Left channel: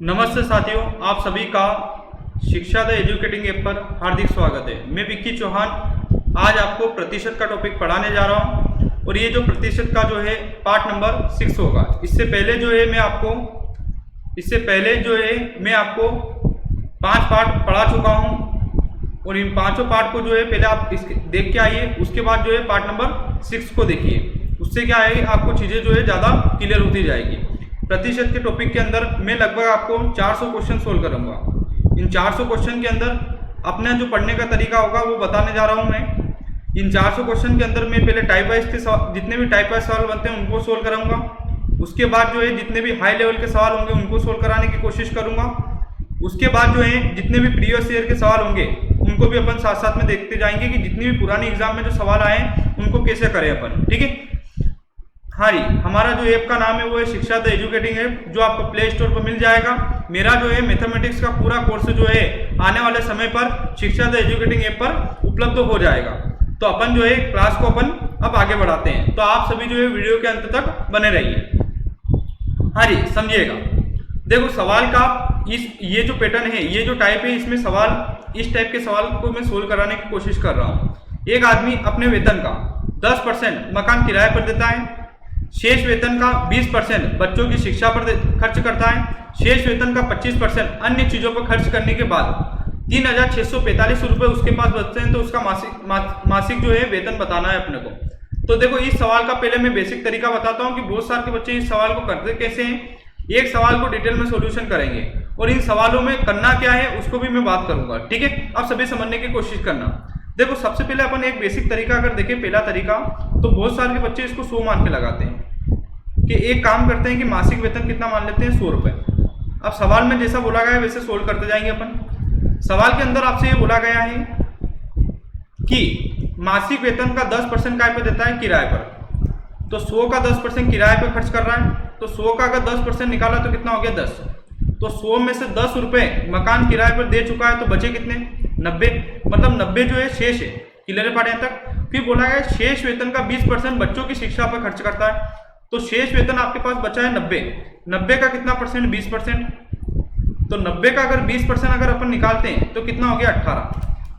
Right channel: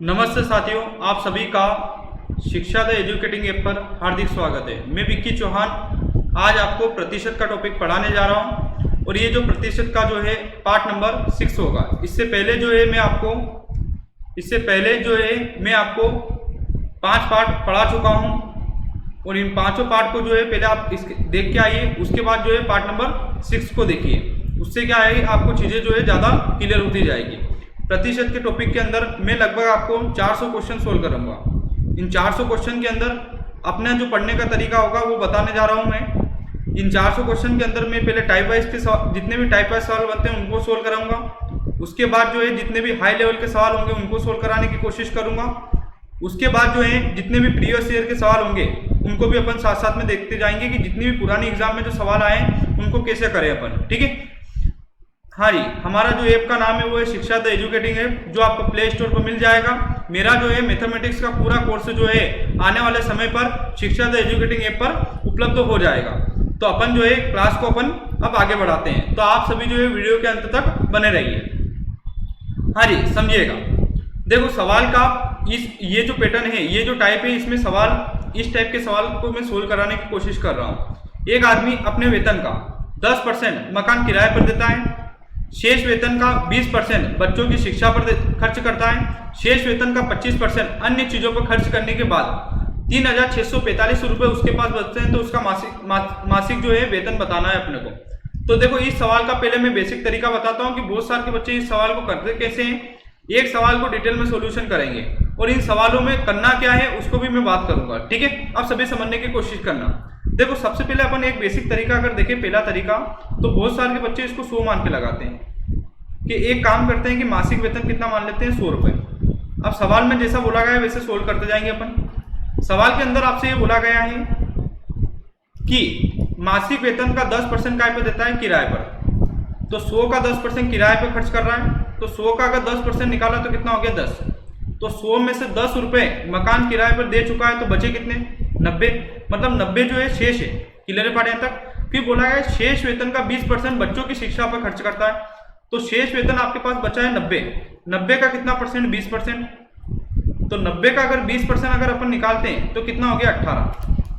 नमस्ते साथियों, आप सभी का शिक्षा द एजुकेटिंग ऐप पर हार्दिक स्वागत है। मैं विक्की चौहान आज आपको प्रतिशत का टॉपिक पढ़ाने जा रहा हूं और ये जो प्रतिशत का जो है पार्ट नंबर 6 होगा। इससे पहले जो है मैं आपको 5 पार्ट पढ़ा चुका हूं और इन पांचों पार्ट को जो है पहले आप देख के आइए, उसके बाद जो है पार्ट नंबर 6 को देखिए। उससे क्या है, आपको चीज़ें जो है ज़्यादा क्लियर होती जाएगी। प्रतिशत के टॉपिक के अंदर मैं लगभग आपको 400 क्वेश्चन सोल्व करूंगा। इन 400 क्वेश्चन के अंदर अपना जो पढ़ने का तरीका होगा वो बताने जा रहा हूं मैं। इन 400 क्वेश्चन के अंदर मैं पहले टाइप वाइज के जितने भी टाइप वाइज सवाल बनते हैं उनको सोल्व कराऊंगा। उसके बाद जो है जितने भी हाई लेवल के सवाल होंगे उनको सोल्व कराने की कोशिश करूंगा। उसके बाद जो है जितने भी प्रीवियस ईयर के सवाल होंगे उनको भी अपन साथ साथ में देखते जाएंगे कि जितनी भी पुरानी एग्जाम में जो सवाल आए उनको कैसे करें अपन। ठीक है, हाँ जी, हमारा जो ऐप का नाम है वो है शिक्षा द एजुकेटिंग ऐप, जो आपको प्ले स्टोर पर मिल जाएगा। मेरा जो है मैथमेटिक्स का पूरा कोर्स जो है आने वाले समय पर शिक्षा द एजुकेटिंग ऐप पर उपलब्ध हो जाएगा। तो अपन जो है क्लास को अपन अब आगे बढ़ाते हैं, तो आप सभी जो है वीडियो के अंत तक बने रहिए। हाँ जी, समझिएगा। देखो, सवाल का ये जो पैटर्न है, ये जो टाइप है, इसमें सवाल इस टाइप के सवाल को मैं सोल्व कराने की कोशिश कर रहा हूँ। एक आदमी अपने वेतन का 10% मकान किराए पर देता है, शेष वेतन का 20% बच्चों की शिक्षा पर खर्च करता है, शेष वेतन का 25% अन्य चीजों पर खर्च करने के बाद 3,645 रुपये उसके पास बचते हैं। तो उसका मासिक जो है वेतन बताना है अपने को। तो देखो, इस सवाल का पहले मैं बेसिक तरीका बताता हूं कि बहुत सारे के बच्चे इस सवाल को करते कैसे हैं। एक सवाल को डिटेल में सॉल्यूशन करेंगे और इन सवालों में करना क्या है उसको भी मैं बात करूंगा। ठीक है, अब सभी समझने की कोशिश करना। देखो, सबसे पहले अपन एक बेसिक तरीका अगर देखें, पहला तरीका, तो बहुत सारे के बच्चे इसको 100 मान के लगाते हैं कि एक काम करते हैं कि मासिक वेतन कितना मान लेते हैं, 100 रुपये। अब सवाल में जैसा बोला गया है वैसे सोल्व करते जाएंगे अपन। सवाल के अंदर आपसे ये बोला गया है कि मासिक वेतन का 10% काय पे देता है, किराए पर। तो 100 का 10% किराए पे खर्च कर रहा है, तो 100 का अगर 10% निकाला तो कितना हो गया, 10। तो 100 में से 10 रुपये मकान किराए पर दे चुका है, तो बचे कितने, 90। मतलब 90 जो है शेष है। क्लियर है पाठ यहाँ तक। फिर बोला गया शेष वेतन का 20% बच्चों की शिक्षा पर खर्च करता है। तो शेष वेतन आपके पास बचा है 90। 90 का कितना परसेंट, 20%। तो 90 का अगर 20% अगर अपन निकालते हैं तो कितना हो गया, 18।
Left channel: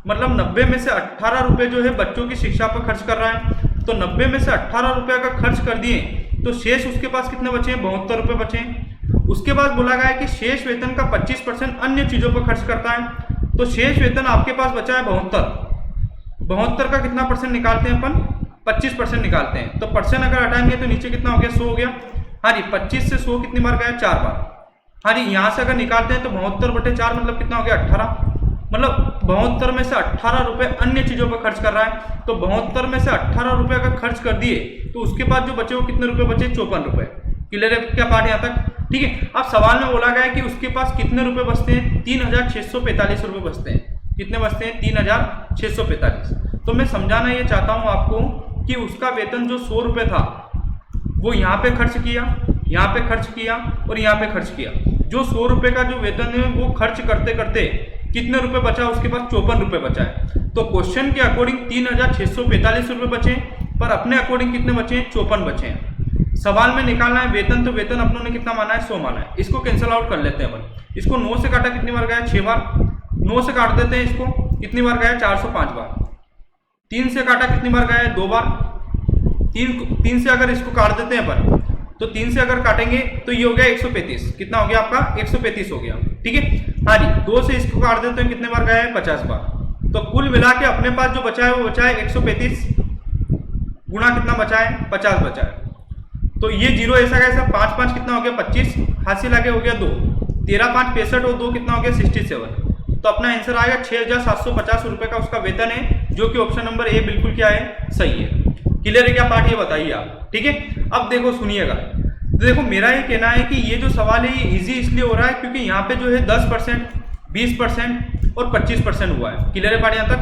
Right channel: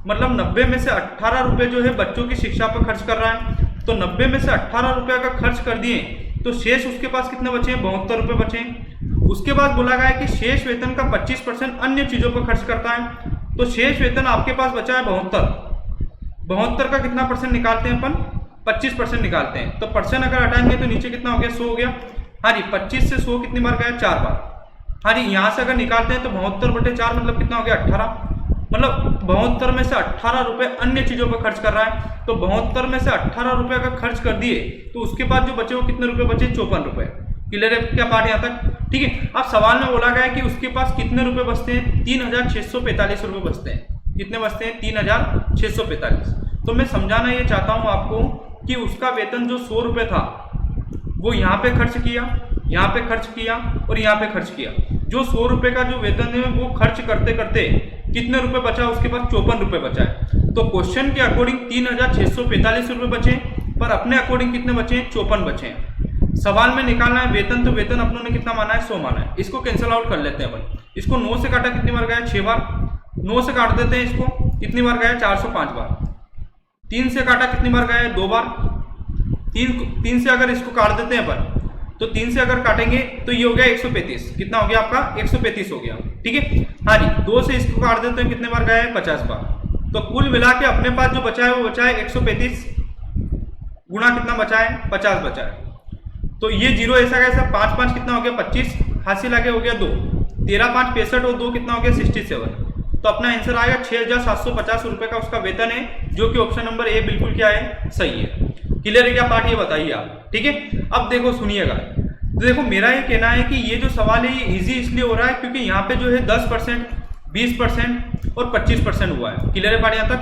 मतलब 90 में से 18 रुपये जो है बच्चों की शिक्षा पर खर्च कर रहा है। तो 90 में से 18 रुपये अगर खर्च कर दिए तो शेष उसके पास कितने बचे हैं, 72 रुपये बचे हैं। उसके बाद बोला गया है कि शेष वेतन का 25% अन्य चीजों पर खर्च करता है। तो शेष वेतन आपके पास बचा है 72। 72 का कितना परसेंट निकालते हैं अपन, 25% निकालते हैं। तो परसेंट अगर हटाएंगे तो नीचे कितना हो गया, 100 हो गया। हाँ जी, 25 से 100 कितनी बार गया, 4 बार। हाँ जी, यहाँ से अगर निकालते हैं तो 72/4 मतलब कितना हो गया, 18। मतलब 72 में से 18 रुपये अन्य चीजों पर खर्च कर रहा है। तो 72 में से 18 रुपये अगर खर्च कर दिए तो उसके बाद जो बचे वो कितने रुपए बचे, 54 रुपये। क्लियर है क्या पार्ट यहाँ तक। ठीक है, अब सवाल में बोला गया है कि उसके पास कितने रुपए बचते हैं, 3,645 रुपये बचते हैं। कितने बचते हैं, 3,645। तो मैं समझाना ये चाहता हूँ आपको कि उसका वेतन जो 100 रुपये था वो यहाँ पे खर्च किया, यहाँ पे खर्च किया और यहाँ पे खर्च किया। जो 100 रुपये का जो वेतन है वो खर्च करते करते कितने रुपए बचा, उसके पास 54 रुपये बचा है। तो क्वेश्चन के अकॉर्डिंग 3,645 रुपये बचे, पर अपने अकॉर्डिंग कितने बचे हैं, 54 बचे हैं। सवाल में निकालना है वेतन, तो वेतन अपनों ने कितना माना है, 100 माना है। इसको कैंसिल आउट कर लेते हैं अपन। इसको 9 से काटा कितनी बार गया, 6 बार। 9 से काट देते हैं इसको, कितनी बार गया, 405 बार। 3 से काटा कितनी बार गया है, 2 बार। 3 से अगर इसको काट देते हैं अपन, तो 3 से अगर काटेंगे तो ये हो गया 135। कितना हो गया आपका, 135 हो गया। ठीक है, हाँ जी। 2 से इसको काट देते हैं, कितने बार गया है, 50 बार। तो कुल मिला के अपने पास जो बचा है वो बचा है 135 गुणा कितना बचा है, 50 बचा है। तो ये जीरो ऐसा कैसा, 5 5 कितना हो गया, 25। हासिल आगे हो गया 2। 13 5 65 और 2 कितना हो गया, 67। तो अपना आंसर आएगा 6,750 रुपये का उसका वेतन है, जो कि ऑप्शन नंबर ए बिल्कुल क्या है, सही है। क्लियर है क्या पार्ट, ये बताइए आप। ठीक है, अब देखो सुनिएगा। तो देखो, मेरा ये कहना है कि ये जो सवाल है ये इजी इसलिए हो रहा है क्योंकि यहाँ पे जो है 10%, 20% और 25% हुआ है। क्लियर है पार्ट यहाँ तक।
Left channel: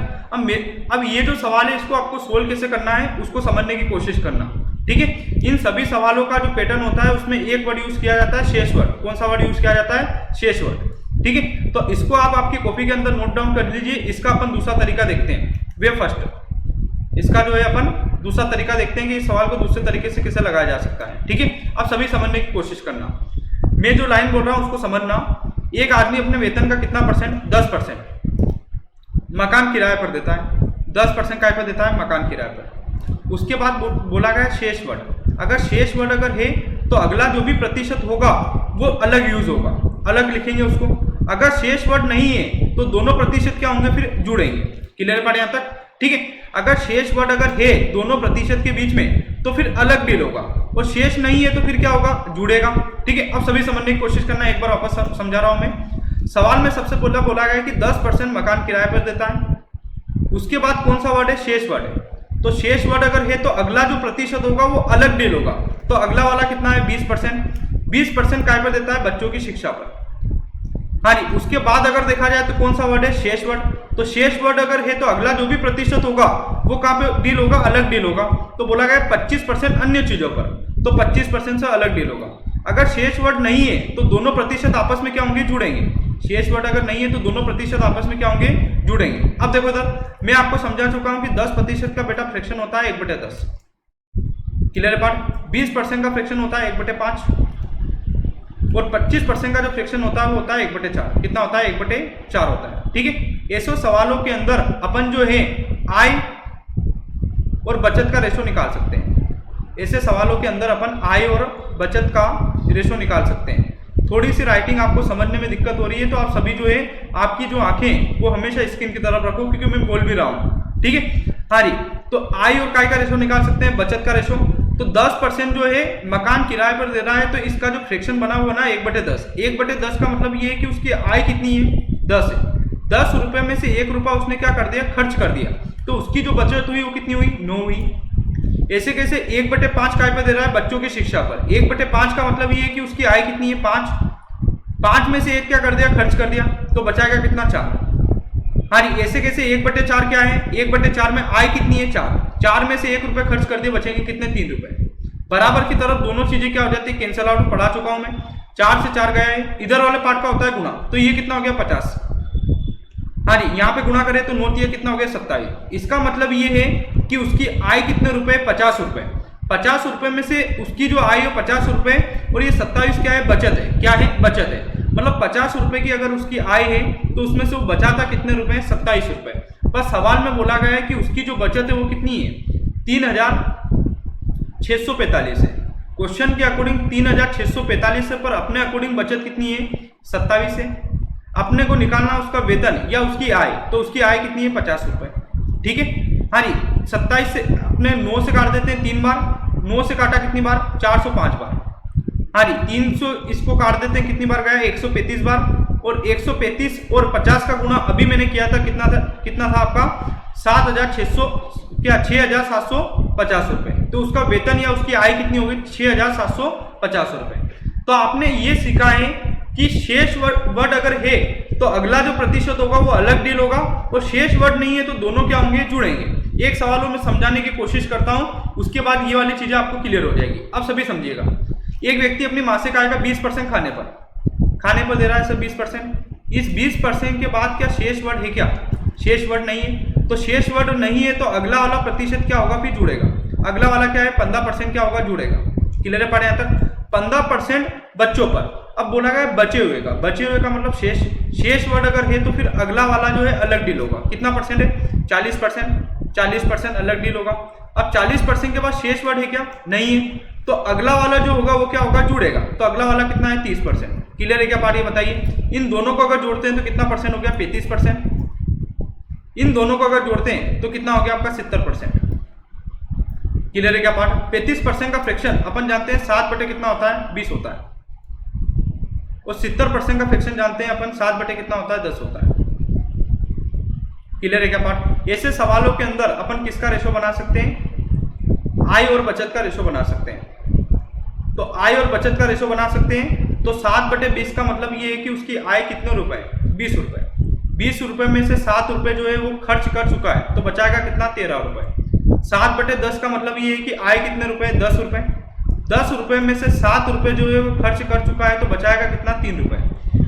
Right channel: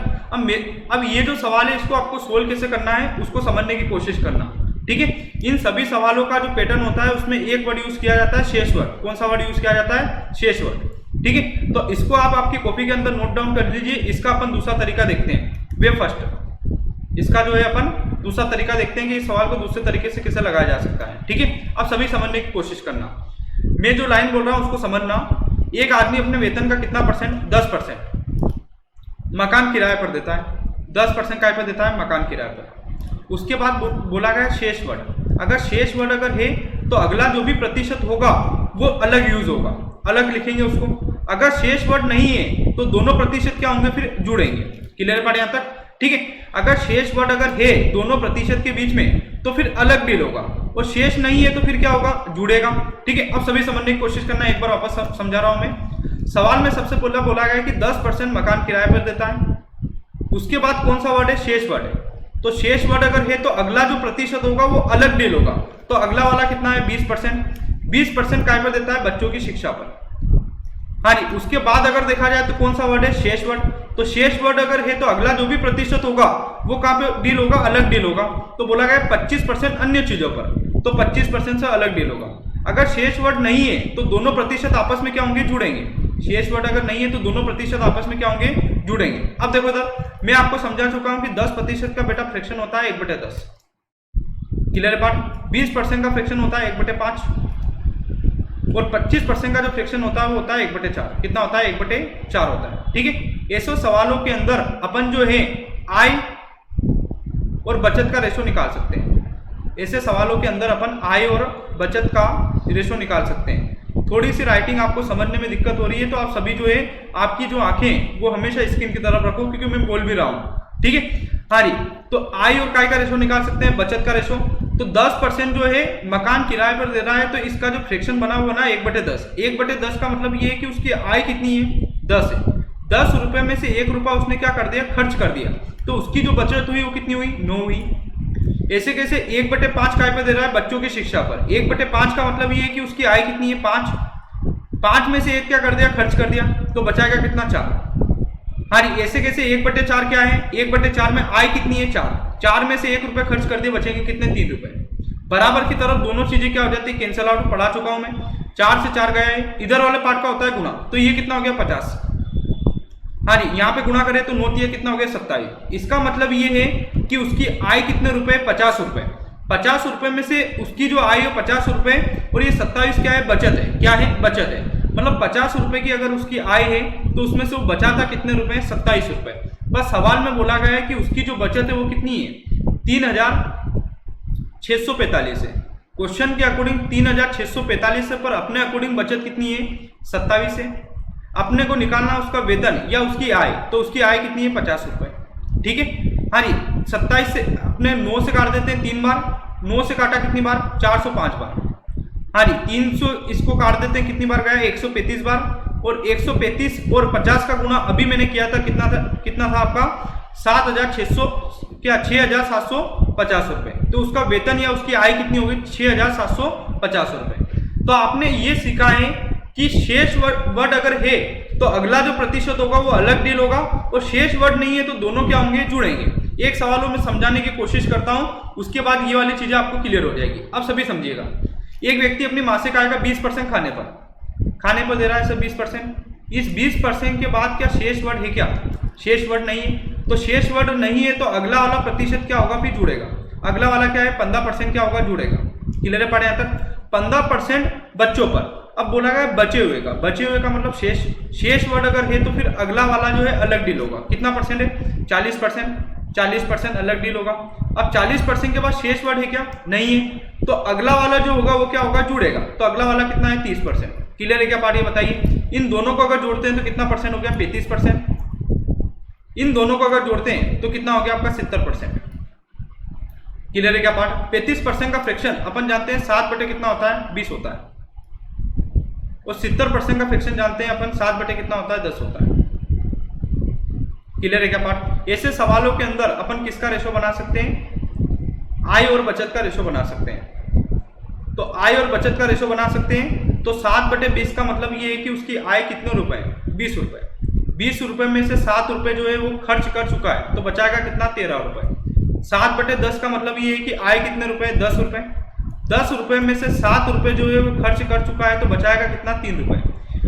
अब ये जो सवाल है इसको आपको सोल्व कैसे करना है उसको समझने की कोशिश करना। ठीक है, इन सभी सवालों का जो पैटर्न होता है उसमें एक वर्ड यूज किया जाता है, शेष वर्ड। कौन सा वर्ड यूज किया जाता है, शेष वर्ड। ठीक है, तो इसको आप आपकी कॉपी के अंदर नोट डाउन कर लीजिए। इसका अपन दूसरा तरीका देखते हैं, वे फर्स्ट। इसका जो है अपन दूसरा तरीका देखते हैं कि इस सवाल को दूसरे तरीके से कैसे लगाया जा सकता है। ठीक है, अब सभी समझने की कोशिश करना। मैं जो लाइन बोल रहा हूं उसको समझना। एक आदमी अपने वेतन का कितना परसेंट, 10% मकान किराए पर देता है, 10% काय पर देता है, मकान किराए पर। उसके बाद बोला गया शेष वर्ड। अगर शेष वर्ड अगर है तो अगला जो भी प्रतिशत होगा वो अलग यूज होगा, अलग लिखेंगे उसको। अगर शेष वर्ड नहीं है तो दोनों प्रतिशत क्या होंगे, फिर जुड़ेंगे। क्लियर पड़े यहाँ तक, ठीक है। अगर शेष वर्ड अगर है दोनों प्रतिशत के बीच में तो फिर अलग डील होगा, और शेष नहीं है तो फिर क्या होगा, जुड़ेगा। ठीक है, अब सभी समझने की कोशिश करना, एक बार वापस समझा रहा हूं मैं। सवाल में सबसे पहले बोला गया कि 10% मकान किराए पर देता है। उसके बाद कौन सा वर्ड है, शेष वर्ड है। तो शेष वर्ड अगर है तो अगला जो प्रतिशत होगा वो अलग डील होगा। तो अगला वाला कितना है, 20%। 20% काय पर देता है, बच्चों की शिक्षा पर। हाँ जी, उसके बाद अगर देखा जाए तो कौन सा वर्ड है, शेष वर्ड। तो शेष वर्ड अगर है तो अगला जो भी प्रतिशत होगा वो कहां पे डील होगा, अलग डील होगा। तो बोला गया 25% अन्य चीजों पर, तो 25% से अलग डील होगा। अगर शेष वर्ड नहीं है तो दोनों प्रतिशत आपस में क्या होंगे, जुड़ेंगे। शेष वर्ड अगर नहीं है तो दोनों प्रतिशत आपस में क्या होंगे, जुड़ेंगे। अब देखो इधर मैं आपको समझा चुका हूं कि 10% का बेटा फ्रैक्शन होता है 1/10। Clear part. 20% का फ्रैक्शन होता है 1/5, और 25% का जो फ्रैक्शन होता है वो होता है 1/4। कितना होता है, 1/4 होता है। ठीक है, ऐसे सवालों के अंदर अपन जो है आय और बचत का रेशो निकाल सकते हैं। ऐसे सवालों के अंदर अपन आय और बचत का रेशो निकाल सकते हैं। थोड़ी सी राइटिंग आपको समझने में दिक्कत हो रही है तो आप सभी जो है आपकी जो आंखें वो हमेशा स्क्रीन की तरफ रखो, क्योंकि मैं बोल भी रहा हूं। ठीक है, हाँ जी। तो आय और काय का रेशो निकाल सकते हैं, बचत का रेशो। तो 10% जो है मकान किराए पर दे रहा है, तो इसका जो फ्रैक्शन बना हुआ ना 1/10। 1/10 का मतलब ये है कि उसकी आय कितनी है, 10 है। 10 रुपए में से 1 रुपया उसने क्या कर दिया, खर्च कर दिया। तो उसकी जो बचत हुई वो कितनी हुई, 9 हुई। ऐसे कैसे 1/5 काय पे दे रहा है, बच्चों की शिक्षा पर। 1/5 का मतलब ये है कि उसकी आय कितनी है, 5। 5 में से 1 क्या कर दिया, खर्च कर दिया। तो बचाएगा कितना, 4। हाँ जी, ऐसे कैसे 1/4 क्या है, 1/4 में आय कितनी है, 4। 4 में से 1 रुपये खर्च कर दिए, बचेंगे कितने, 3 रुपए। बराबर की तरफ दोनों चीजें क्या हो जाती है, कैंसिल आउट। पढ़ा चुका हूं मैं। 4 से 4 गया है, इधर वाले पार्ट का होता है गुणा। तो ये कितना हो गया, 50। हाँ जी, यहाँ पे गुणा करें तो 9 कितना हो गया, 27। इसका मतलब ये है कि उसकी आय कितने रुपए, 50 रुपए। 50 रुपए में से उसकी जो आय है 50 रुपए, और ये 27 क्या है, बचत है। क्या है, बचत है। मतलब 50 रुपए की अगर उसकी आय है तो उसमें से वो बचा था कितने रुपए, 27 रुपए। बस सवाल में बोला गया है कि उसकी जो बचत है वो कितनी है, 3645 है। क्वेश्चन के अकॉर्डिंग 3645 है, पर अपने अकॉर्डिंग बचत कितनी है, 27 है। अपने को निकालना उसका वेतन या उसकी आय, तो उसकी आय कितनी है, 50 रुपए। ठीक है, हाँ जी। 27 से अपने 9 से काट देते हैं 3 बार। 9 से काटा कितनी बार, 405 बार। हाँ जी, 300 इसको काट देते हैं, कितनी बार गया, 135 बार। और 135 और 50 का गुणा अभी मैंने किया था, कितना था आपका, 6,750 रुपए। तो उसका वेतन या उसकी आय कितनी होगी, 6,750 रुपए। तो आपने ये सीखा है कि शेष वर्ड अगर है तो अगला जो प्रतिशत होगा वो अलग डील होगा, और शेष वर्ड नहीं है तो दोनों क्या होंगे, जुड़ेंगे। एक सवालों में समझाने की कोशिश करता हूं, उसके बाद ये वाली चीजें आपको क्लियर हो जाएगी। अब सभी समझिएगा। एक व्यक्ति अपनी मासिक आय का 20% खाने पर दे रहा है, सर 20%। इस 20% के बाद क्या शेष वर्ड है, क्या शेष वर्ड नहीं है। तो शेष वर्ड नहीं है तो अगला वाला प्रतिशत क्या होगा, फिर जुड़ेगा। अगला वाला क्या है, 15% क्या होगा, जुड़ेगा। क्लियर है, पढ़े यहाँ तक। 15% बच्चों पर। अब बोला गया बचे हुए का, बचे हुए का मतलब शेष वर्ड अगर है तो फिर अगला वाला जो है अलग डील होगा। कितना परसेंट है, 40%। 40% अलग डील होगा। अब 40% के बाद शेष वर्ड है क्या, नहीं है, तो अगला वाला जो होगा वो क्या होगा, जुड़ेगा। तो अगला वाला कितना है, 30%। क्लियर है क्या पार्ट, ये बताइए। इन दोनों को अगर जोड़ते हैं तो कितना परसेंट हो गया, 35%। इन दोनों को अगर जोड़ते हैं तो कितना हो गया आपका, 70%। क्लियर है क्या पार्ट। 35% का फ्रैक्शन अपन जानते हैं 7 बटे कितना होता है, 20 होता है। और 70% का फ्रैक्शन जानते हैं अपन 7 बटे कितना होता है, 10 होता है। क्लियर है क्या पार्ट। ऐसे सवालों के अंदर अपन किसका रेशो बना सकते हैं, आय और बचत का रेशो बना सकते हैं। तो आय और बचत का रेशो बना सकते हैं। तो 7/20 का मतलब ये है कि उसकी आय कितने रुपए, 20 रुपए। 20 रुपए में से 7 रुपए जो है वो खर्च कर चुका है, तो बचाएगा कितना, 13 रुपए। 7/10 का मतलब ये है कि आय कितने रुपए, 10 रुपए। 10 रुपए में से 7 रुपए जो है वो खर्च कर चुका है, तो बचाएगा कितना, 3 रुपए।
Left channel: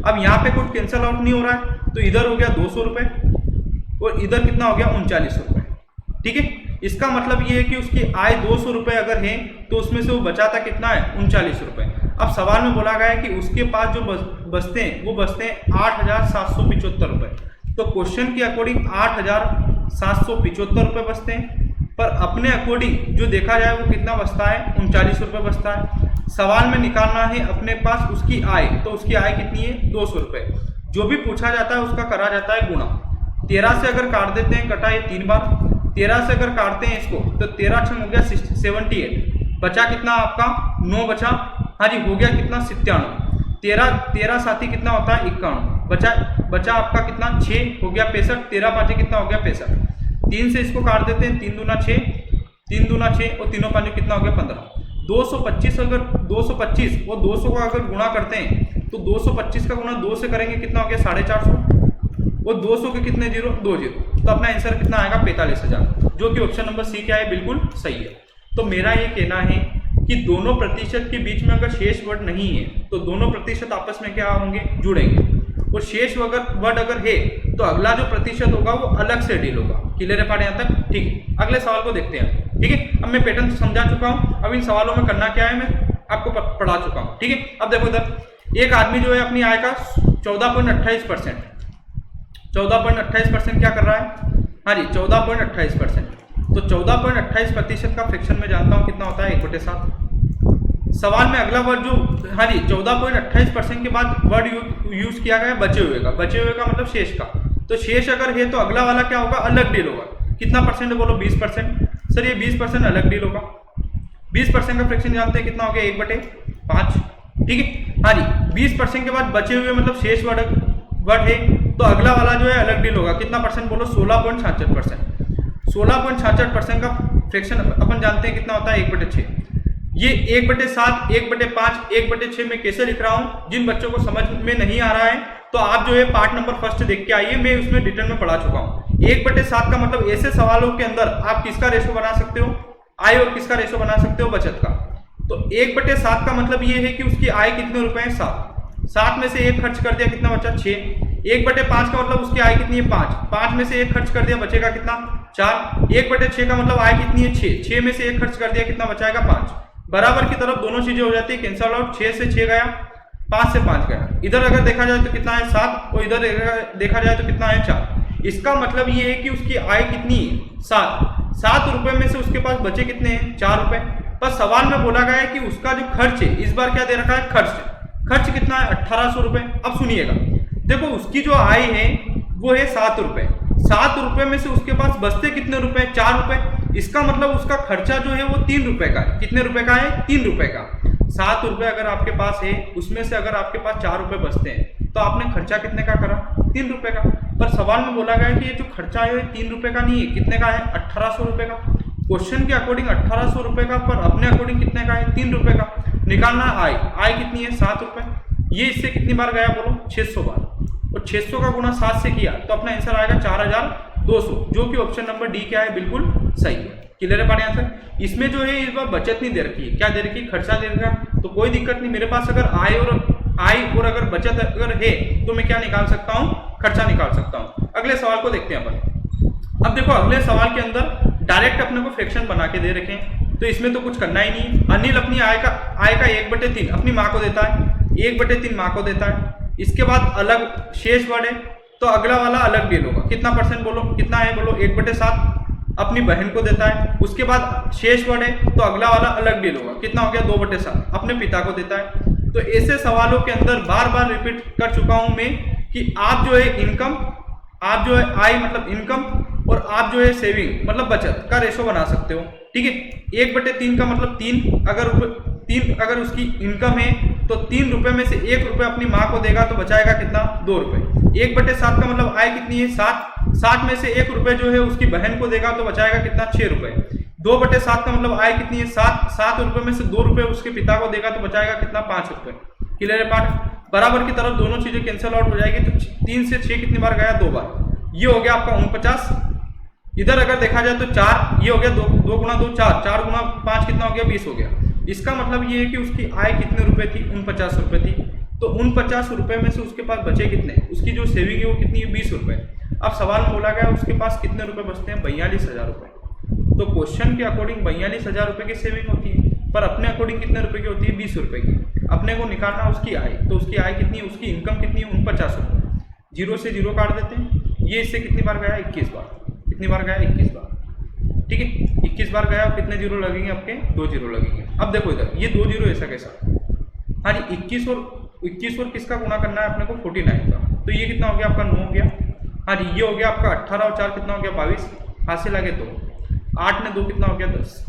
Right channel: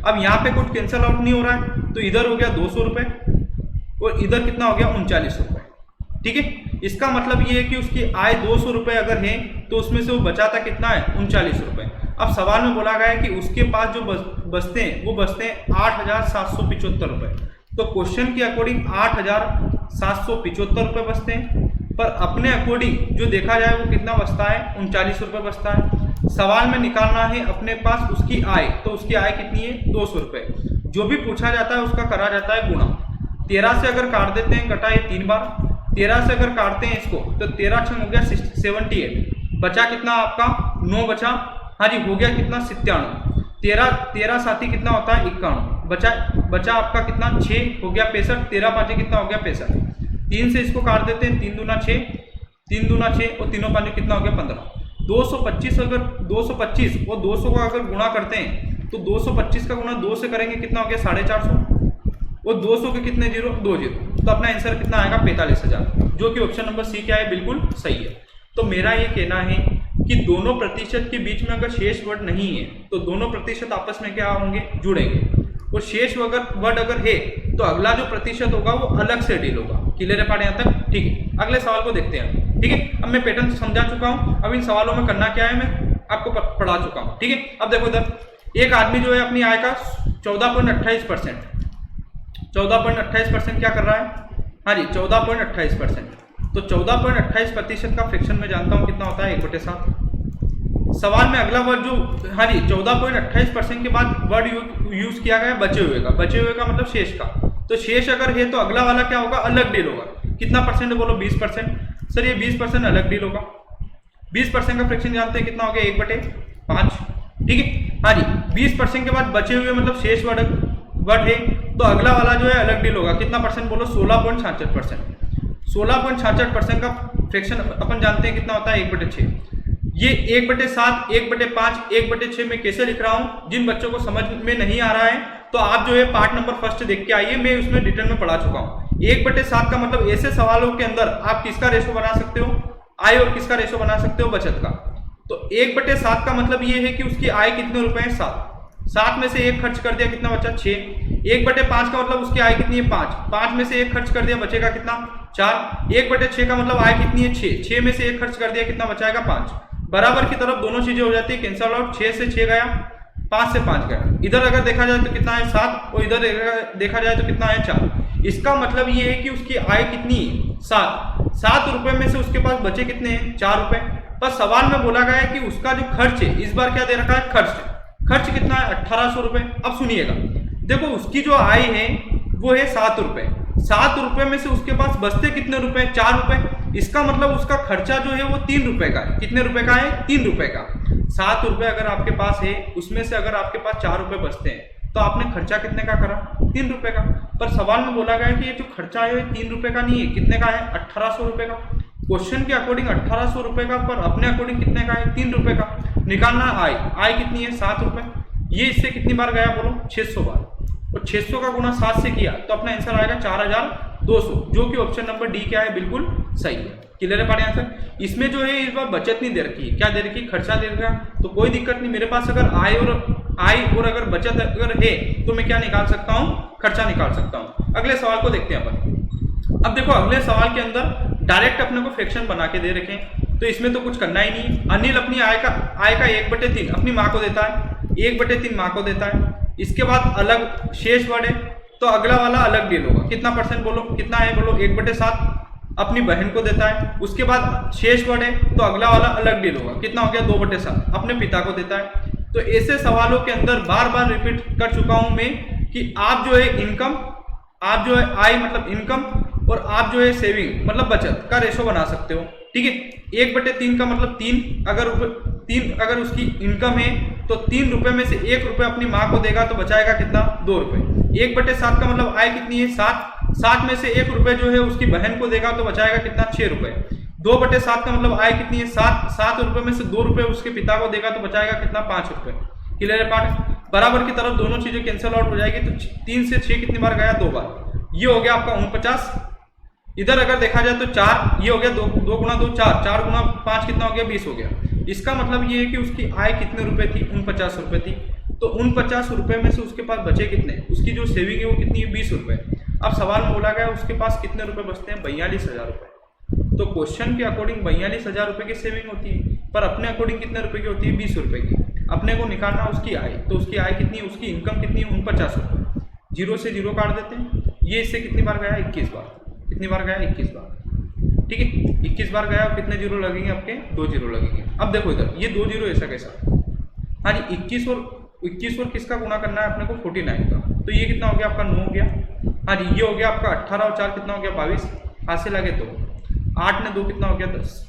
अब यहाँ पे कुछ कैंसल आउट नहीं हो रहा है, तो इधर हो गया 200 रुपए और इधर कितना हो गया, 39 रुपए। ठीक है, इसका मतलब ये है कि उसकी आय 200 रुपए अगर है तो उसमें से वो बचाता कितना है, 39 रुपए। अब सवाल में बोला गया है कि उसके पास जो बचते हैं वो बचते हैं 8,775 रुपये। तो क्वेश्चन के अकॉर्डिंग 8,775 रुपये बचते हैं, पर अपने अकॉर्डिंग जो देखा जाए वो कितना बचता है, 39 रुपये बचता है। सवाल में निकालना है अपने पास उसकी आय, तो उसकी आय कितनी है, 200 रुपये। जो भी पूछा जाता है उसका करा जाता है गुणा। 13 से अगर काट देते हैं, कटा ये 3 बार, 13 से अगर काटते हैं इसको तो 13 छंग हो गया 78, बचा कितना आपका 9 बचा, हाँ जी हो गया कितना 97, 13 साथी कितना होता है 51, बचा आपका कितना 6 हो गया 65, 13 पाँचे कितना हो गया 65, 3 से इसको काट देते हैं, 3 दूना 6, 3 दूना 6 और तीनों पाँचे कितना हो गया 15, 225 अगर 225 और 200 का अगर गुणा करते हैं तो 225 का गुणा 2 से करेंगे कितना हो गया 450 और 200 के कितने जीरो 2 जीरो, तो अपना आंसर कितना आएगा 45,000, जो कि ऑप्शन नंबर सी क्या है बिल्कुल सही है। तो मेरा ये कहना है कि दोनों प्रतिशत के बीच में अगर शेष वर्ड नहीं है तो दोनों प्रतिशत आपस में क्या होंगे, जुड़ेंगे, और शेष वर्ड अगर है तो अगला जो प्रतिशत होगा वो अलग से डील होगा। क्लियर है पार्ट यहाँ तक, ठीक है। अगले सवाल को देखते हैं, ठीक है। अब मैं पैटर्न समझा चुका हूँ, अब इन सवालों में करना क्या है मैं आपको पढ़ा चुका हूँ, ठीक है। अब देखो इधर एक आदमी जो है अपनी आय का 14.28%, 14.28% क्या कर रहा है, हाँ जी 14.28%, तो 14.28% का फ्रैक्शन में जानता हूं कितना होता है 1/7। सवाल में अगला वर्ड जो, हाँ जी 14.28% के बाद वर्ड यूज किया गया बचे हुए का, बचे हुए का मतलब शेष का, तो शेष अगर है तो अगला वाला क्या होगा, अलग डील होगा। कितना परसेंट बोलो, 20%। सर ये 20% अलग डील होगा, 20% का फ्रैक्शन जानते हैं कितना हो गया 1/5, ठीक है। हाँ जी 20% के बाद बचे हुए मतलब शेष वर्ड है तो अगला वाला जो है अलग डील होगा। कितना परसेंट बोलो, 16.66%। 16.66% का फ्रैक्शन अपन जानते हैं कितना होता है 1/6। ये 1/7, 1/5, 1/6 में कैसे लिख रहा हूं, जिन बच्चों को समझ में नहीं आ रहा है तो आप जो है पार्ट नंबर फर्स्ट देख के आइए, मैं उसमें डिटेल में पढ़ा चुका हूं। 1/7 का मतलब ऐसे सवालों के अंदर आप किसका रेशो बना सकते हो, आय, और किसका रेशो बना सकते हो, बचत का। तो 1/7 का मतलब ये है कि उसकी आय कितने रुपए हैं, 7 में से 1 खर्च कर दिया कितना बचा 6। 1/5 का मतलब उसकी आय कितनी है 5 में से 1 खर्च कर दिया बचेगा कितना 4। 1/6 का मतलब आय कितनी है 6 में से 1 खर्च कर दिया कितना बचाएगा 5। बराबर की तरफ दोनों चीजें हो जाती है कैंसल आउट, 6 से 6 गया, 5 से 5 गया। इधर अगर देखा जाए तो कितना है 7 और इधर देखा जाए तो कितना है 4। इसका मतलब ये है कि उसकी आय कितनी है 7 रुपए में से उसके पास बचे कितने हैं 4 रुपए। पर सवाल में बोला गया है कि उसका जो खर्च है, इस बार क्या दे रखा है खर्च कितना है 1800 रुपए। अब सुनिएगा, देखो उसकी जो आय है वो है 7 रुपए, 7 रुपए में से उसके पास बचते कितने रुपए 4 रुपए। इसका मतलब उसका खर्चा जो है वो 3 रुपए का है। कितने रुपए का है 3 रुपए का। 7 रुपए अगर आपके पास है उसमें से अगर आपके पास 4 रुपए बचते हैं तो आपने खर्चा कितने का करा 3 रुपए का। पर सवाल में बोला गया कि ये जो खर्चा है 3 रुपए का नहीं है, कितने का है 1800 रुपए का। क्वेश्चन के अकॉर्डिंग 1800 रुपए का, पर अपने अकॉर्डिंग कितने का है 3 रुपए का। निकालना आय कितनी है 7 रुपए। ये इससे कितनी बार गया बोलो 600 बार, और 600 का गुणा 7 से किया तो अपना आंसर आएगा 4200, जो कि ऑप्शन नंबर डी क्या है बिल्कुल सही है। क्लियर है पार्ट आंसर। इसमें जो है इस बार बचत नहीं दे रखी है, क्या दे रखी है खर्चा दे रखा, तो कोई दिक्कत नहीं। मेरे पास अगर आय और अगर बचत अगर है तो मैं क्या निकाल सकता हूँ, खर्चा निकाल सकता हूँ। अगले सवाल को देखते हैं अपन। अब देखो अगले सवाल के अंदर डायरेक्ट अपने को फ्रैक्शन बना के दे रखे हैं, तो इसमें तो कुछ करना ही नहीं। अनिल अपनी आय का 1/3 अपनी माँ को देता है, 1/3 माँ को देता है। इसके बाद अलग शेष वर्ड है तो अगला वाला अलग डील होगा। कितना परसेंट बोलो, कितना है बोलो 1/7 अपनी बहन को देता है। उसके बाद शेष वर्ड है तो अगला वाला अलग डील होगा। कितना हो गया 2/7 अपने पिता को देता है। तो ऐसे सवालों के अंदर बार बार रिपीट कर चुका हूं मैं कि आप जो है इनकम, आप जो है आय मतलब इनकम, और आप जो है सेविंग मतलब बचत का रेशो बना सकते हो। ठीक है, 1/3 का मतलब 3 अगर उसकी इनकम है तो 3 रुपए में से 1 रुपए अपनी माँ को देगा तो बचाएगा कितना 2 रुपए। 1/7 का मतलब आय कितनी है 7 में से 1 रुपए जो है उसकी बहन को देगा तो बचाएगा कितना 6 रुपए। 2/7 का मतलब आय कितनी है 7 रुपए में से 2 रुपए उसके पिता को देगा तो बचाएगा कितना 5 रुपए। क्लियर है पार्ट। बराबर की तरफ दोनों चीजें कैंसिल आउट हो जाएगी, तो 3 से 6 कितनी बार गया 2 बार। ये हो गया आपका 49। इधर अगर देखा जाए तो 4, ये हो गया 2 गुना 2 4 गुना 5 कितना हो गया 20 हो गया। इसका मतलब ये है कि उसकी आय कितने रुपए थी 49 रुपए थी। तो 49 रुपए में से उसके पास बचे कितने, उसकी जो सेविंग है वो कितनी है 20 रुपए। अब सवाल में बोला गया उसके पास कितने रुपए बचते हैं 42,000 रुपए। तो क्वेश्चन के अकॉर्डिंग 42,000 रुपए की सेविंग होती है। पर अपने अकॉर्डिंग कितने रुपए की होती है, 20 रुपए की। अपने को निकालना उसकी आय, तो उसकी आय कितनी है, उसकी इनकम कितनी है, 49 रुपये। जीरो से जीरो काट देते हैं। ये इससे कितनी बार गया, 21 बार। कितनी बार गया, 21 बार। ठीक है, 21 बार गया और कितने जीरो लगेंगे आपके, 2 जीरो लगेंगे। अब देखो इधर ये 2 जीरो ऐसा कैसा, हाँ जी 21 और किसका गुणा करना है अपने को, 49 का। तो ये कितना हो गया आपका, 9 हो गया। हाँ जी ये हो गया आपका 18 और 4 कितना हो गया, 22। हाथ से लगे तो 8 ने 2 कितना हो गया, 10।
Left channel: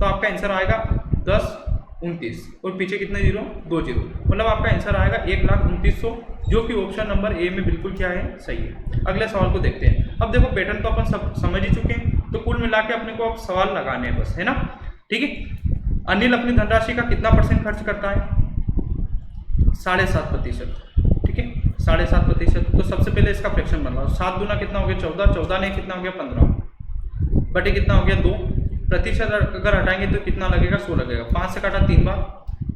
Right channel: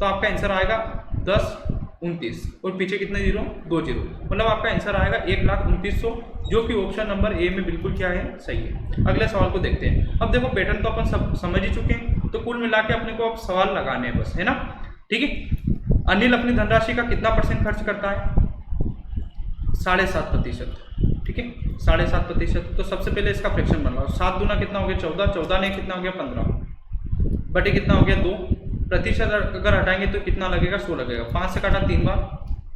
तो आपका आंसर आएगा 10, 29 और पीछे कितने जीरो, 2 जीरो। मतलब आपका आंसर आएगा 1,29,100, जो कि ऑप्शन नंबर ए में बिल्कुल क्या है, सही है। अगले सवाल को देखते हैं। अब देखो पैटर्न तो अपन सब समझ ही चुके हैं, तो कुल मिला के अपने को अब सवाल लगाने हैं बस, है ना। ठीक है, अनिल अपनी धनराशि का कितना % खर्च करता है, 7.5%। ठीक है, 7.5%। तो सबसे पहले इसका फ्रैक्शन बन रहा है, 7 दूना कितना हो गया, 14। 14 ने कितना हो गया, 15 बटे कितना हो गया, 2। प्रतिशत अगर हटाएंगे तो कितना लगेगा, 100 लगेगा। 5 से काटा 3 बार,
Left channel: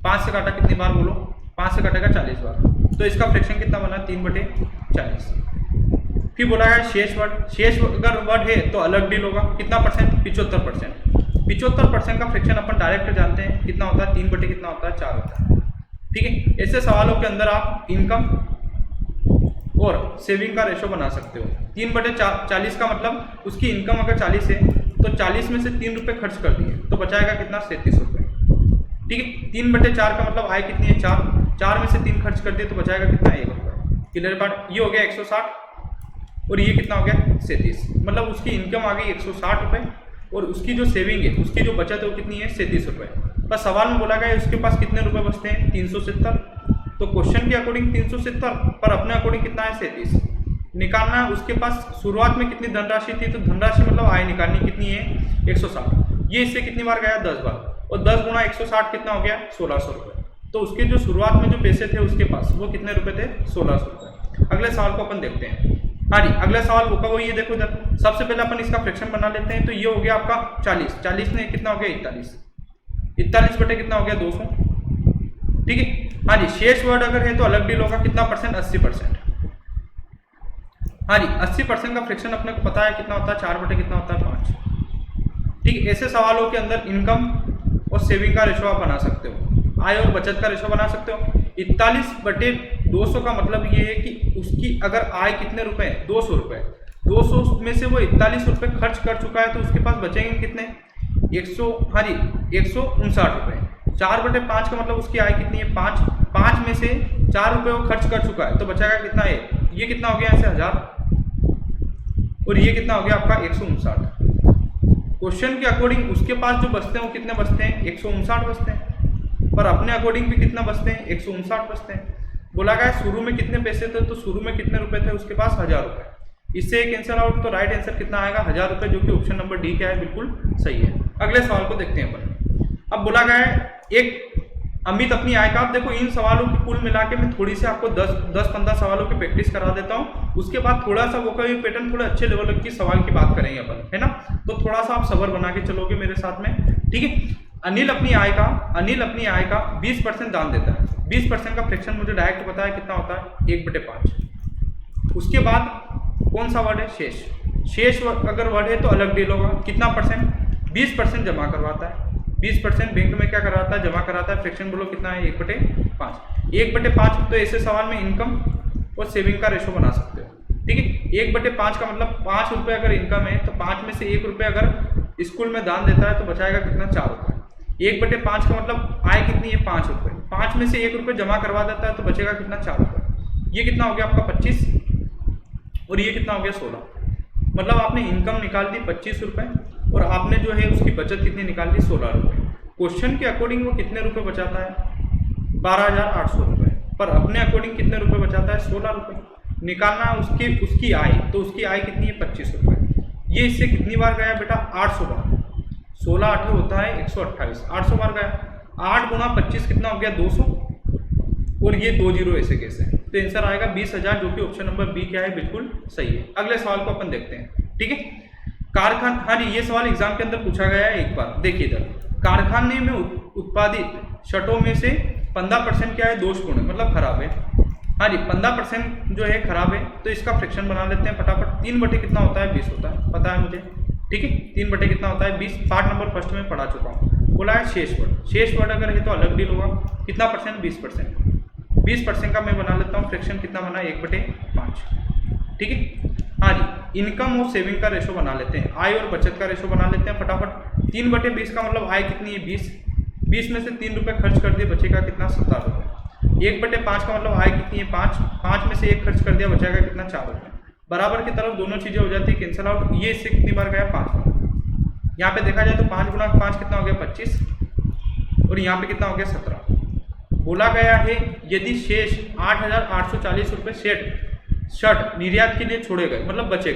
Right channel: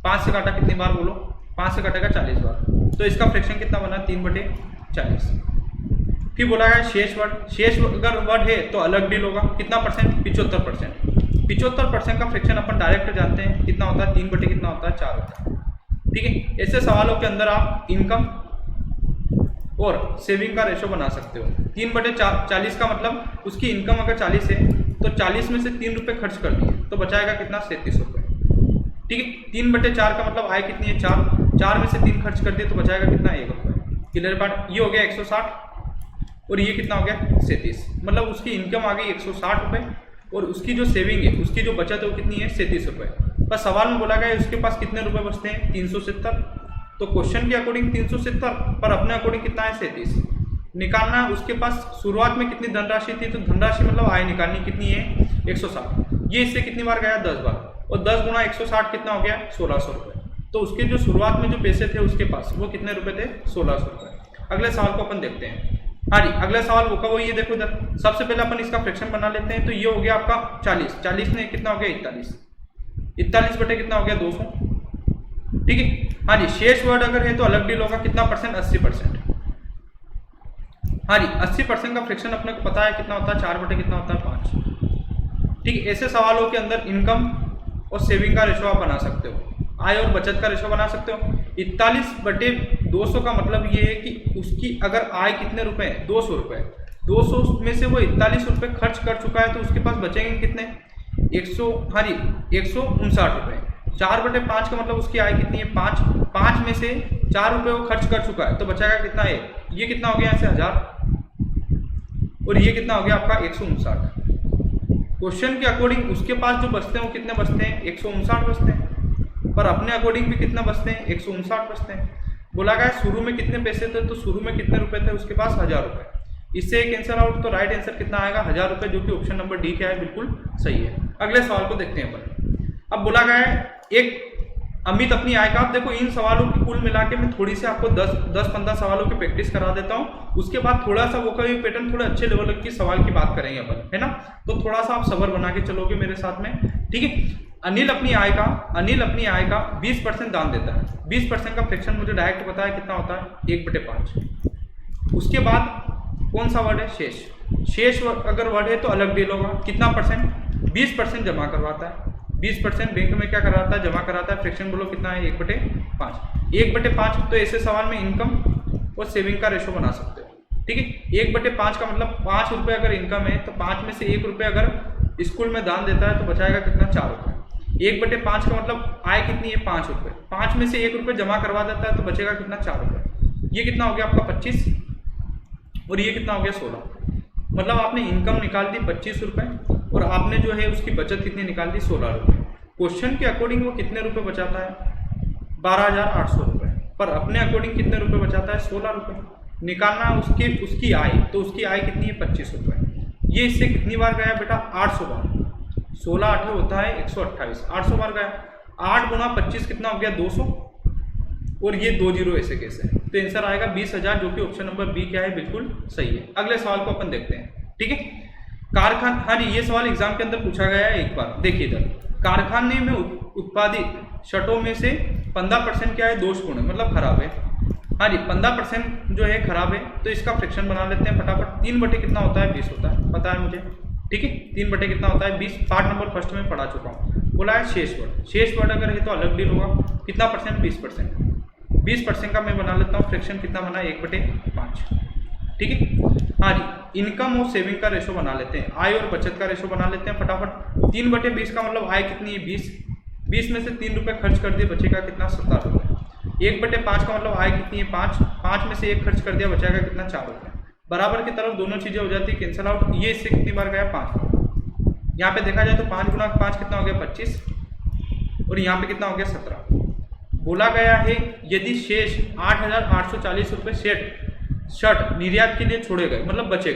5 से काटा कितनी बार बोलो, 5 से काटेगा 40 बार। तो इसका फ्रैक्शन कितना बना, 3/40। फिर बोला है शेष वर्ड। शेष अगर वर्ड है तो अलग डील होगा, कितना %, 75%। 75% का फ्रैक्शन अपन डायरेक्ट जानते हैं कितना होता है, 3 बटे कितना होता है, 4 होता है। ठीक है, ऐसे सवालों के अंदर आप इनकम और सेविंग का रेशो बना सकते हो। 3/40 का मतलब उसकी इनकम अगर 40 है तो 40 में से 3 रुपये खर्च कर दिए तो बचाएगा कितना, 37 रुपये। ठीक है, 3/4 का मतलब आय कितनी है, 4। 4 में से 3 खर्च कर दिए तो बचाएगा कितना, 1 रुपये। क्लियर बात। ये हो गया 160 और ये कितना हो गया, 37। मतलब उसकी इनकम आ गई 160 रुपये और उसकी जो सेविंग है, उसकी जो बचत है वो कितनी है, 37 रुपये। बस सवाल में बोला गया उसके पास कितने रुपए बचते हैं, 370। तो क्वेश्चन के अकॉर्डिंग 370, पर अपने अकॉर्डिंग कितना है, 37। निकालना उसके पास शुरुआत में कितनी धनराशि थी, तो धनराशि मतलब आय निकालनी कितनी है, 160। ये इससे कितनी बार गया, 10 बार। और 10 गुणा 160 कितना हो गया, 1600 रुपये। तो उसके जो शुरुआत में जो पैसे थे उसके पास वो कितने रुपए थे, 1600 रुपये। अगले सवाल को अपन देखते हैं। हाँ जी, अगला सवाल वो का वो ये देखो इधर। सबसे पहले अपन इसका फ्रैक्शन बना लेते हैं। तो ये हो गया आपका 40। 40 ने कितना हो गया, 41। 41 बटे कितना हो गया, 200। ठीक है, हाँ जी शेष वर्ड अगर है तो अलग डील होगा, कितना %, 80%। हाँ जी 80% का फ्रैक्शन अपने को पता है कितना होता है, 4 बटे कितना होता है, 5। ठीक है, ऐसे सवालों के अंदर इनकम और सेविंग का रेशो आप बना सकते हो, आय और बचत का रेशो बना सकते हो। 41/200 का मतलब ये है कि उसकी अगर आय कितने रुपए है, 200 रुपये। 200 में से वो 41 रुपये खर्च कर चुका है तो उसके पास बचेंगे कितने, 159 रुपये। 4/5 का मतलब उसकी आय कितनी है, 5। 5 में से 4 रुपये वो खर्च कर चुका है तो बचाएगा कितना है, ये कितना हो गया, ऐसे 1000 और ये कितना हो गया आपका 159। क्वेश्चन के अकॉर्डिंग उसके पास जो बचते हैं वो कितने बचते हैं, 159 बचते हैं। पर अपने अकॉर्डिंग भी कितना बचते हैं, 159 बचते हैं। बोला गया शुरू में कितने पैसे थे, तो शुरू में कितने रुपए थे उसके पास, 1000 रुपये। इससे एक आंसर आउट, तो राइट आंसर कितना आएगा, 1000 रुपये, जो कि ऑप्शन नंबर डी क्या है, बिल्कुल सही है। अगले सवाल को देखते हैं अपन। अब बोला गया है एक अमित अपनी आय का। अब देखो इन सवालों की कुल मिला के मैं थोड़ी सी आपको 10-15 सवालों की प्रैक्टिस करा देता हूँ। उसके बाद थोड़ा सा वो कभी पैटर्न थोड़े अच्छे लेवल की सवाल की बात करेंगे अपन, है ना। तो थोड़ा सा आप सब्र बना के चलोगे मेरे साथ में, ठीक है। अनिल अपनी आय का 20% दान देता है। 20% का फ्रैक्शन मुझे डायरेक्ट पता है कितना होता है, 1/5। उसके बाद कौन सा वर्ड है, शेष अगर वर्ड है तो अलग डील होगा। कितना %, 20% जमा करवाता है। 20% बैंक में क्या कराता है, जमा कराता है। फ्रैक्शन बोलो कितना है, 1/5। 1/5 तो ऐसे सवाल में इनकम और सेविंग का रेशो बना सकते हो, ठीक है। 1/5 का मतलब 5 रुपये अगर इनकम है तो 5 में से 1 रुपये अगर स्कूल में दान देता है तो बचाएगा कितना, 4 रुपये। 1/5 का मतलब आय कितनी है, 5 रुपये। 5 में से 1 रुपये जमा करवा देता है तो बचेगा कितना, 4 रुपये। ये कितना हो गया आपका 25 और ये कितना हो गया 16। मतलब आपने इनकम निकाल दी 25 रुपये और आपने जो है उसकी बचत कितनी निकाल दी, 16 रुपये। क्वेश्चन के अकॉर्डिंग वो कितने रुपये बचाता है, 12,800 रुपये। पर अपने अकॉर्डिंग कितने रुपये बचाता है, 16 रुपये। निकालना उसकी आय, तो उसकी आय कितनी है, 25 रुपये। ये इससे कितनी बार गया बेटा, 800 बार। 16 8 होता है 128, 800 बार गया। 8 गुणा 25 कितना हो गया, 200 और ये 2 जीरो ऐसे कैसे है, तो आंसर आएगा 20,000, जो कि ऑप्शन नंबर बी क्या है, बिल्कुल सही है। अगले सवाल को अपन देखते हैं, ठीक है। कारखाना, हाँ जी ये सवाल एग्जाम के अंदर पूछा गया है एक बार, देखिए इधर। कारखाने में उत्पादित शटों में से 15% क्या है, दोषपूर्ण, मतलब खराब है। हाँ जी 15% जो है खराब है, तो इसका फ्रैक्शन बना लेते हैं फटाफट। 3 बटे कितना होता है, 20 होता है, पता है मुझे, ठीक है। 3 बटे कितना होता है, 20। पार्ट नंबर फर्स्ट में पढ़ा चुका हूँ। बोला है शेष वर्ड। शेष वर्ड अगर है तो अलग डील होगा। कितना परसेंट? 20%। 20% का मैं बना लेता हूँ फ्रैक्शन, कितना बना? 1/5। ठीक है। हाँ जी, इनकम और सेविंग का रेशो बना लेते हैं, आय और बचत का रेशो बना लेते हैं फटाफट। 3/20 का मतलब आय कितनी है? 20। 20 में से 3 रुपये खर्च कर दिए, बचेगा कितना? 17 रुपये। 1/5 का मतलब आय कितनी है? 5। 5 में से 1 खर्च कर दिया, बचेगा कितना? 4 रुपये। बराबर की तरफ दोनों चीज़ें हो जाती है कैंसिल आउट। ये इससे कितनी बार गया? 5 बार। यहाँ पे देखा जाए तो 5 गुणा 5 कितना हो गया? 25। और यहाँ पे कितना हो गया? 17। बोला गया है यदि शेष 8,840 रुपये शर्ट निर्यात के लिए छोड़े गए, मतलब बच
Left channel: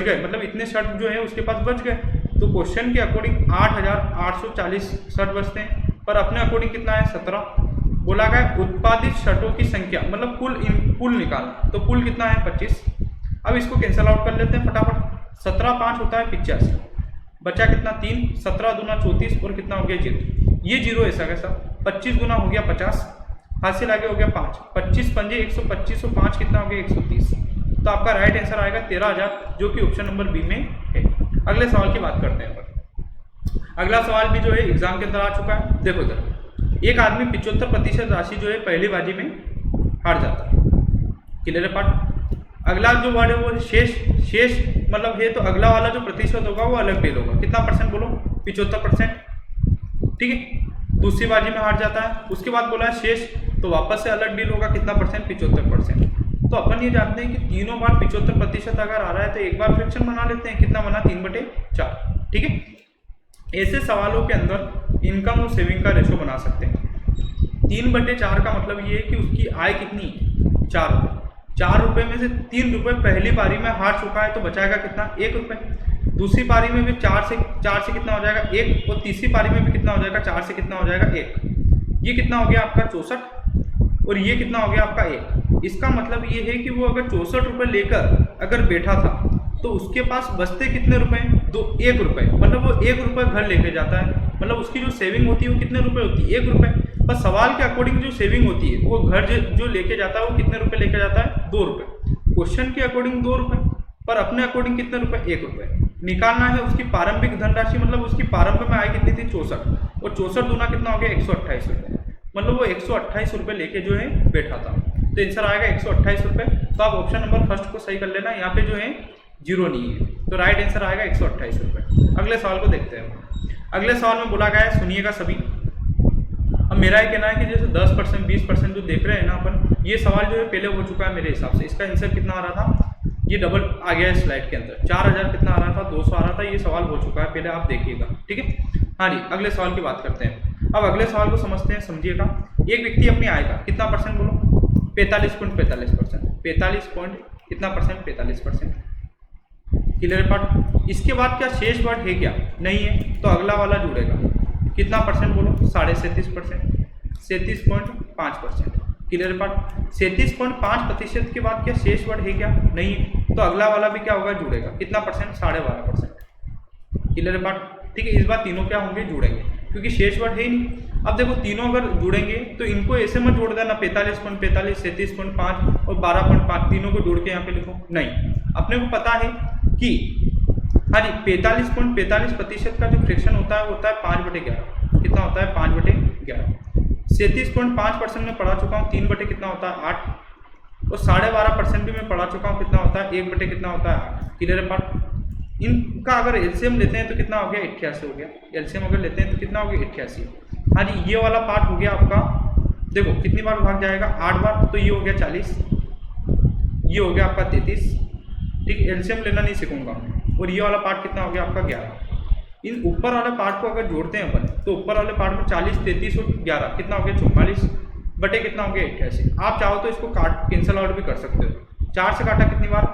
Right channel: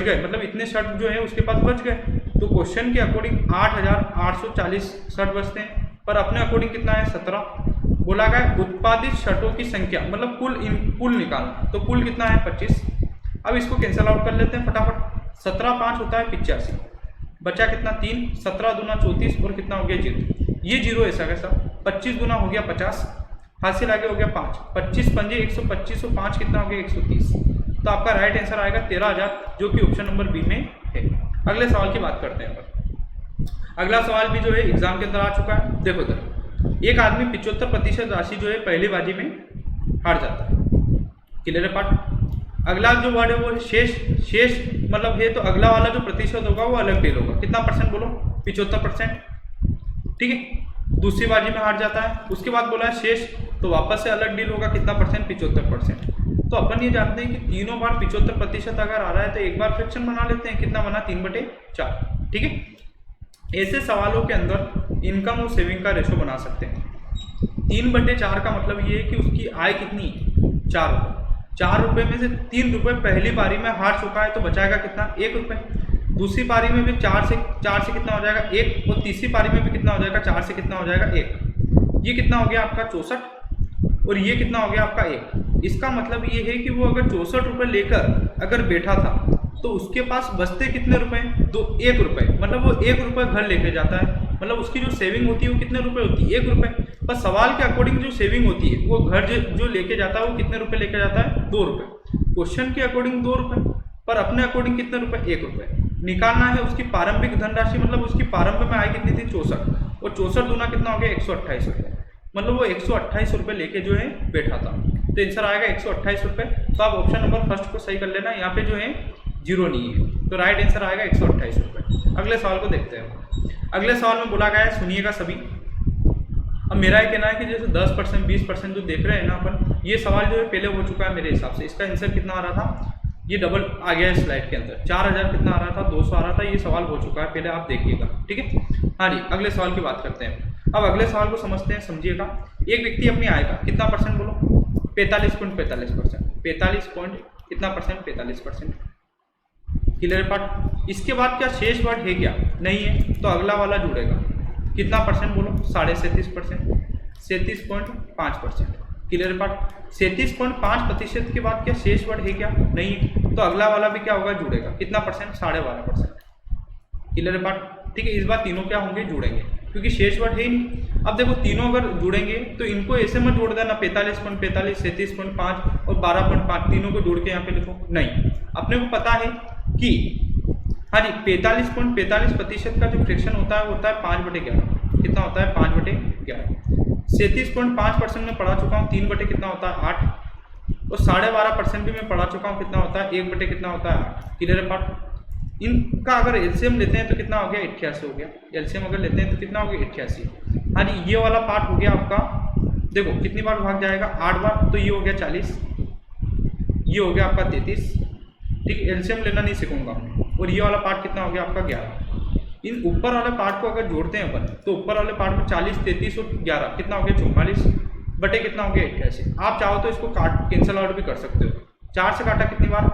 गए, मतलब इतने शर्ट जो है उसके पास बच गए, तो क्वेश्चन के अकॉर्डिंग 8,840 शर्ट बचते हैं, पर अपने अकॉर्डिंग कितना है? 17। बोला गया उत्पादित शर्टों की संख्या, मतलब कुल निकालना, तो कुल कितना है? 25। अब इसको कैंसिल आउट कर लेते हैं फटाफट। 17 5 होता है 85, बचा कितना? 3। 17 दूना 34 और कितना हो गया? 0। ये 0 ऐसा कैसा? 25 गुना हो गया 50, हासिल आगे हो गया 5। 25 पंजे 125 और 5 कितना हो गया? 130। तो आपका राइट आंसर आएगा 13,000, जो कि ऑप्शन नंबर बी में है। अगले सवाल की बात करते हैं। अगला सवाल भी जो है एग्जाम के अंदर आ चुका है। देखो इधर, एक आदमी 75% राशि जो है पहली बाजी में हार जाता है। क्लियर है पार्ट? अगला जो वर्ड है वो शेष मतलब है, तो अगला वाला जो प्रतिशत होगा वो अलग डील होगा। कितना परसेंट बोलो? 75%। ठीक है। दूसरी बाजी में हार जाता है, उसके बाद बोला है शेष, तो वापस से अलग डील होगा। कितना परसेंट? 75%। तो अपन ये जानते हैं कि तीनों बार 75% अगर आ रहा है तो एक बार फ्रैक्शन बना लेते हैं। कितना बना? 3/4। ठीक है। ऐसे सवालों के अंदर इनकम और सेविंग का रेशो बना सकते हैं। 3/4 का मतलब ये है कि उसकी आय कितनी? 4 रुपये। 4 रुपये में से 3 रुपये पहली बारी में हार चुका है, तो बचाएगा कितना? 1 रुपये। दूसरी पारी में भी 4 से कितना हो जाएगा? 1। और तीसरी पारी में भी कितना हो जाएगा? 4 से कितना हो जाएगा? 1। ये कितना हो गया आपका? 64। और ये कितना हो गया आपका? 1। इसका मतलब ये है कि वो अगर 64 रुपये लेकर अगर बैठा था तो उसके पास बचते कितने रुपए? 1 रुपये। मतलब वो 1 रुपये घर लेके जाता है, मतलब उसकी जो सेविंग होती है वो कितने रुपए होती है? 1 रुपये। पर सवाल के अकॉर्डिंग जो सेविंग होती है वो घर जो लेके जाता है वो कितने रुपए लेके जाता है? 2 रुपये। क्वेश्चन के अकॉर्डिंग 2 रुपये, पर अपने अकॉर्डिंग कितने रुपए? 1 रुपये। निकालना है उसकी प्रारंभिक धनराशि, मतलब उसकी प्रारंभ में आय कितनी थी? 64। और 64 दूना कितना हो गया? 128 रुपये। मतलब वो 128 रुपये लेके जो है बैठा था, तो आंसर आएगा 128 रुपये। तो आप ऑप्शन नंबर फर्स्ट को सही कर लेना, यहाँ पे जो है 0 नहीं है, तो राइट आंसर आएगा 128 रुपये। अगले सवाल को देखते हैं। अगले सवाल में बोला गया है, सुनिएगा सभी। अब मेरा ये कहना है कि जैसे 10% 20% जो देख रहे हैं ना अपन, ये सवाल जो है पहले हो चुका है मेरे हिसाब से। इसका आंसर कितना आ रहा था? ये डबल आ गया है स्लाइड के अंदर। 4000 कितना आ रहा था? 200 आ रहा था। ये सवाल हो चुका है पहले, आप देखिएगा। ठीक है। हाँ जी, अगले सवाल की बात करते हैं। अब अगले सवाल को समझते हैं, समझिएगा। एक व्यक्ति अपनी आय का कितना परसेंट बोलो? 45.45%। 45 पॉइंट कितना परसेंट? 45%। Clear part? इसके बाद क्या शेष वर्ड है क्या? नहीं है, तो अगला वाला जुड़ेगा। कितना परसेंट बोलो? 37.5%। 37.5%। Clear part? 37.5% के बाद क्या शेष वर्ड है क्या? नहीं है, तो अगला वाला भी क्या होगा? जुड़ेगा। कितना परसेंट? 12.5%। Clear part? ठीक है। इस बार तीनों क्या होंगे? जुड़ेंगे, क्योंकि शेष वर्ड है ही नहीं। अब देखो, तीनों अगर जुड़ेंगे तो इनको ऐसे मत जोड़ देना 45.45, 37.5 और 12.5, तीनों को जोड़ के यहाँ पे लिखो। नहीं, अपने को पता है कि हाँ जी 45.45% का जो फ्रैक्शन होता है वो होता है 5/11। कितना होता है? 5/11। 37.5% में पढ़ा चुका हूँ, 3 कितना होता है? 8। और 12.5% भी मैं पढ़ा चुका हूँ, कितना होता है? 1 कितना होता है? 8। Clear part? इनका अगर एलसीएम लेते हैं तो कितना हो गया? 88 हो गया। एलसीएम अगर लेते हैं तो कितना हो गया? 88। हाँ जी, ये वाला पार्ट हो गया आपका। देखो कितनी बार भाग जाएगा? 8 बार, तो ये हो गया 40। ये हो गया आपका 33। ठीक, एलसीएम लेना नहीं सीखूंगा। और ये वाला पार्ट कितना हो गया आपका? 11। इन ऊपर वाले पार्ट को अगर जोड़ते हैं अपन, तो ऊपर वाले पार्ट में 40, 33 और 11 कितना हो गया? 44 बटे कितना हो गया? 88। आप चाहो तो इसको कैंसिल आउट भी कर सकते हो। 4 से काटा कितनी बार?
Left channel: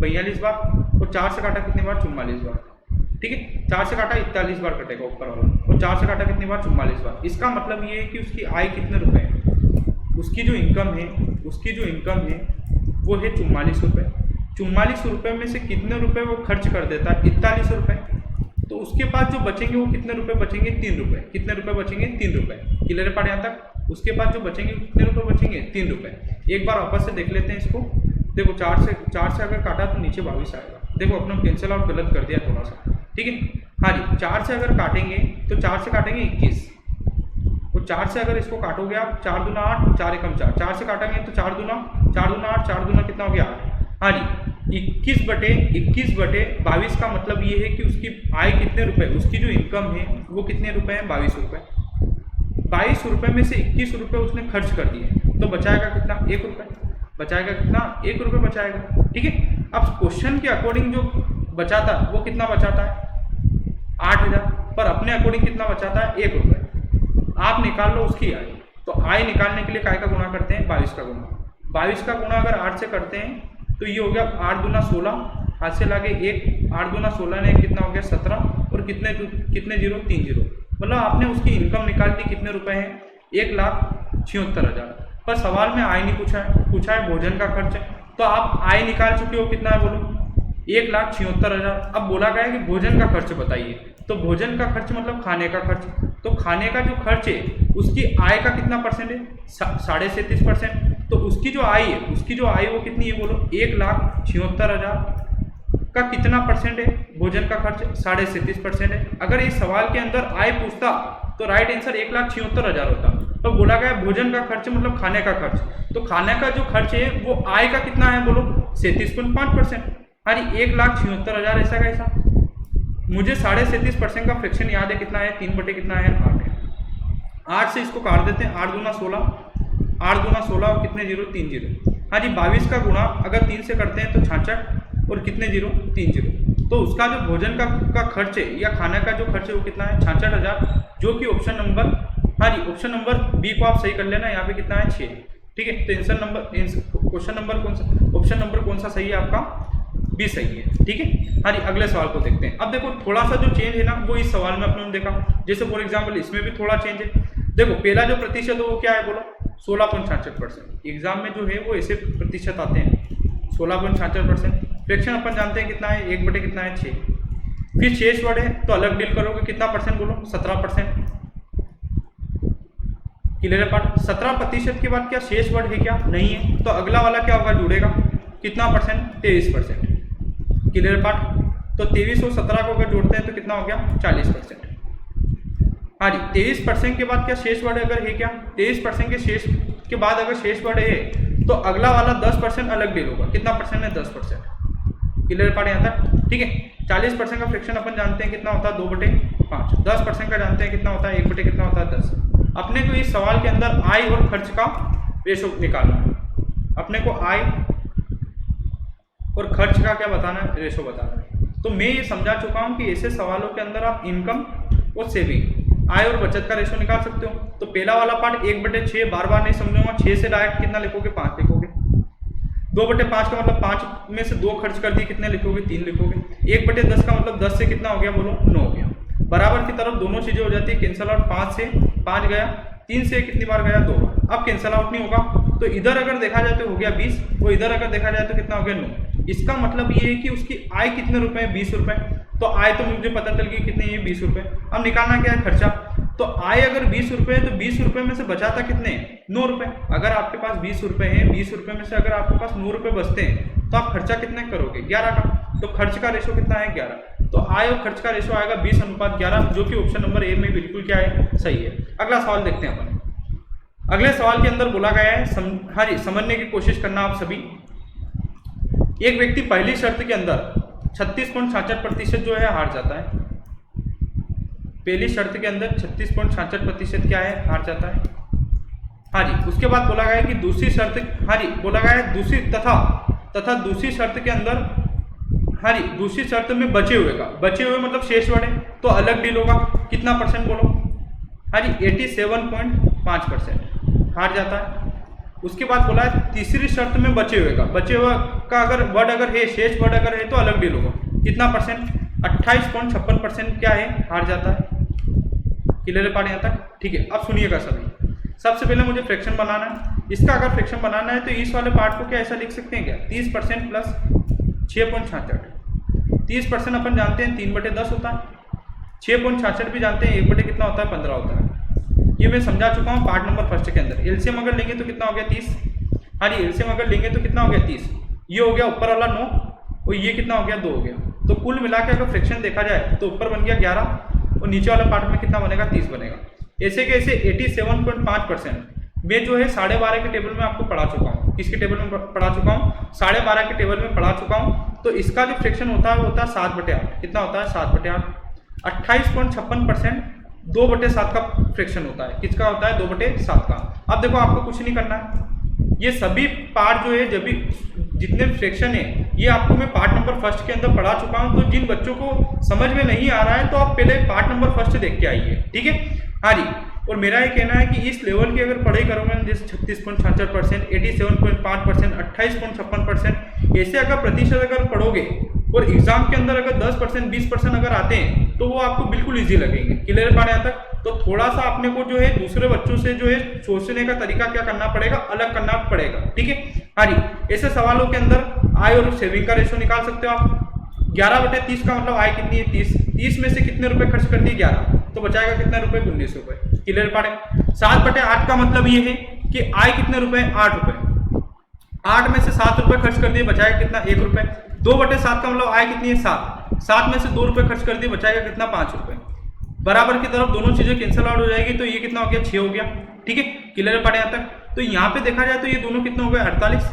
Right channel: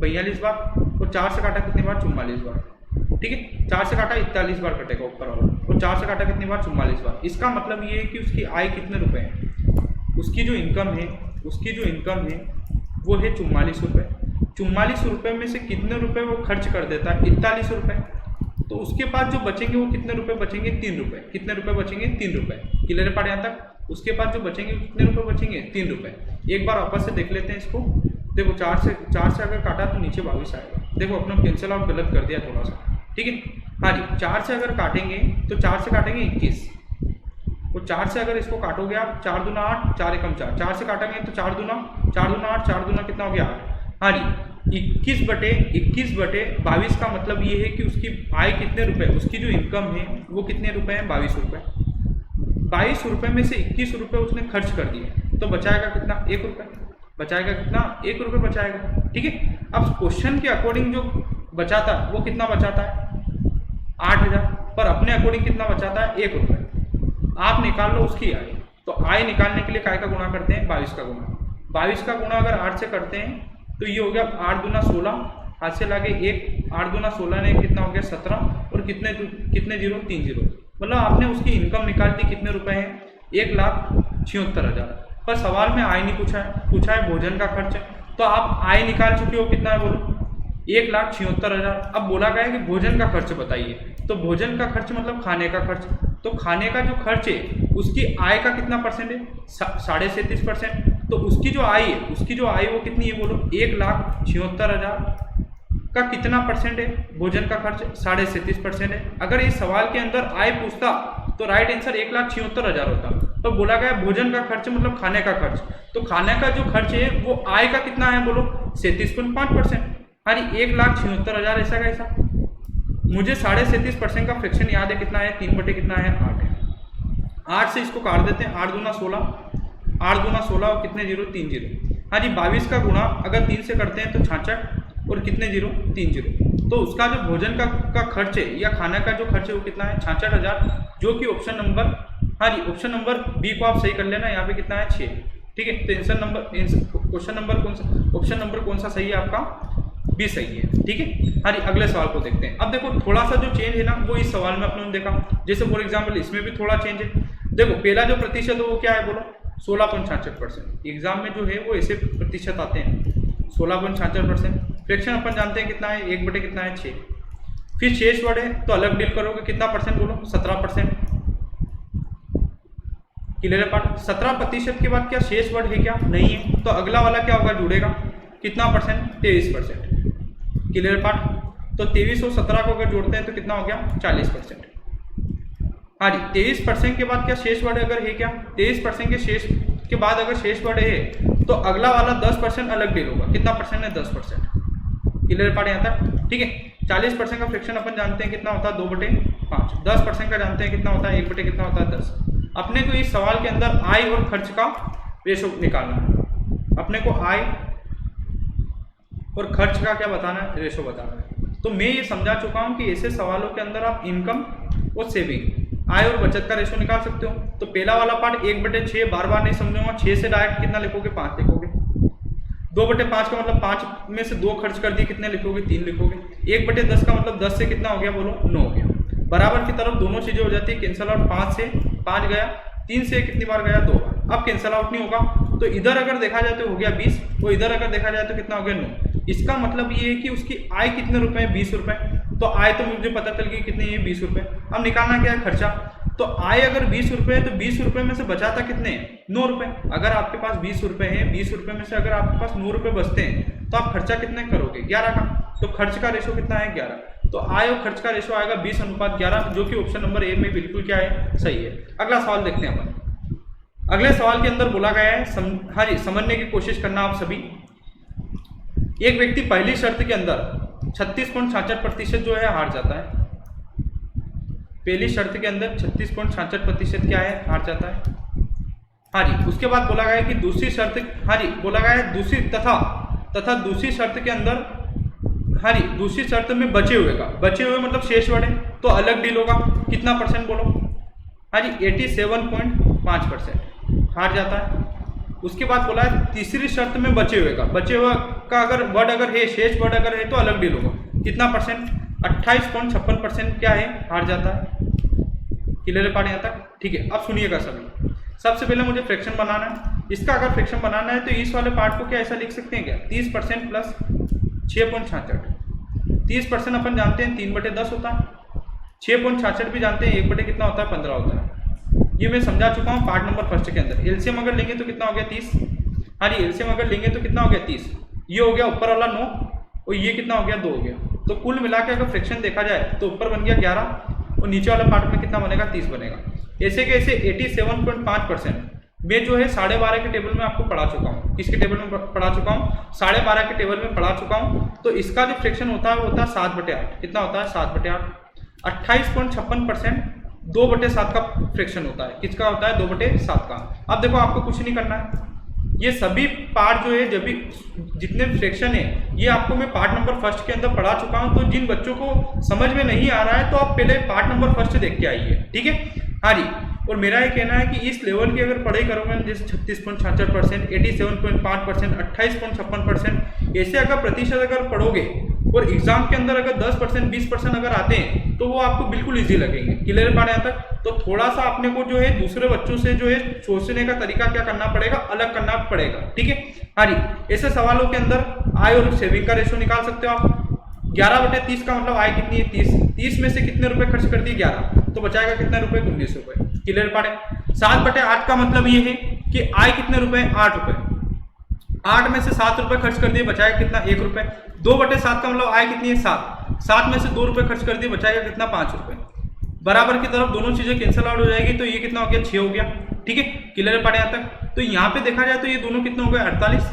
42 बार। और 4 से काटा कितनी बार? 44 बार। ठीक है। 4 से काटा 41 बार कटेगा ऊपर वाला, और 4 से काटा कितनी बार? 44 बार। इसका मतलब ये है कि उसकी आय कितने रुपए है? उसकी जो इनकम है वो है 44 रुपये। 44 रुपये में से कितने रुपए वो खर्च कर देता है? 41 रुपये। तो उसके पास जो बचेंगे वो कितने रुपए बचेंगे? 3 रुपये। कितने रुपए बचेंगे? 3 रुपये। क्लियर पार्ट यहाँ तक? उसके पास जो बचेंगे कितने रुपए बचेंगे? 3 रुपये। एक बार वापस से देख लेते हैं इसको। देखो 4 से अगर काटा तो नीचे 22 आएगा। देखो अपना कैंसिल आउट गलत कर दिया थोड़ा सा। ठीक है। हाँ जी, 4 से अगर काटेंगे तो 4 से काटेंगे 21, और 4 से अगर इसको काटोगे आप 4 दूना 8, 4 एकम 4, 4 से काटेंगे तो 4 दूना 8, 4 दूना कितना हो गया 8। हाँ जी, 21/22 का मतलब ये है कि उसकी आय कितने रुपए, उसकी जो इनकम है वो कितने रुपए है, 22 रुपए। 22 रुपए में से 21 रुपए उसने खर्च कर दिए, तो बचाएगा कितना, 1 रुपए। बचाएगा कितना, 1 रुपए बचाएगा। ठीक है। अब क्वेश्चन के अकॉर्डिंग जो बचाता है वो कितना बचाता है, 8000, पर अपने अकॉर्डिंग कितना बचाता है, 1 रुपए। आप निकाल लो उसकी आय। तो आय निकालने के लिए काय का गुणा करते हैं, 22 का गुणा। 22 का गुणा अगर 8 से करते हैं तो ये हो गया 8 दूना 16, हाथ से लागे 1, 8 दूना 16 ने कितना हो गया 17, और कितने जीरो, 3 जीरो। मतलब आपने उसकी इनकम निकाल दी, कितने रुपए हैं, 1,76,000। पर सवाल में आय नहीं पूछा है भोजन का खर्च। तो आप आय निकाल चुके हो, कितना है बोलो, 1,76,000। अब बोला गया है कि भोजन का खर्च बताइए, तो भोजन का खर्च मतलब खाने का खर्च। तो खाने का जो खर्च है उसकी आय का कितना परसेंट है, 37.5%। तो उसकी जो आय है वो कितनी है बोलो, 1,76,000 का कितना परसेंट है, भोजन का खर्च 37.5% है। अगर इस सवाल के अंदर आय पूछता तो राइट आंसर 1,76,000 होता। तो बोला गया भोजन का खर्च मतलब खाने का खर्च। तो खाने का जो खर्च है वो आय का कितना है बोलो, 37.5%। हाँ जी, 1,76,000 ऐसा का ऐसा। मुझे 37.5% का फ्रैक्शन याद है, कितना है, 3 कितना है, 8 है। 8 से इसको काट देते हैं, 8 दूना 16, 8 दूना 16 और कितने जीरो, 3 जीरो। हाँ जी, 22 का गुणा अगर 3 से करते हैं तो 66, और कितने जीरो, 3 जीरो। तो उसका जो भोजन का खर्च है या खाने का जो खर्च है वो कितना है, 66,000, जो कि ऑप्शन नंबर, हाँ जी, ऑप्शन नंबर बी को आप सही कर लेना। यहाँ पे कितना है, 6। ठीक है। तो क्वेश्चन नंबर कौन सा, ऑप्शन नंबर कौन सा सही है आपका, बी सही है। ठीक है। हाँ जी, अगले सवाल को देखते हैं। अब देखो थोड़ा सा जो चेंज है ना वो इस सवाल में अपने देखा, जैसे फॉर एग्जाम्पल इसमें भी थोड़ा चेंज है। देखो पहला जो प्रतिशत है वो क्या है बोलो, 16.66%। एग्जाम में जो है वो ऐसे प्रतिशत आते हैं, 16.66%। फ्रैक्शन अपन जानते हैं कितना है, 1 बटे कितना है, 6। फिर शेष वर्ड है तो अलग डील करोगे, कितना परसेंट बोलो, 17%। क्लियर है पार्ट। 17% के बाद क्या शेष वर्ड है, क्या नहीं है, तो अगला वाला क्या होगा, जुड़ेगा, कितना परसेंट, 23%। Clear part. तो 23 और 17 को अगर जोड़ते हैं तो कितना हो गया, 40%। हाँ जी, 23% के बाद क्या शेष वर्ड अगर है, क्या 23% के शेष के बाद अगर शेष वर्ड है तो अगला वाला 10% अलग डील होगा, कितना परसेंट है, 10%। क्लियर पार्ट यहाँ तक। ठीक है। 40% का फ्रैक्शन अपन जानते हैं कितना होता है, 2/5। 10% का जानते हैं कितना होता है, 1 बटे कितना होता है, 10। अपने को इस सवाल के अंदर आय और खर्च का रेशो निकालना है। अपने को आय और खर्च का क्या बताना है, रेशो बताना है। तो मैं ये समझा चुका हूँ कि ऐसे सवालों के अंदर आप इनकम और सेविंग, आय और बचत का रेशो निकाल सकते हो। तो पहला वाला पार्ट 1/6 बार बार नहीं समझूंगा, 6 से डायरेक्ट कितना लिखोगे, 5 लिखोगे। 2/5 का मतलब 5 में से 2 खर्च कर दिए, कितने लिखोगे, 3 लिखोगे। 1/10 का मतलब 10 से कितना हो गया बोलो, 9 हो गया। बराबर की तरफ दोनों चीजें हो जाती है, कैंसल आउट। 5 से 5 गया, 3 से कितनी बार गया, 2 बार। अब कैंसल आउट नहीं होगा, तो इधर अगर देखा जाए तो हो गया 20, और इधर अगर देखा जाए तो कितना हो गया, 9। इसका मतलब ये है कि उसकी आय कितने रुपए है, 20 रुपए। तो आय तो मुझे पता चल गई कितनी है, 20 रुपए। अब निकालना क्या है, खर्चा। तो आय अगर 20 रुपए है तो 20 रुपए में से बचाता कितने हैं, 9 रुपए। अगर आपके पास 20 रुपए हैं, 20 रुपए में से अगर आपके पास 9 रुपए बचते हैं तो आप खर्चा कितने करोगे, 11 का। तो खर्च का रेशो कितना है, 11। तो आय और खर्च का रेशो आएगा 20:11, जो कि ऑप्शन नंबर ए में बिल्कुल क्या है, सही है। अगला सवाल देखते हैं अपन। अगले सवाल के अंदर बोला गया है, हाँ जी, समझने की कोशिश करना आप सभी। एक व्यक्ति पहली शर्त के अंदर 36.66% जो है हार जाता है। पहली शर्त के अंदर 36.66% क्या है, हार जाता है। हाँ जी, उसके बाद बोला गया है कि दूसरी शर्त, हाँ जी, बोला गया है दूसरी तथा दूसरी शर्त के अंदर, हाँ जी, दूसरी शर्त में बचे हुए मतलब शेष वर्ड है, तो अलग डील होगा। कितना परसेंट बोलो, हाँ जी, 87.5% हार जाता है। उसके बाद बोला है तीसरी शर्त में बचे हुए का अगर वर्ड अगर है, शेष वर्ड अगर है तो अलग डील होगा। कितना परसेंट, 28.56% क्या है, हार जाता है। क्लियर पार्ट यहाँ तक। ठीक है। अब सुनिएगा सभी, सबसे पहले मुझे फ्रैक्शन बनाना है। इसका अगर फ्रैक्शन बनाना है तो इस वाले पार्ट को क्या ऐसा लिख सकते हैं क्या, 30% प्लस 6.66। 30% अपन जानते हैं 3/10 होता है। 6.66 भी जानते हैं 1 कितना होता है, 15 होता है। ये मैं समझा चुका हूँ पार्ट नंबर फर्स्ट के अंदर। एलसीएम अगर लेंगे तो कितना हो गया, 30। हाँ जी, एलसीएम अगर लेंगे तो कितना हो गया, 30। ये हो गया ऊपर वाला 9, और ये कितना हो गया, 2 हो गया। तो कुल मिला के अगर फ्रैक्शन देखा जाए तो ऊपर बन गया 11 और नीचे वाला पार्ट में कितना बनेगा 30 बनेगा। ऐसे कैसे 87.5% मैं जो है 12.5 के टेबल में आपको पढ़ा चुका हूँ। किसके टेबल में पढ़ा चुका हूँ? 12.5 के टेबल में पढ़ा चुका हूँ। तो इसका जो फ्रैक्शन होता है वो होता है 7/8। कितना होता है? 7/8। 28.56% 2/7 का फ्रैक्शन होता है। किसका होता है? 2/7 का। अब देखो आपको कुछ नहीं करना है, ये सभी पार्ट जो है जब भी जितने फ्रैक्शन है ये आपको मैं पार्ट नंबर फर्स्ट के अंदर पढ़ा चुका हूँ। तो जिन बच्चों को समझ में नहीं आ रहा है तो आप पहले पार्ट नंबर फर्स्ट देख के आइए, ठीक है। हाँ जी, और मेरा ये कहना है कि इस लेवल की अगर पढ़ाई करोगे जैसे 36.66%, 87.5%, 28.56%, ऐसे अगर प्रतिशत अगर पढ़ोगे और एग्जाम के अंदर अगर 10%, 20% अगर आते हैं तो वो आपको बिल्कुल इजी लगेंगे। क्लियर है बात यहाँ तक? तो थोड़ा सा अपने को जो है दूसरे बच्चों से जो है सोचने का तरीका क्या करना पड़ेगा, अलग करना पड़ेगा, ठीक है। हाँ जी, ऐसे सवालों के अंदर आय और सेविंग का रेशो निकाल सकते हो आप। 11/30 का मतलब आय कितनी है? 30। 30 में से कितने रुपए खर्च कर दिए? 11, तो बचाएगा कितने रुपए? 19 रुपए। क्लियर पार्ट है? 7/8 का मतलब ये है कि आय कितने रुपए? 8 रुपए। 8 में से 7 रुपए खर्च कर दिए, बचाएगा कितना? 1 रुपए। 2/7 का मतलब आय कितनी है? 7। 7 में से 2 रुपए खर्च कर दिए, बचाएगा कितना? 5 रुपए। बराबर की तरफ दोनों चीजें कैंसिल आउट हो जाएगी, तो ये कितना हो गया? 6 हो गया, ठीक है। क्लियर पार्ट यहाँ तक? तो यहाँ पे देखा जाए तो ये दोनों कितना हो गया? 48।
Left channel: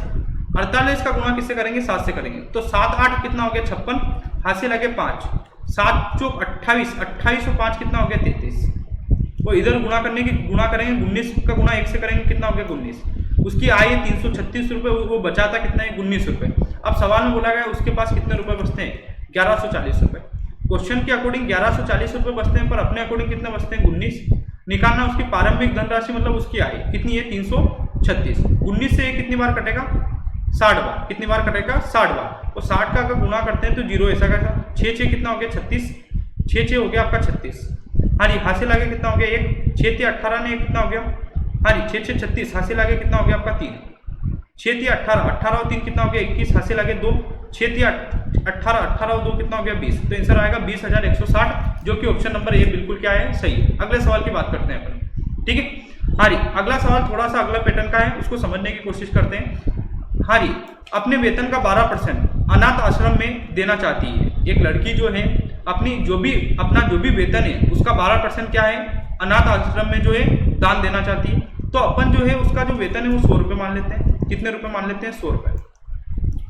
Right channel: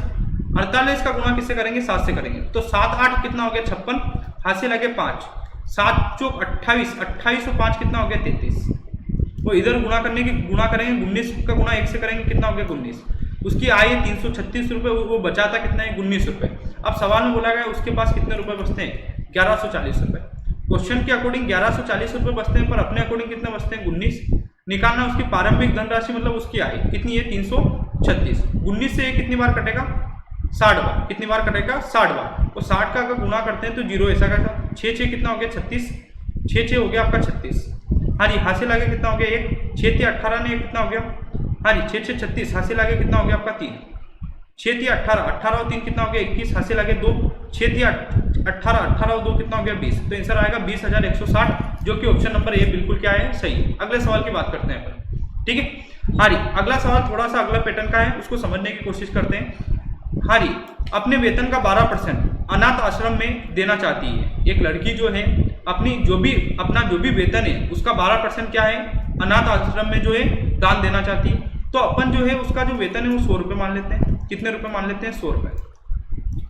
48 का गुणा किससे करेंगे? 7 से करेंगे। तो 7 8 कितना हो गया? 56। हाथ से लगे 5, 7 चौक 28, 28 और 5 कितना हो गया? 33। वो इधर गुणा करने की गुणा करेंगे, 19 का गुणा 1 से करेंगे, कितना हो गया? 19। उसकी आय है 336 रुपये, वो बचाता कितना है? 19 रुपये। अब सवाल में बोला गया उसके पास कितने रुपए बचते हैं? 1140 रुपये। क्वेश्चन के अकॉर्डिंग 1140 रुपये बचते हैं, पर अपने अकॉर्डिंग कितने बचते हैं? 19। निकालना उसकी प्रारंभिक धनराशि मतलब उसकी आय कितनी है? 336। 19 से ये कितनी बार कटेगा? 60 बार। कितनी बार कटेगा? 60 बार। तो 60 का अगर गुणा करते हैं तो 0 ऐसा कैसा? 6 कितना हो गया? 36। 6 हो गया आपका 36। हाँ जी, हासिल आगे कितना हो गया? 1। 6 18 ने कितना हो गया? हाँ जी, 6 36। हासिल आगे कितना हो गया आपका? 3। 6 18, 18 और 3 कितना हो गया? 21। हासिल आगे 2। 6 18, 18 और 2 कितना हो गया? 20। तो आंसर आएगा 20,160, जो कि ऑप्शन नंबर ए बिल्कुल क्या है? सही है। अगले सवाल की बात करते हैं अपन, ठीक है। हाँ जी, अगला सवाल थोड़ा सा अगला पैटर्न का है, उसको समझने की कोशिश करते हैं। हाँ जी, अपने वेतन का 12% अनाथ आश्रम में देना चाहती है। एक लड़की जो है अपना जो भी वेतन है उसका 12% क्या है? अनाथ आश्रम में जो है दान देना चाहती है। तो अपन जो है उसका जो वेतन है वो 100 रुपये मान लेते हैं। कितने रुपए मान लेते हैं? 100 रुपये।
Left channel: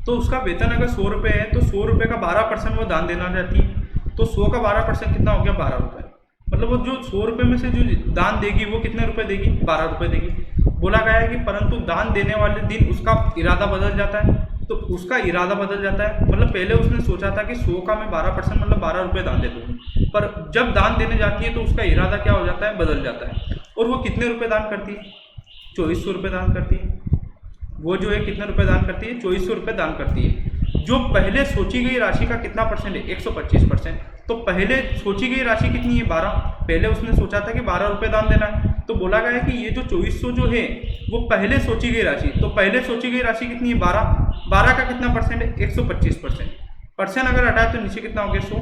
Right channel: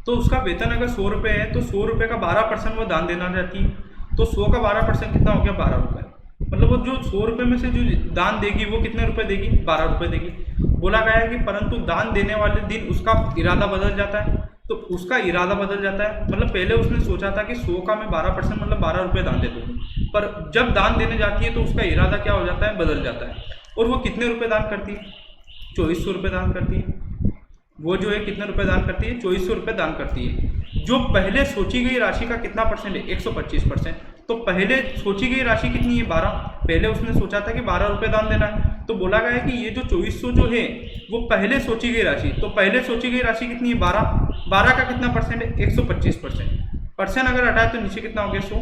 तो उसका वेतन अगर 100 रुपये है तो 100 रुपये का 12% वो दान देना चाहती है। तो 100 का 12% कितना हो गया? 12 रुपये। मतलब वो जो 100 रुपये में से जो दान देगी वो कितने रुपए देगी? 12 रुपये देगी। बोला गया है कि परंतु दान देने वाले दिन उसका इरादा बदल जाता है। तो उसका इरादा बदल जाता है, मतलब पहले उसने सोचा था कि 100 का मैं 12% मतलब 12 रुपये दान दे दूँगी, पर जब दान देने जाती है तो उसका इरादा क्या हो जाता है? बदल जाता है। और वो कितने रुपये दान करती है? 2400 रुपये दान करती है। वो जो है कितने रुपए दान करती है? 2400 रुपये दान करती है। जो पहले सोची गई राशि का कितना परसेंट है? 125%। तो पहले सोची गई राशि कितनी है? 12। पहले उसने सोचा था कि 12 रुपये दान देना है। तो बोला गया है कि ये जो 2400 जो है वो पहले सोची गई राशि, तो पहले सोची गई राशि कितनी है? 12। 12 का कितना परसेंट है? 125%। परसेंट अगर हटाए तो नीचे कितना हो गया? 100।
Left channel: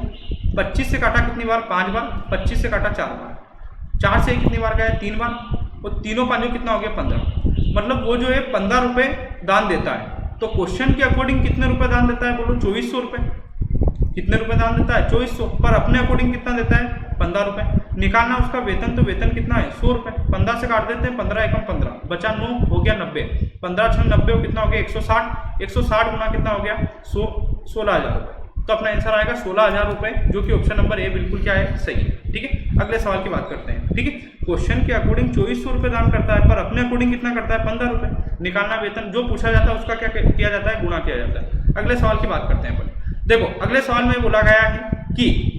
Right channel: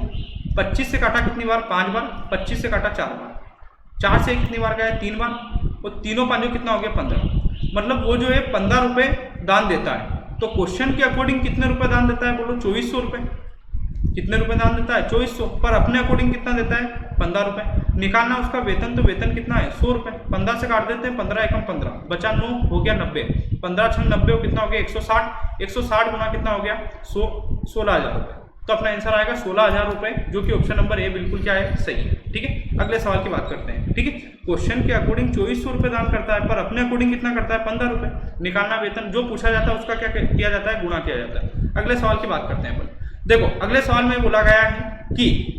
25 से काटा कितनी बार? 5 बार। 25 से काटा 4 बार। 4 से कितनी बार गया? 3 बार। और तीनों पांचों कितना हो गया? 15। मतलब वो जो है 15 रुपये दान देता है। तो क्वेश्चन के अकॉर्डिंग कितने रुपए दान देता है? बोलो 2400 रुपये। कितने रुपए दान देता है? 2400। पर अपने अकॉर्डिंग कितना देता है? 15 रुपये। निकालना उसका वेतन, तो वेतन कितना है? 100 रुपये। 15 से काट देते हैं, 15 एकम 15, बचा 9, हो गया 90। 15 6 90 और कितना हो गया? 160। 160 गुना कितना हो गया? 16,000 रुपये। तो अपना आंसर आएगा 16,000 रुपये, जो कि ऑप्शन नंबर ए बिल्कुल क्या है? सही है, ठीक है। अगले सवाल की बात करते हैं, ठीक है। क्वेश्चन के अकॉर्डिंग 2400 रुपये दान करता है, पर अपने अकॉर्डिंग कितना करता है? 15 रुपये। निकालना वेतन, जो पूछा जाता है उसका क्या किया जाता है? गुणा किया जाता है। अगले सवाल की बात करते हैं अपन। देखो अगले सवाल में बोला गया है कि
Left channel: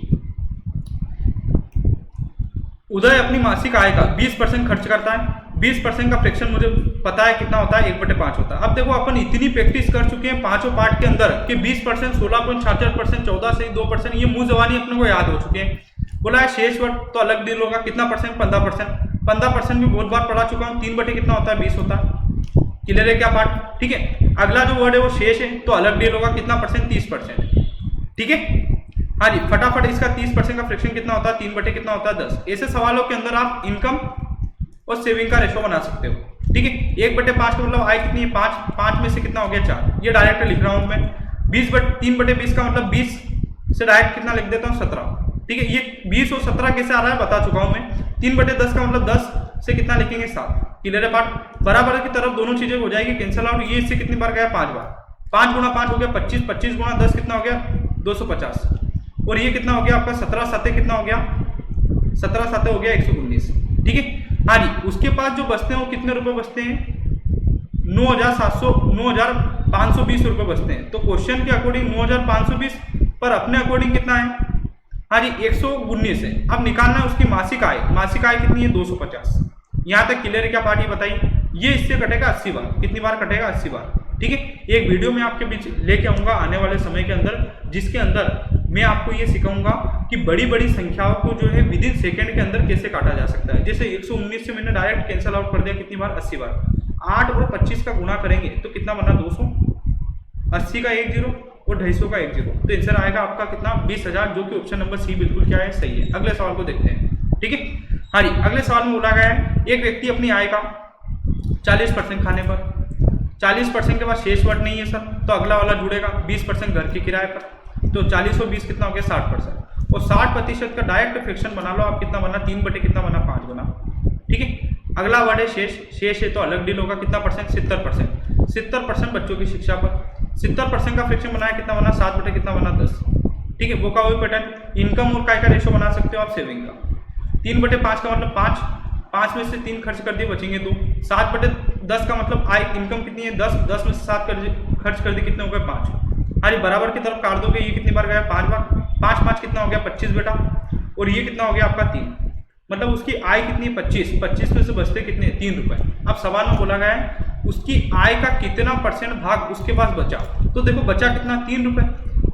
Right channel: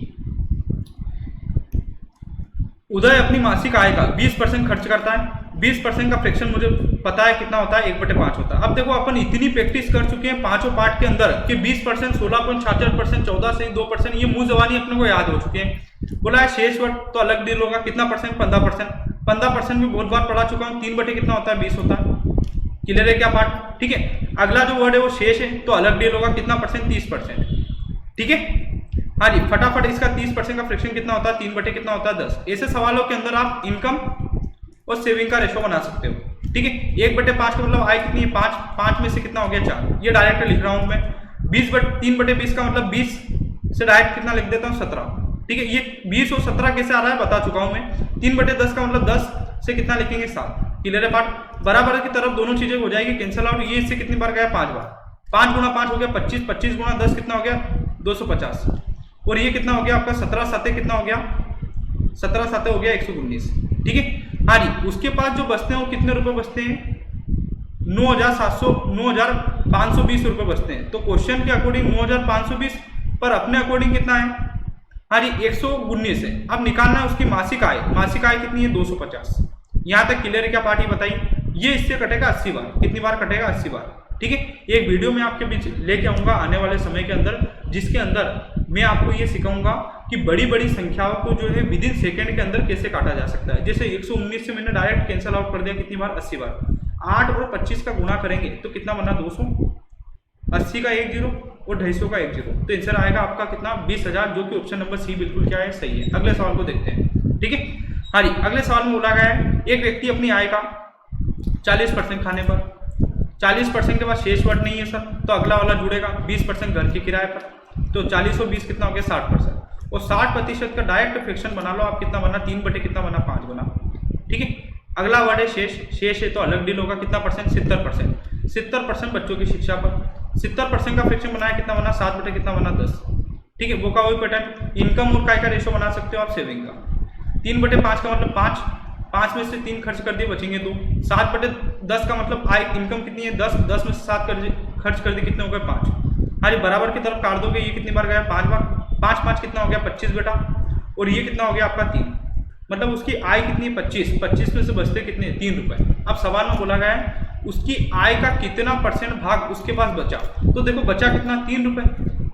उदय अपनी मासिक आय का 20% खर्च करता है। 20% का फ्रैक्शन मुझे पता है कितना होता है? 1/5 होता है। अब देखो अपन इतनी प्रैक्टिस कर चुके हैं पांचों पार्ट के अंदर कि 20%, 16.66%, 14 से 2%, ये मुंह जबानी अपने को याद हो चुके हैं। बोला है शेष वर्ड तो अलग डील होगा। कितना परसेंट? 15%। 15% भी बहुत बार पढ़ा चुका हूँ। 3 कितना होता है? 20 होता है। क्लियर है क्या पार्ट? ठीक है। अगला जो वर्ड है वो शेष है, तो अलग डील होगा। कितना परसेंट? 30%। ठीक है। हाँ जी, फटाफट इसका 30% का फ्रैक्शन कितना होता है? 3 कितना होता है? 10। ऐसे सवालों के अंदर आप इनकम और सेविंग का रेशो बना सकते हो। ठीक है। 1/5 का मतलब आय कितनी है? 5। 5 में से कितना हो गया? 4। ये डायरेक्ट लिख रहा हूं मैं। 3/20 का मतलब 20 से डायरेक्ट कितना लिख देता हूँ 17। ठीक है, ये 20 और 17 कैसे आ रहा है बता चुका हूं मैं। 3/10 का मतलब 10 से कितना लिखेंगे 7। क्लियर है बात। बराबर की तरफ दोनों चीजें हो जाएगी कैंसिल आउट। ये इससे कितनी बार गया 5 बार। 5 गुणा 5 हो गया 25, 25 गुणा 10 कितना हो गया 250। और ये कितना हो गया आपका 17 7 कितना हो गया 17 7 हो गया 119। ठीक है, हाँ जी। उसके पास जो बचते हैं वो कितने रुपए बचते हैं 9,520 रुपए बचते हैं। तो क्वेश्चन के अकॉर्डिंग 9,520 पर अपने अकॉर्डिंग कितना है, हाँ जी 119 है। अब निकालना है उसकी मासिक आय। मासिक आय कितनी है 250। यहां तक क्लियर है क्या पार्टी बताइए। ये इससे कटेगा 80 बार। कितनी बार कटेगा 80 बार। ठीक है, एक वीडियो में आपके बीच लेके आऊंगा आने वाले समय के अंदर, जिसके अंदर मैं आपको ये सिखाऊंगा कि बड़ी बड़ी संख्याओं को जो है विद इन सेकेंड के अंदर कैसे काटा जा सकता है। जैसे 119 से मैंने डायरेक्ट कैंसिल आउट कर दिया कितनी बार 80 बार। 8 और 25 का गुणा करेंगे तो कितना बना 200, 80 का 1 0 और 250 का 1 0। तो आंसर आएगा आपका कितना 20,000, जो कि ऑप्शन नंबर सी बिल्कुल क्या है सही है। अगले सवाल को देखते हैं। ठीक है, हाँ जी। अगले सवाल में बोला गया है एक व्यक्ति अपनी आय का 40% खाने पर, 40% के बाद शेष वर्ड नहीं है सर, तो अगला वाला जुड़ेगा 20% घर के किराए पर। तो 40 और 20 कितना हो गया 60%। और 60% का डायरेक्ट फ्रैक्शन बना लो आप। कितना बना 3 बटे कितना बना 5 बना। ठीक है, अगला वर्ड है शेष। शेष है तो अलग डील होगा। कितना परसेंट 70%। 70% बच्चों की शिक्षा पर। 70% का फ्रैक्शन बनाया कितना बना 7 बटे कितना बना 10। ठीक है, वो का वही पैटर्न। इनकम और काय का रेशो बना सकते हो आप सेविंग का। 3/5 का मतलब 5, 5 में से 3 खर्च कर दिए बचेंगे 2। 7/10 का मतलब आय इनकम कितनी है 10, 10 में से 7 खर्च कर दिए कितने हो गए 5। हाँ जी, बराबर की तरफ काट दोगे। ये कितनी बार गया 5 बार। 5 5 कितना हो गया 25 बेटा। और ये कितना हो गया आपका 3। मतलब उसकी आय कितनी है 25, 25 में से बचते कितने 3 रुपए। अब सवाल में बोला गया है उसकी आय का कितना परसेंट भाग उसके पास बचा। तो देखो बचा कितना 3 रुपए।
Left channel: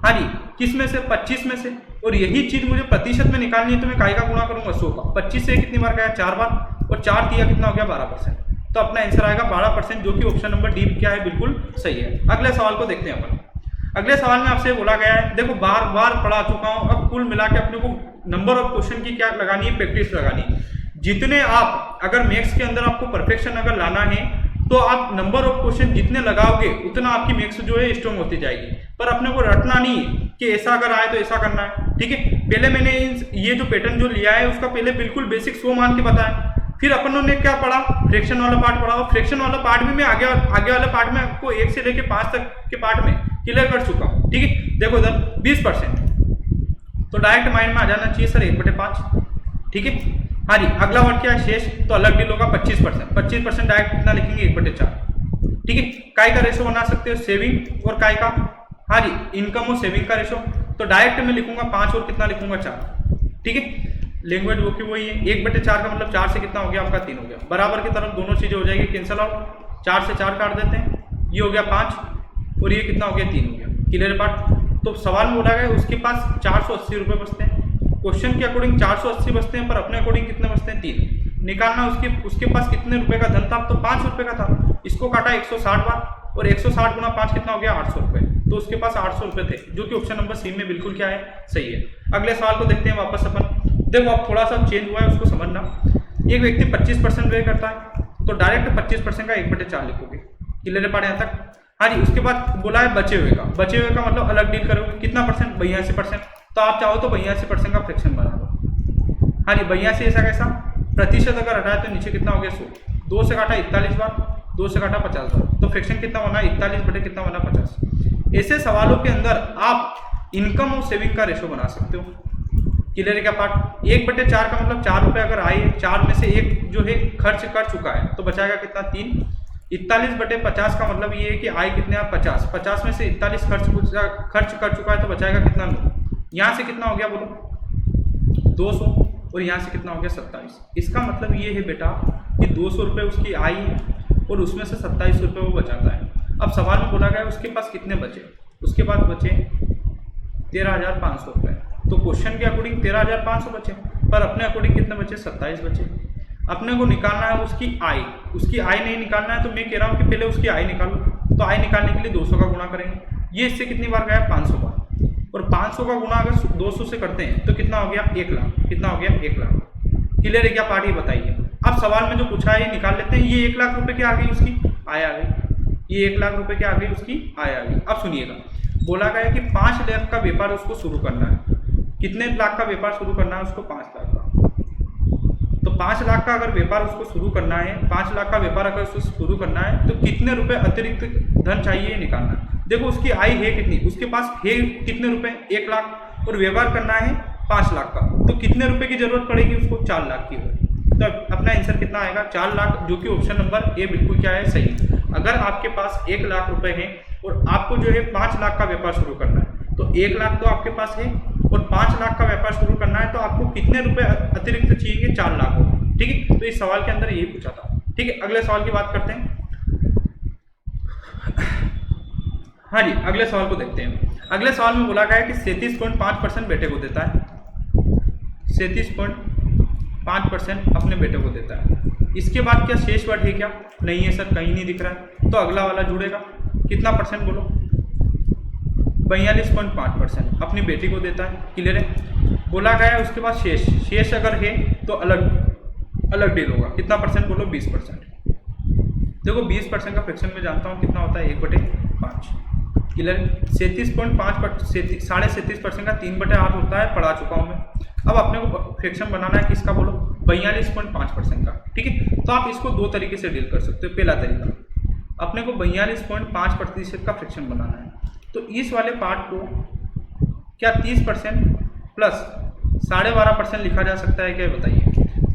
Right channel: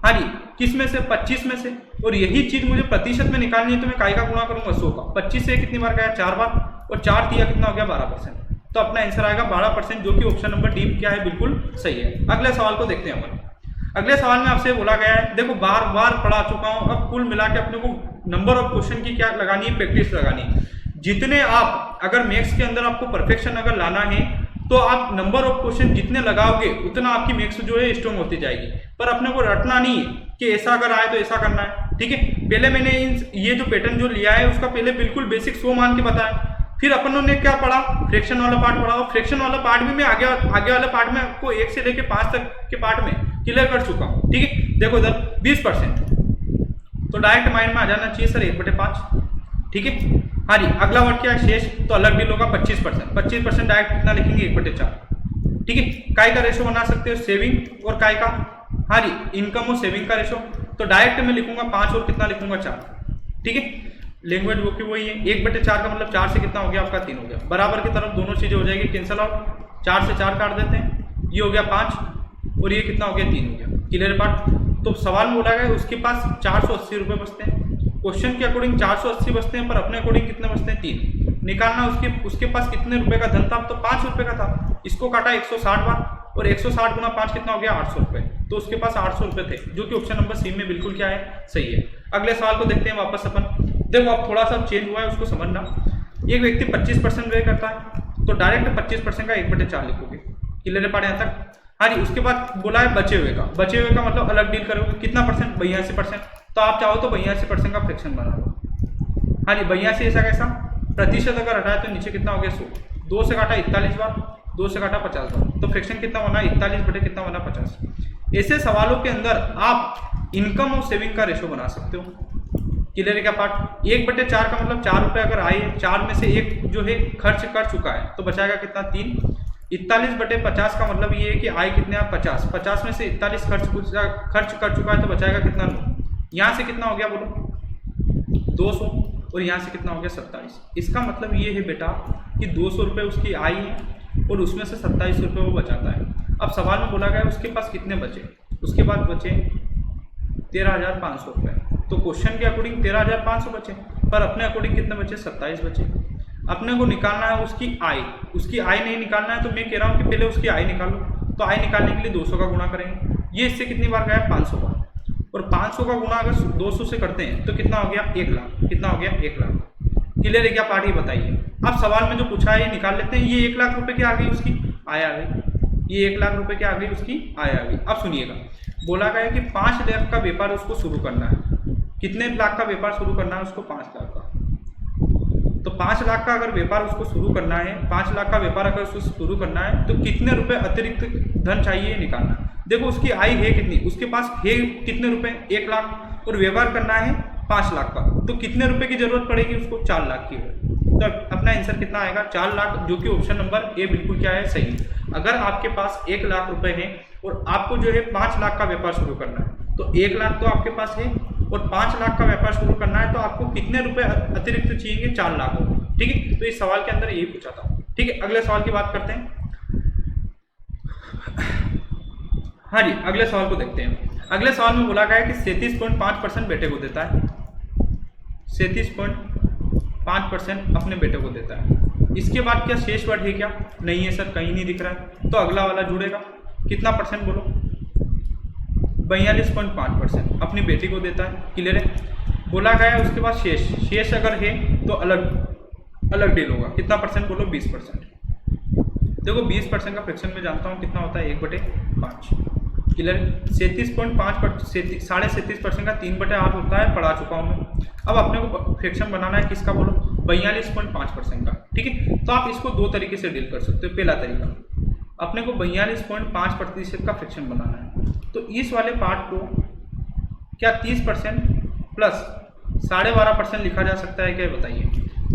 हाँ जी, किस में से 25 में से। और यही चीज मुझे प्रतिशत में निकालनी है तो मैं काय का गुणा करूंगा 100 का। 25 से कितनी बार गया 4 बार। और 4 दिया कितना हो गया 12%। तो अपना आंसर आएगा 12%, जो कि ऑप्शन नंबर डी क्या है बिल्कुल सही है। अगले सवाल को देखते हैं अपन। अगले सवाल में आपसे बोला गया है, देखो बार बार पढ़ा चुका हूं, अब कुल मिला के अपने को नंबर ऑफ क्वेश्चन की क्या लगानी है प्रैक्टिस लगानी है। जितने आप अगर मैथ्स के अंदर आपको परफेक्शन अगर लाना है तो आप नंबर ऑफ क्वेश्चन जितने लगाओगे उतना आपकी मैथ्स जो है स्ट्रॉन्ग होती जाएगी। पर अपने को रटना नहीं है कि ऐसा अगर आए तो ऐसा करना है। ठीक है, पहले मैंने ये जो पैटर्न जो लिया है उसका पहले बिल्कुल बेसिक 100 मान के बताया। फिर अपनों ने क्या पढ़ा फ्रैक्शन वाला पार्ट पढ़ा। और फ्रैक्शन वाला पार्ट भी मैं आगे वाले पार्ट में आपको 1 से लेकर 5 तक के पार्ट में क्लियर कर चुका हूं। ठीक है, देखो इधर 20% तो डायरेक्ट माइंड में आ जाना चाहिए सर 1/5। ठीक है, हाँ जी। अगला वर्ड क्या है शेष, तो अलग डील होगा 25%। 25% डायरेक्ट कितना लिखेंगे 1/4। ठीक है, काय का रेशो बना सकते हो सेविंग और काय का, हाँ जी इनकम और सेविंग का रेशो। तो डायरेक्ट मैं लिखूंगा 5 और कितना लिखूंगा 4। ठीक है, लैंग्वेज वो की वही है। 1/4 का मतलब 4 से कितना हो गया आपका 3 हो गया। बराबर की तरफ दोनों चीजें हो जाएगी कैंसिल आउट। 4 से 4 काट देते हैं, ये हो गया 5 और ये कितना हो गया 3 हो गया। Clear part. तो सवाल में बोला गया उसके पास 480 रुपए बचते हैं। क्वेश्चन के अकॉर्डिंग 480 बचते हैं, पर अपने अकॉर्डिंग कितने बचते हैं 3। निकालना उसके पास कितने रुपए का धन था, तो 5 रुपए का था। इसको काटा 160 बार और 160 गुना 5 कितना हो गया 800 रुपए। तो उसके पास 800 रुपए थे, जो कि ऑप्शन नंबर सी में बिल्कुल क्या है सही है। अगले सवाल को देखते हैं वापस अपन। देखो अब थोड़ा सा चेंज हुआ है उसको समझना। एक व्यक्ति 25% व्यय करता है तो डायरेक्ट 25% का 1/4 लिखोगे। क्लियर पार्ट यहाँ तक। हाँ जी, उसके बाद बोला है बचे हुए का। बचे हुए का मतलब अलग डील करोगे कितना परसेंट 82%। तो आप चाहो तो 82% का फ्रैक्शन बना लो। हाँ जी, 82 ऐसा कैसा प्रतिशत अगर हटाए तो नीचे कितना हो गया 100। 2 से काटा 41 बार, 2 से काटा 50 बार, तो फ्रैक्शन कितना बना 41 बटे कितना बना 50। ऐसे सवालों के अंदर आप इनकम और सेविंग का रेशो बना सकते हो। क्लियर क्या पार्ट। 1/4 का मतलब 4 रुपए अगर आए, 4 में से 1 जो है खर्च कर चुका है तो बचाएगा कितना 3। 41/50 का मतलब ये है कि आय कितने आप 50, 50 में से 41 खर्च कर चुका है तो बचाएगा कितना 9। यहाँ से कितना हो गया बोलो 200 और यहाँ से कितना हो गया 27। इसका मतलब ये है बेटा कि 200 रुपये उसकी आय है और उसमें से 27 रुपये वो बचाता है। अब सवाल में बोला गया उसके पास कितने बचे, उसके पास बचे 13,500 रुपये। तो क्वेश्चन के अकॉर्डिंग 13,500 बचे, पर अपने अकॉर्डिंग कितने बचे 27 बचे। अपने को निकालना है उसकी आय। उसकी आय नहीं निकालना है तो मैं कह रहा हूँ कि पहले उसकी आय निकालो। तो आय निकालने के लिए 200 का गुणा करेंगे। ये इससे कितनी बार गया 500 बार। और 500 का गुणा अगर 200 से करते हैं तो कितना हो गया 1 लाख। कितना हो गया 1 लाख। क्लियर है क्या पार्टी बताइए। अब सवाल में जो पूछा है ये निकाल लेते हैं। ये 1 लाख रुपए की आ गई उसकी आय आ गई। ये 1 लाख रुपए की आ गई उसकी आय आ गई। अब सुनिएगा बोला गया है कि 5 लाख का व्यापार उसको शुरू करना है। कितने लाख का व्यापार शुरू करना है उसको? 5 लाख का। तो 5 लाख का अगर व्यापार उसको शुरू करना है, 5 लाख का व्यापार अगर उसको शुरू करना है, तो कितने रुपए अतिरिक्त धन चाहिए निकालना है। देखो उसकी आय है कितनी, उसके पास है कितने रुपए? 1 लाख, और व्यवहार करना है 5 लाख का, तो कितने रुपए की जरूरत पड़ेगी उसको? 4 लाख की। तो अपना आंसर कितना आएगा? 4 लाख, जो कि ऑप्शन नंबर ए बिल्कुल क्या है? सही। अगर आपके पास 1 लाख रुपए है और आपको जो है 5 लाख का व्यापार शुरू करना है, तो 1 लाख तो आपके पास है और 5 लाख का व्यापार शुरू करना है, तो आपको कितने रुपए अतिरिक्त चाहिए? 4 लाख हो। ठीक है, तो इस सवाल के अंदर यही पूछा था। ठीक है, अगले सवाल की बात करते हैं। हाँ जी, अगले सवाल को देखते हैं। अगले सवाल में बोला गया है कि 37.5% बेटे को देता है, 37.5% अपने बेटे को देता है। इसके बाद क्या शेष वर्ड है क्या? नहीं है सर, कहीं नहीं दिख रहा है, तो अगला वाला जुड़ेगा। कितना परसेंट बोलो? 42.5% अपनी बेटी को देता है। क्लियर है? बोला गया है उसके बाद शेष अगर है तो अलग डील होगा। कितना परसेंट बोलो? 20%। देखो 20% का फ्रैक्शन में जानता हूँ कितना होता है? 1/5। क्लियर? 37.5 37.5% का 3/8 होता है, पढ़ा चुका हूँ मैं। अब अपने को फ्रैक्शन बनाना है किसका बोलो? 42.5% का। ठीक है, तो आप इसको 2 तरीके से डील कर सकते हो। पहला तरीका, अपने को 42.5% का फ्रैक्शन बनाना है, तो इस वाले पार्ट को क्या 30% प्लस 12.5% लिखा जा सकता है क्या? बताइए।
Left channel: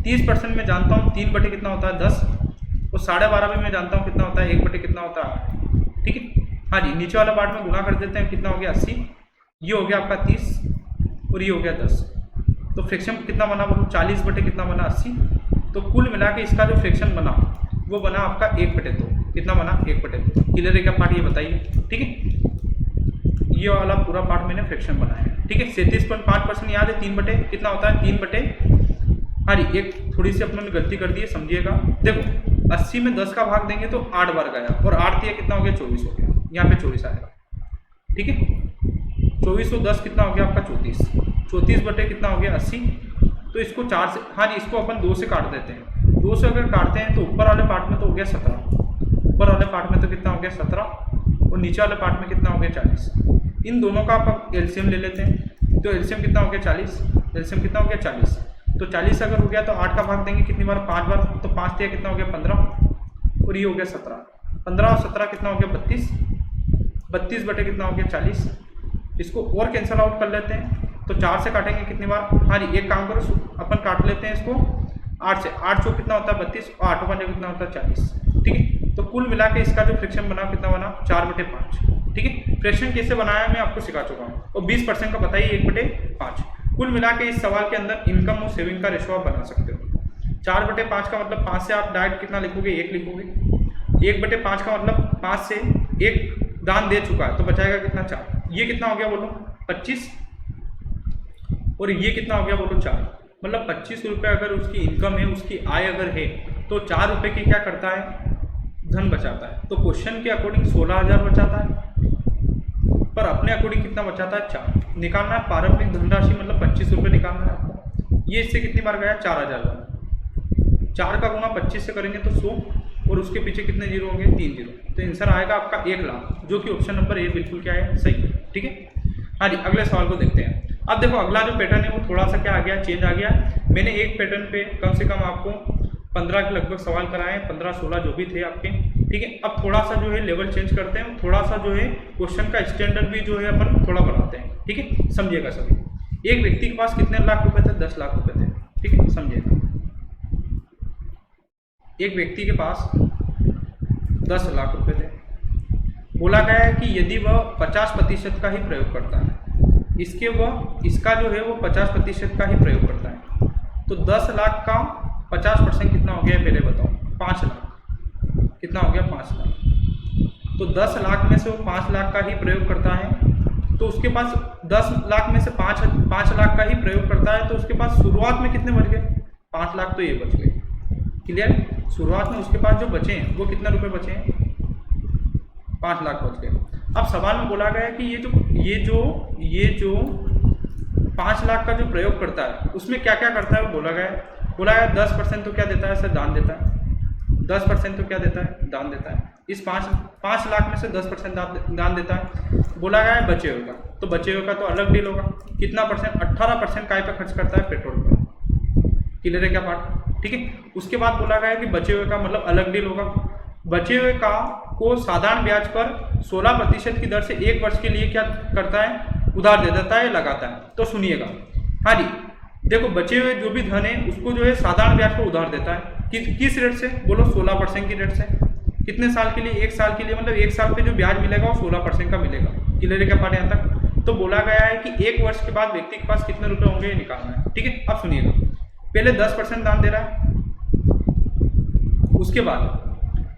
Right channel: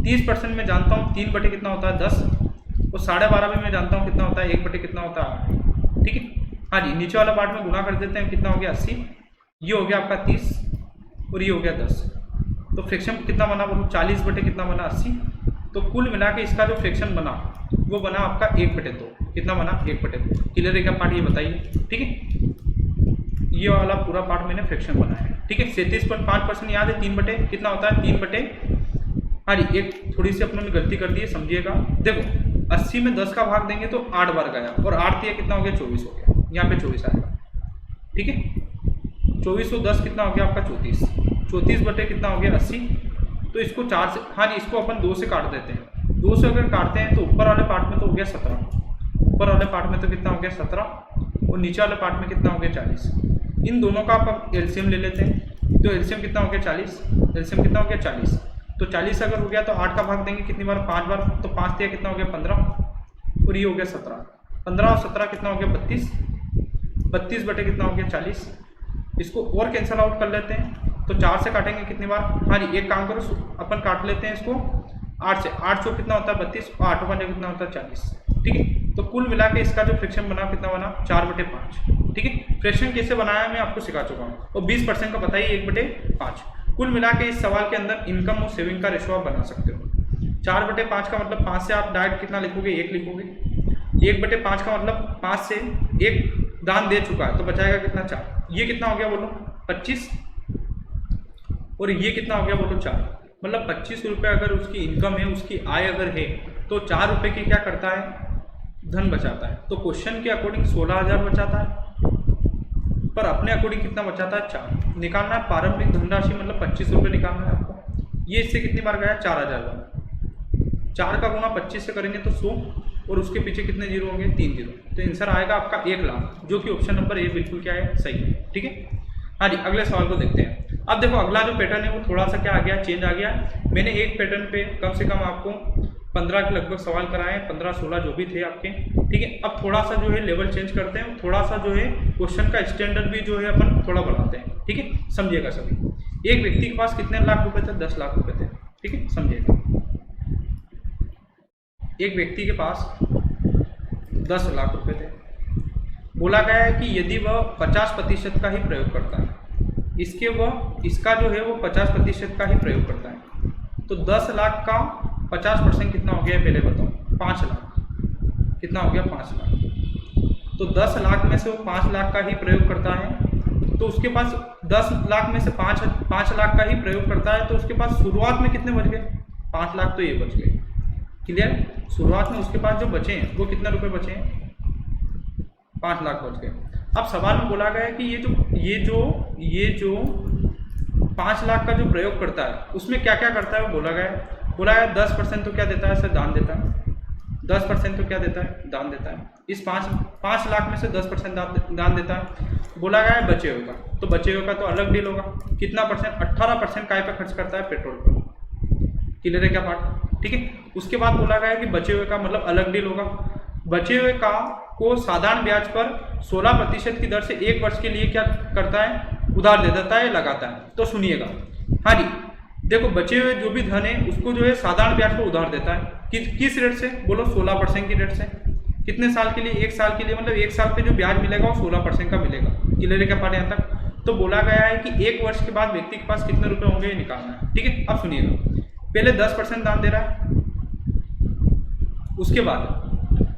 30% में जानता हूँ 3 कितना होता है? 10, और 12.5 में मैं जानता हूँ कितना होता है? 1 कितना होता है? ठीक है, हाँ जी, नीचे वाला पार्ट में गुना कर देते हैं। कितना हो गया? 80। ये हो गया आपका 30 और ये हो गया 10। तो फ्रैक्शन कितना बना बोलो? 40 कितना बना? 80। तो कुल मिला के इसका जो फ्रैक्शन बना वो बना आपका 1/2। कितना बना? 1/2। क्लियर है क्या पार्ट? ये बताइए। ठीक है, ये वाला पूरा पार्ट मैंने फ्रैक्शन बनाया है। ठीक है, 37.5% याद है? 3 कितना होता है? 3 हाँ जी, एक थोड़ी सी अपने गलती कर दी है, समझिएगा। देखो 80 में 10 का भाग देंगे तो 8 बार गया, और 8 दिया कितना हो गया? 24 हो गया। यहाँ पे 24 आएगा। ठीक है, 24 और 10 कितना हो गया आपका? 34। 34 कितना हो गया? 80। तो इसको 4 से, हाँ जी, इसको अपन 2 से काट देते हैं। 2 से अगर काटते हैं तो ऊपर वाले पार्ट में तो हो गया 17, ऊपर वाले पार्ट में तो कितना हो गया? 17, और नीचे वाले पार्ट में कितना हो गया? 40। इन दोनों का आप एलसीएम ले लेते हैं, तो एलसीएम कितना हो गया? 40। एलसीएम कितना हो गया? 40। तो 40 अगर हो गया तो 8 का भाग देंगे कितनी बार? 5 बार। तो 5 दिया कितना हो गया? 15, और ये हो गया 17। 15 और 17 कितना हो गया? 32। 32 कितना हो गया? 40। इसको और कैंसिल आउट कर लेते हैं, तो 4 से काटेंगे कितनी बार? हाँ जी, एक काम करो, अपन काट लेते हैं इसको 8 से। 8 चौक कितना होता है? 32, और 8 पंजे कितना होता है? 40। ठीक है, तो कुल मिला के इसका जो फ्रैक्शन बना कितना बना? 4/5। ठीक है, फ्रैक्शन कैसे बनाया मैं आपको सिखा चुका हूँ, और 20% का बताइए 1/5। कुल मिला के इस सवाल के अंदर इनकम और सेविंग का रेशो आप बना सकते हो। 4/5 का मतलब 5 से आप डायरेक्ट कितना लिखोगे? 1 लिखोगे। 1/5 का मतलब 5 से 1 दान दे चुका है, तो बचाएगा कितना? 4। ये कितना हो गया बोलो? 25, और ये कितना हो गया बोलो? 4। मतलब 25 रुपये अगर उसकी इनकम है, उसकी आय अगर है, तो 4 रुपये की क्या करता है? धन बचाता है। तो क्वेश्चन के अकॉर्डिंग 16,000 बचाता है, पर अपने अकॉर्डिंग कितना बचाता है? 4 निकालना है। प्रारंभिक धनराशि मतलब 25 रुपये निकालना है आपको। ये इससे कितनी बार गया? 4,000 बार। 4 का गुना 25 से करेंगे तो 100, और उसके पीछे कितने जीरो होंगे? 3 जीरो। तो आंसर आएगा आपका 1 लाख, जो कि ऑप्शन नंबर ए बिल्कुल क्या है? सही है। ठीक है, हाँ जी, अगले सवाल को देखते हैं। अब देखो अगला जो पैटर्न है वो थोड़ा सा क्या आ गया? चेंज आ गया। मैंने एक पैटर्न पे कम से कम आपको 15 के लगभग सवाल कराए, 15-16 जो भी थे आपके। ठीक है, अब थोड़ा सा जो है लेवल चेंज करते हैं, थोड़ा सा जो है क्वेश्चन का स्टैंडर्ड भी जो है अपन थोड़ा बढ़ाते हैं। ठीक है, समझिएगा सभी। एक व्यक्ति के पास कितने लाख रुपए थे? 10 लाख रुपए थे। ठीक है, समझिएगा। एक व्यक्ति के पास 10 लाख रुपए थे। बोला गया है कि यदि वह 50% का ही प्रयोग करता है, इसका जो है वो 50% का ही प्रयोग करता है, तो 10 लाख का 50% कितना हो गया? पहले बताओ। 5 लाख। कितना हो गया? 5 लाख। तो 10 लाख में से वो 5 लाख का ही प्रयोग करता है, तो उसके पास 10 लाख में से 5 लाख का ही प्रयोग करता है, तो उसके पास शुरुआत में कितने बच गए? 5 लाख। तो ये बच गए। क्लियर? शुरुआत में उसके पास जो बचे हैं वो कितने रुपए बचे हैं? 5 लाख बच गए। अब सवाल में बोला गया है कि ये जो 5 लाख का जो प्रयोग करता है उसमें क्या क्या करता है वो बोला गया है। बोला गया 10% तो क्या देता है सर? दान देता है। 10% तो क्या देता है? दान देता है। इस 5 लाख में से 10% दान देता है। बोला गया है बचे हुए का, तो बचे हुए का तो अलग डील होगा। कितना परसेंट? 18% काय पे खर्च करता है? पेट्रोल पर। क्लियर है क्या पार्ट? ठीक है। उसके बाद बोला गया है कि बचे हुए का मतलब अलग डील होगा। बचे हुए का को साधारण ब्याज पर 16% की दर से 1 वर्ष के लिए क्या करता है? उधार दे देता है, लगाता है। तो सुनिएगा, हाँ जी, देखो बचे हुए जो भी धन है उसको जो है साधारण ब्याज पर उधार देता है। किस रेट से? बोलो 16% की रेट से। कितने साल के लिए? 1 साल के लिए। मतलब 1 साल पे जो ब्याज मिलेगा वो 16% का मिलेगा। क्लियर है क्या पार्ट यहाँ तक? तो बोला गया है कि 1 वर्ष के बाद व्यक्ति के पास कितने रुपए होंगे ये निकालना है। ठीक है। अब सुनिएगा, पहले 10% दान दे रहा है, उसके बाद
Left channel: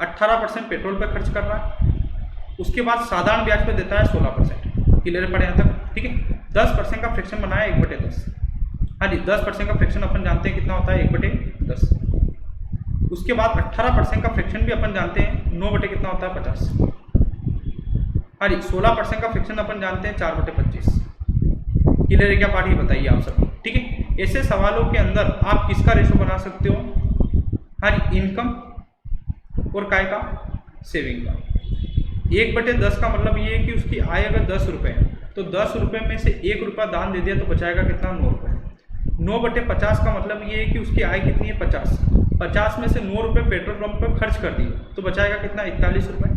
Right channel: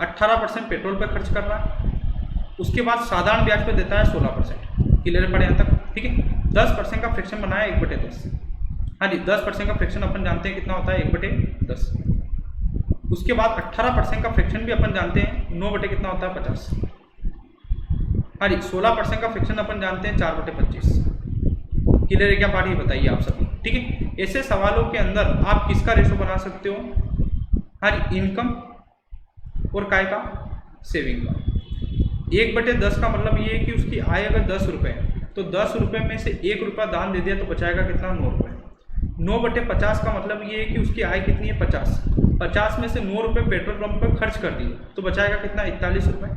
18% पेट्रोल पे खर्च कर रहा है, उसके बाद साधारण ब्याज पे देता है 16%। क्लियर पड़े यहाँ तक? ठीक है। 10% का फ्रैक्शन बनाया 1/10। हाँ जी, 10% का फ्रैक्शन अपन जानते हैं कितना होता है? 1/10। उसके बाद 18% का फ्रैक्शन भी अपन जानते हैं 9 बटे कितना होता है? 50। हाँ जी, 16% का फ्रैक्शन अपन जानते हैं 4/25। क्लियर है क्या पार्ट? ये बताइए आप सभी। ठीक है। ऐसे सवालों के अंदर आप किसका रेशो बना सकते हो? हाँ जी, इनकम और काय का? सेविंग का। 1/10 का मतलब ये है कि उसकी आय अगर 10 रुपये है तो 10 रुपये में से 1 रुपया दान दे दिया तो बचाएगा कितना? 9 रुपये। 9/50 का मतलब ये है कि उसकी आय कितनी है? 50। 50 में से 9 रुपये पेट्रोल पंप पर खर्च कर दिए तो बचाएगा कितना? 41 रुपये।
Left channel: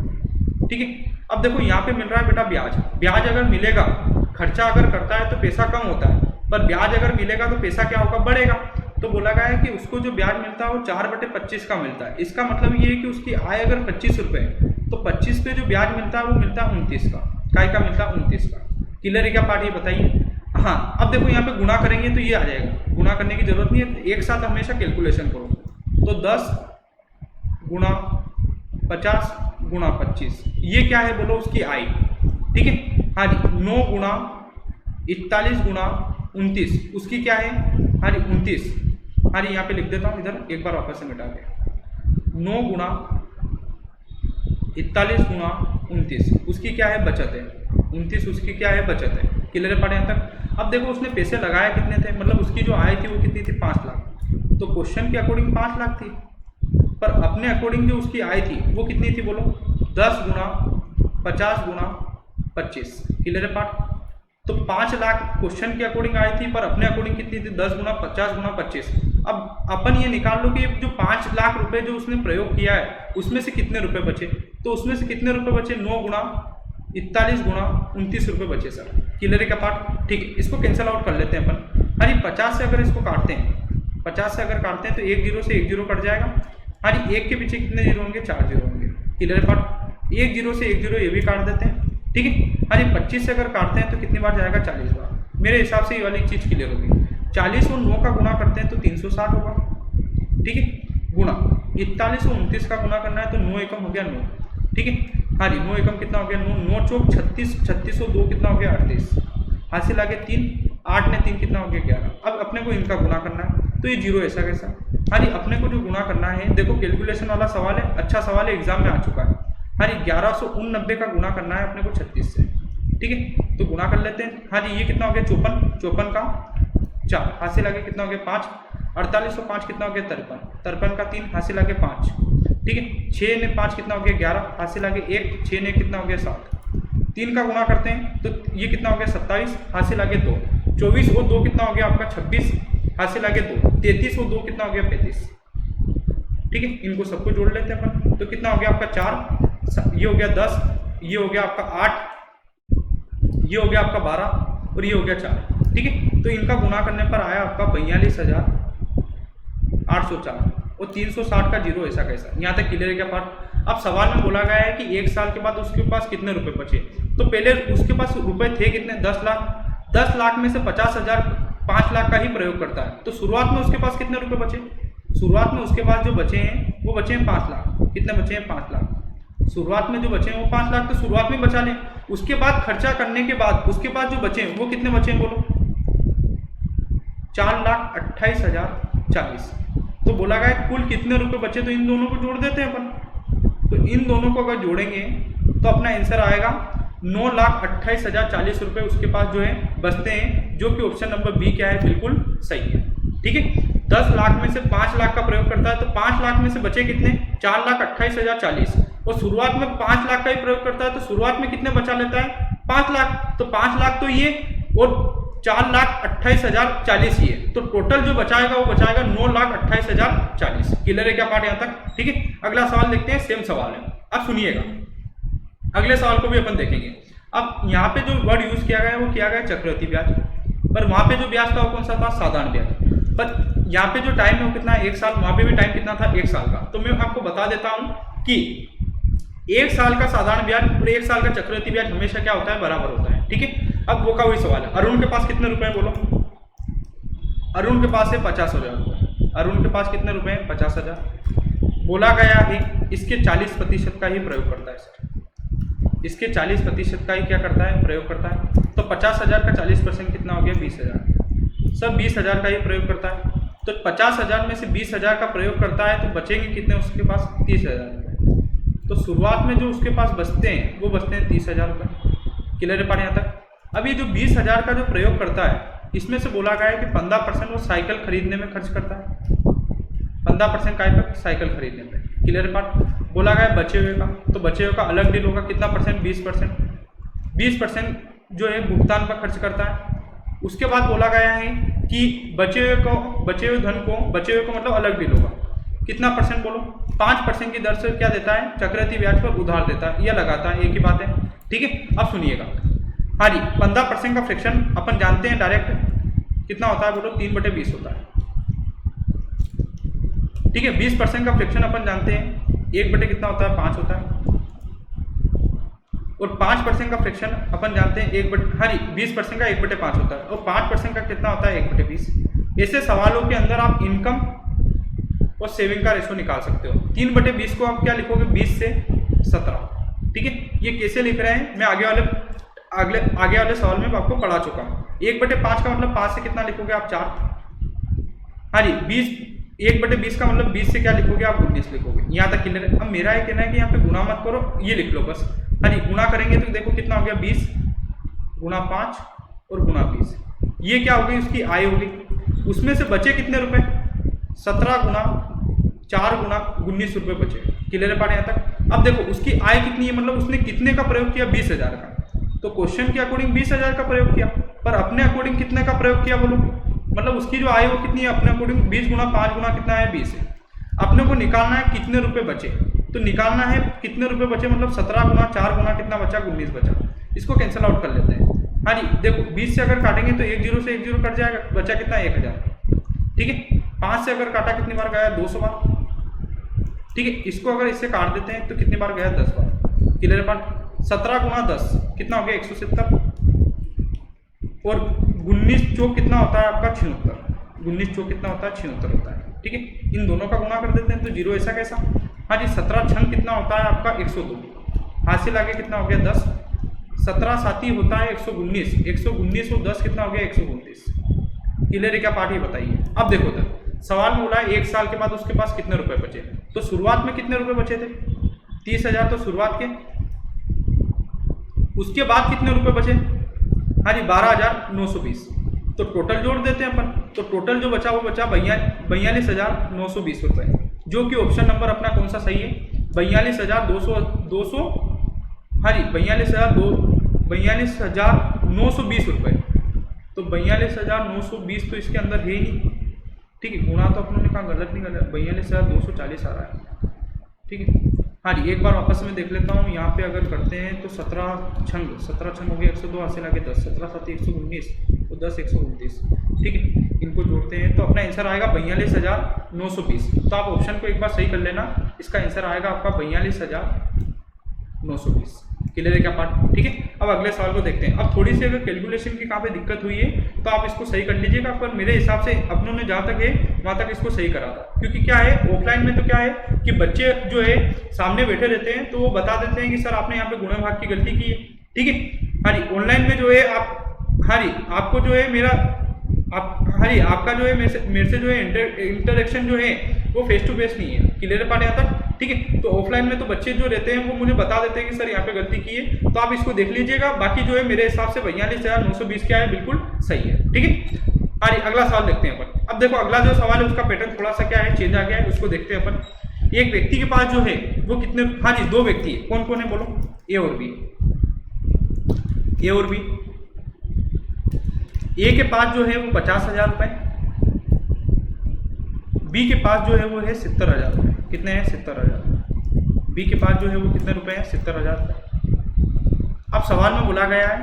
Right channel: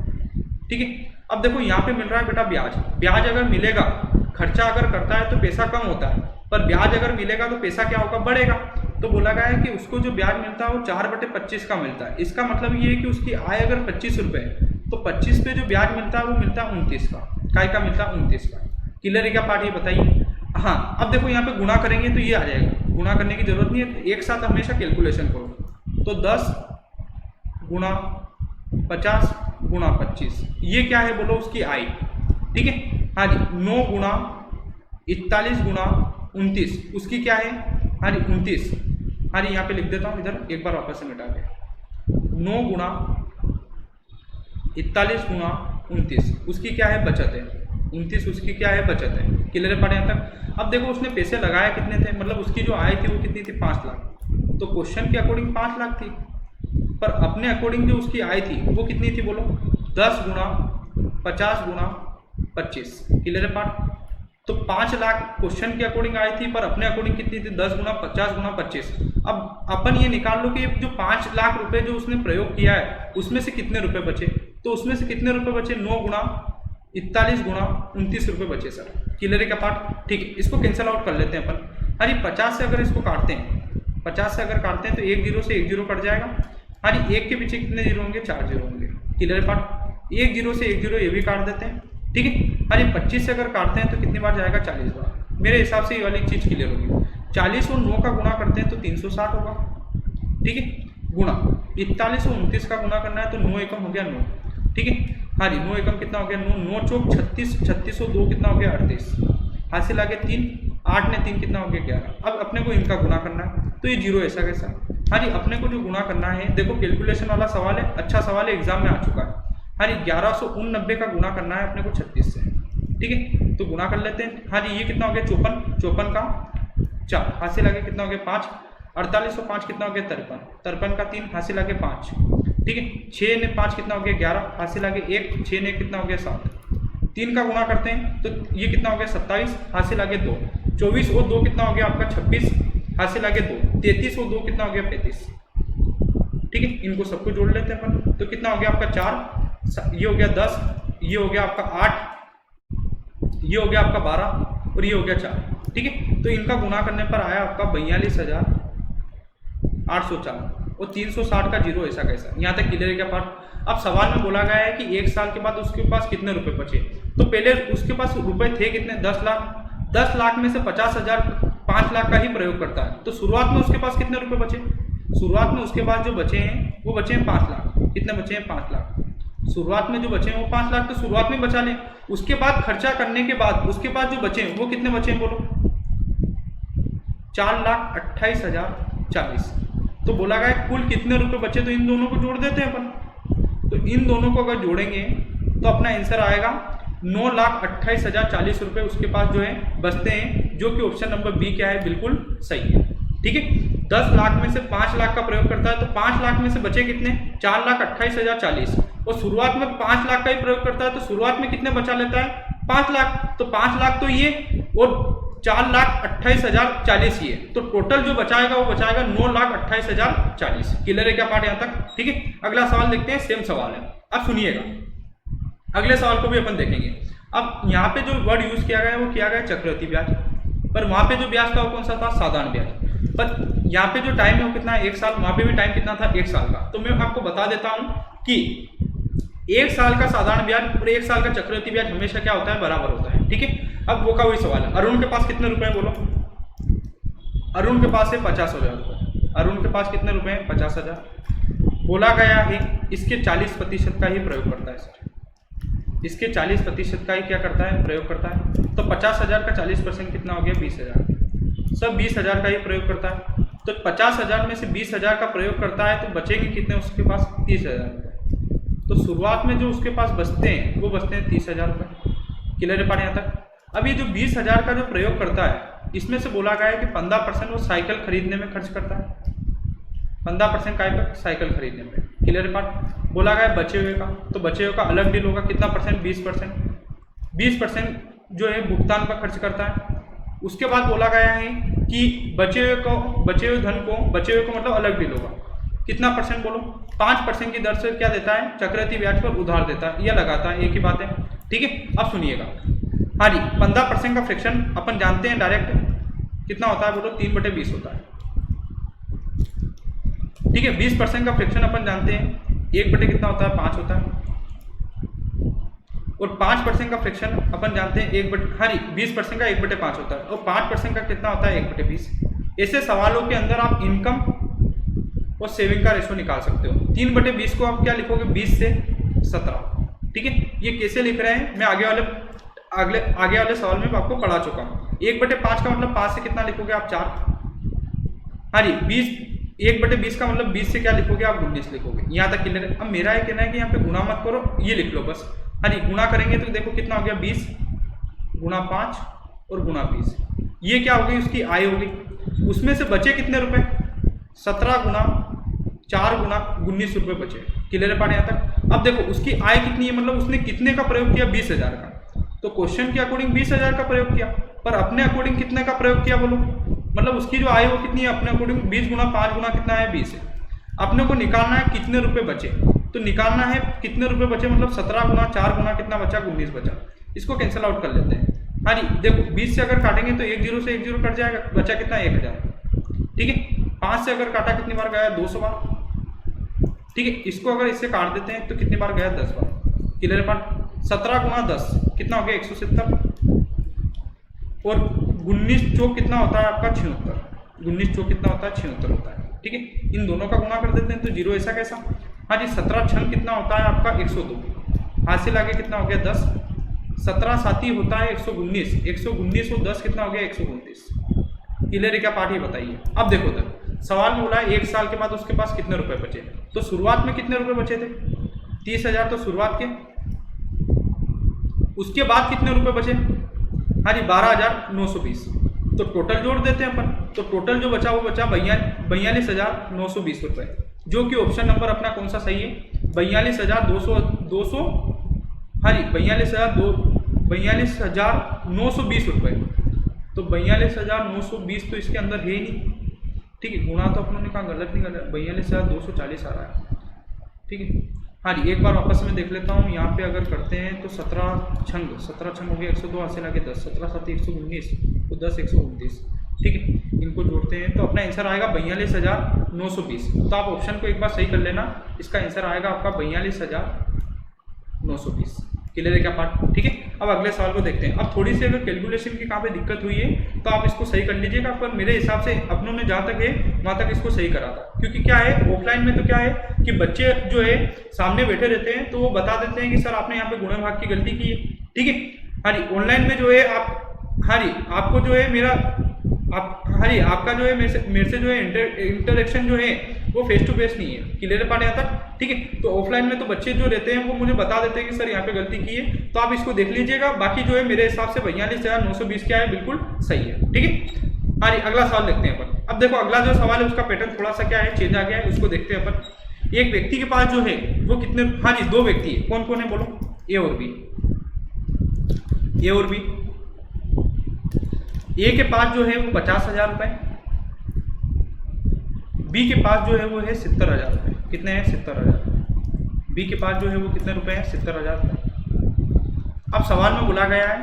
ठीक है। अब देखो यहाँ पे मिल रहा है बेटा ब्याज। ब्याज अगर मिलेगा, खर्चा अगर करता है तो पैसा कम होता है, पर ब्याज अगर मिलेगा तो पैसा क्या होगा? बढ़ेगा। तो बोला गया है कि उसको जो ब्याज मिलता है वो 4/25 का मिलता है। इसका मतलब ये है कि उसकी आय अगर 25 रुपये है तो 25 पे जो ब्याज मिलता है वो मिलता है 29 का। काय का मिलता है? 29 का। क्लियर है क्या पार्ट? ये बताइए। हाँ, अब देखो यहाँ पे गुणा करेंगे तो ये आ जाएगा। गुणा करने की जरूरत नहीं है, एक साथ हमेशा कैलकुलेशन करो। तो 10 गुणा 50 गुणा 25, ये क्या है बोलो? उसकी आय। ठीक है। हाँ जी, 9 गुणा 41 गुणा 29, उसकी क्या है? हाँ जी, 29। हाँ जी, यहाँ पे लिख देता हूँ, इधर एक बार वापस से मिटा के। 9 गुणा 41 गुणा 29, उसकी क्या है? बचत है। 29 उसकी क्या है? बचत है। क्लियर पड़े यहाँ तक? अब देखो उसने पैसे लगाए कितने थे? मतलब उसकी जो आय थी वो कितनी थी? 5 लाख। तो क्वेश्चन के अकॉर्डिंग 5 लाख थी, पर अपने अकॉर्डिंग जो उसकी आय थी वो कितनी थी बोलो? 10 गुणा 50 गुणा 25। क्लियर है पार्ट? तो 5 लाख क्वेश्चन के अकॉर्डिंग आई थी, पर अपने अकॉर्डिंग कितनी थी? 10 गुणा 50 गुणा 25। अब अपन ये निकाल लो कि जो 5 लाख रुपए जो उसने प्रयोग किया है उसमें से कितने रुपए बचे? तो उसमें से कितने रुपए बचे? 9 गुणा 41 गुणा 29 रुपये बचे सर। क्लियर है क्या पार्ट? ठीक है। इसको कैंसिल आउट कर लेते हैं अपन। हाँ जी, 50 से अगर इसको काटते हैं, 50 से अगर काटते हैं तो 1 जीरो से 1 जीरो कट जाएगा। हाँ जी, 1 के पीछे कितने जीरो होंगे? 4 जीरो होंगे। क्लियर है पार्ट? 1 जीरो से 1 जीरो ये भी काट देते हैं। ठीक है। हाँ जी, 25 से अगर काटते हैं तो कितनी बार जाएगा? 40 बार। मेरे हिसाब से ये वाली चीज़ क्लियर होगी। 40 और 9 का गुणा करते हैं तो 360 होगा। ठीक है। गुणा 41 और 29 का गुणा करना है तो 9 एकम हो गया 9। ठीक है। हाँ जी, 9 एकम कितना हो गया? 9। 9 चौक 36, 36 और 2 कितना हो गया? 38। हासिल आगे 3, 8 ने 3 कितना हो गया? 11। अब अपने को इनका गुणा करना है तो ये जीरो ऐसा कैसा? हाँ जी, अपने को जो गुणा करना है, देखो कैलकुलेशन वाला सवाल है, अच्छा सवाल है, एग्जाम में आ चुका है। हाँ जी, 1189 का गुणा करना है अपने को 36 से। ठीक है, तो गुणा कर लेते हैं। हाँ जी, ये कितना हो गया? 54, 54 का 4, हासिल आगे कितना हो गया? 5। 48 और 5 कितना हो गया? 53, 53 का 3, हासिल आगे 5। ठीक है। 6 ने 5 कितना हो गया? 11, हासिल आगे 1, 6 ने कितना हो गया? 7। 3 का गुणा करते हैं तो ये कितना हो गया? 27, हासिल आगे 2। 24 और 2 कितना हो गया आपका? 26, हासिल आगे 2। 33 और 2 कितना हो गया? 35। ठीक है, इनको सबको जोड़ लेते हैं अपन, तो कितना हो गया आपका? 4, ये हो गया 10, ये हो गया आपका 8, ये हो गया आपका 12 और ये हो गया 4। ठीक है, तो इनका गुणा करने पर आया आपका 42,804 और 360 का जीरो ऐसा कैसा? यहाँ तक क्लियर है क्या पार्ट? अब सवाल में बोला गया है कि 1 साल के बाद उसके पास कितने रुपए बचे। तो पहले उसके पास रुपए थे कितने? 10 लाख। 10 लाख में से 50,000 5 लाख का ही प्रयोग करता है, तो शुरुआत में उसके पास कितने रुपए बचे? शुरुआत में उसके पास जो बचे हैं वो बचे हैं 5 लाख। कितने बचे हैं? 5 लाख। शुरुआत में जो बचे हैं वो 5 लाख, तो शुरुआत में बचा लें। उसके बाद खर्चा करने के बाद उसके पास जो बचे हैं वो कितने बचे हैं बोलो? 4,28,040। तो बोला गया कुल कितने रुपए बचे, तो इन दोनों को जोड़ देते हैं अपन। तो इन दोनों को अगर जोड़ेंगे तो अपना आंसर आएगा 9,28,040 रुपये उसके पास जो है बचते हैं, जो कि ऑप्शन नंबर बी क्या है? बिल्कुल सही है। ठीक है, 10 लाख में से 5 लाख का प्रयोग करता है तो 5 लाख में से बचे कितने? 4,28,040 और शुरुआत में 5 लाख का ही प्रयोग करता है तो शुरुआत में कितने बचा लेता है 5 लाख, तो 5 लाख तो ये और 4,28,040 ये, तो टोटल जो बचाएगा वो बचाएगा 9,28,040। क्लियर है क्या पार्ट यहाँ तक? ठीक है, अगला सवाल देखते हैं, सेम सवाल है। अब सुनिएगा, अगले सवाल को भी अपन देखेंगे। अब यहाँ पे जो वर्ड यूज किया गया है वो किया गया चक्रवृद्धि ब्याज, पर वहां पे जो ब्याज था वो कौन सा था? साधारण ब्याज। पर यहाँ पे जो टाइम है वो कितना है? 1 साल। वहां पे भी टाइम कितना था? 1 साल का। तो मैं आपको बता देता हूं कि 1 साल का साधारण ब्याज और 1 साल का चक्रवृद्धि ब्याज हमेशा क्या होता है? बराबर होता है। ठीक है, अब वो का वही सवाल है। अरुण के पास कितने रुपए हैं बोलो? अरुण के पास है 50,000 रुपये। अरुण के पास कितने रुपए हैं? 50,000। बोला गया है इसके 40% का ही प्रयोग करता है सर, इसके 40% का ही क्या करता है? प्रयोग करता है। तो 50,000 का 40% कितना हो गया? 20,000। सब 20,000 का ही प्रयोग करता है, तो 50,000 में से 20,000 का प्रयोग करता है तो बचेंगे कितने उसके पास? 30,000 रुपये। तो शुरुआत में जो उसके पास बचते हैं वो बचते हैं 30,000 रुपये। क्लियर है पार्ट यहाँ तक? अब ये जो 20,000 का जो प्रयोग करता है इसमें से बोला गया है कि 15% वो साइकिल खरीदने में खर्च करता है। 15% काय पर? साइकिल खरीदने में। Clear part? बोला गया बचे हुए का, तो बचे हुए का अलग डील होगा। कितना परसेंट? 20%। 20% जो है भुगतान पर खर्च करता है। उसके बाद बोला गया है कि बचे हुए धन को, बचे हुए को मतलब अलग डील होगा। कितना परसेंट बोलो? 5% की दर से क्या देता है? चक्रवृद्धि ब्याज पर उधार देता है या लगाता है, एक ही बात है। ठीक है, अब सुनिएगा। हाँ जी, 15% का फ्रैक्शन अपन जानते हैं डायरेक्ट कितना होता है बोलो? 3/20 होता है। ठीक है, 20% का फ्रैक्शन अपन जानते हैं 1 कितना होता है? 5 होता है। और 5% का फ्रैक्शन अपन जानते हैं 20% का 1/5 होता है। और 5% का कितना होता है? 1/20। ऐसे सवालों के अंदर आप इनकम और सेविंग का रेशो निकाल सकते हो। 3/20 को आप क्या लिखोगे? 20 से 17। ठीक है, ये कैसे लिख रहे हैं मैं आगे वाले सवाल में आपको पढ़ा चुका हूँ। 1/5 का मतलब 5 से कितना लिखोगे आप? 4। हाँ जी, 1/20 का मतलब 20 से क्या लिखोगे आप? 19 लिखोगे। यहाँ तक क्लियर है? अब मेरा ये कहना है कि यहाँ पे गुणा मत करो, ये लिख लो बस। हाँ जी, गुणा करेंगे तो देखो कितना हो गया? 20 गुणा 5 और गुणा 20। ये क्या हो गई? उसकी आय होगी। उसमें से बचे कितने रुपए? 17 गुणा 4 गुणा 19 रुपये बचे। क्लियर पार्ट यहाँ तक? अब देखो उसकी आय कितनी है, मतलब उसने कितने का प्रयोग किया? 20,000 का। तो क्वेश्चन के अकॉर्डिंग 20,000 का प्रयोग किया, पर अपने अकॉर्डिंग कितने का प्रयोग किया बोलो? मतलब उसकी जो आय वो कितनी है अपने अकॉर्डिंग? 20 गुणा 5 गुणा कितना है? 20 है। अपने को निकालना है कितने रुपए बचे, तो निकालना है कितने रुपए बचे, मतलब 17 गुणा 4 गुणा कितना बचा? 19 बचा। इसको कैंसिल आउट कर लेते हैं। हाँ जी, देखो 20 से अगर काटेंगे तो 1 0 से 1 0 कट जाएगा, बचा कितना? 1000। ठीक है, 5 से अगर काटा कितनी बार गया? 200 बार। ठीक है, इसको अगर इससे काट देते हैं तो कितनी बार गया? 10 बार। Clear part? 17 गुणा 10 कितना हो गया? 170। और 19 चौक कितना होता है आपका? 76। 19 चौक कितना होता है? 76 होता है। ठीक है, इन दोनों का गुणा कर देते हैं तो 0 ऐसा कैसा? हाँ जी, 17 छंग कितना होता है आपका? 102। हासिल आगे कितना हो गया? 10। 17 साथी होता है 119। 119 और 10 कितना हो गया? 129। क्लियर क्या पार्ट? ही बताइए। अब देखो तो सवाल में बोला है 1 साल के बाद उसके पास कितने रुपए बचे, तो शुरुआत में कितने रुपए बचे थे? 30,000 तो शुरुआत के। उसके बाद कितने रुपए बचे? हाँ जी, 12,920। तो टोटल जोड़ देते हैं अपन, तो टोटल जो बचा वो बचा 42,920 रुपये, जो कि ऑप्शन नंबर अपना कौन सा सही है? 42,200। हाँ जी, 42,920 रुपये। तो 42,920 तो इसके अंदर है ही नहीं। ठीक है, गुणा तो अपनों ने कहा गलत नहीं कर रहा, 42,240 आ रहा है। ठीक है, हाँ जी, एक बार वापस में देख लेता हूँ। यहाँ पे अगर करते हैं तो 17 छंग हो गया 102, हासिल आगे 10, 17 साथी 119 तो 10 129। ठीक है, इनको जोड़ते हैं तो अपना आंसर आएगा 42,920। तो आप ऑप्शन को एक बार सही कर लेना, इसका आंसर आएगा आपका 42,920। क्लियर है क्या पार्ट? ठीक है, अब अगले सवाल को देखते हैं। अब थोड़ी सी अगर कैलकुलेशन की कहाँ पे दिक्कत हुई है तो आप इसको सही कर लीजिएगा, पर मेरे हिसाब से अपनों ने जहाँ तक है वहाँ तक इसको सही करा था। क्योंकि क्या है, ऑफलाइन में तो क्या है कि बच्चे जो है सामने बैठे रहते हैं तो वो बता देते हैं कि सर आपने यहाँ पे गुणा भाग की गलती की है। ठीक है, हाँ जी, ऑनलाइन में जो है आप, हाँ जी, आपको जो है हाँ जी, आपका जो है मेरे से जो है इंटरेक्शन जो है वो फेस टू फेस नहीं है। क्लियर पार्ट यहाँ तक? ठीक है, तो ऑफलाइन में तो बच्चे जो रहते हैं वो मुझे बता देते हैं कि सर यहाँ पे गलती की है, तो आप इसको देख लीजिएगा। बाकी जो है मेरे हिसाब से 42,920 क्या है, बिल्कुल सही है। ठीक है, हाँ जी, अगला सवाल देखते हैं अपन। अब देखो अगला जो सवाल है उसका पैटर्न थोड़ा सा क्या है, चेंज आ गया है, उसको देखते हैं अपन। एक व्यक्ति के पास जो है वो कितने, हाँ जी 2 व्यक्ति है, कौन कौन है बोलो, ए और बी। ए और बी, ए के पास जो है वो 50,000 रुपए, बी के पास जो है वो है 70,000 रुपए। कितने हैं? 70,000। बी के पास जो है वो कितने रुपए हैं? 70,000 रुपए। अब सवाल में बोला गया है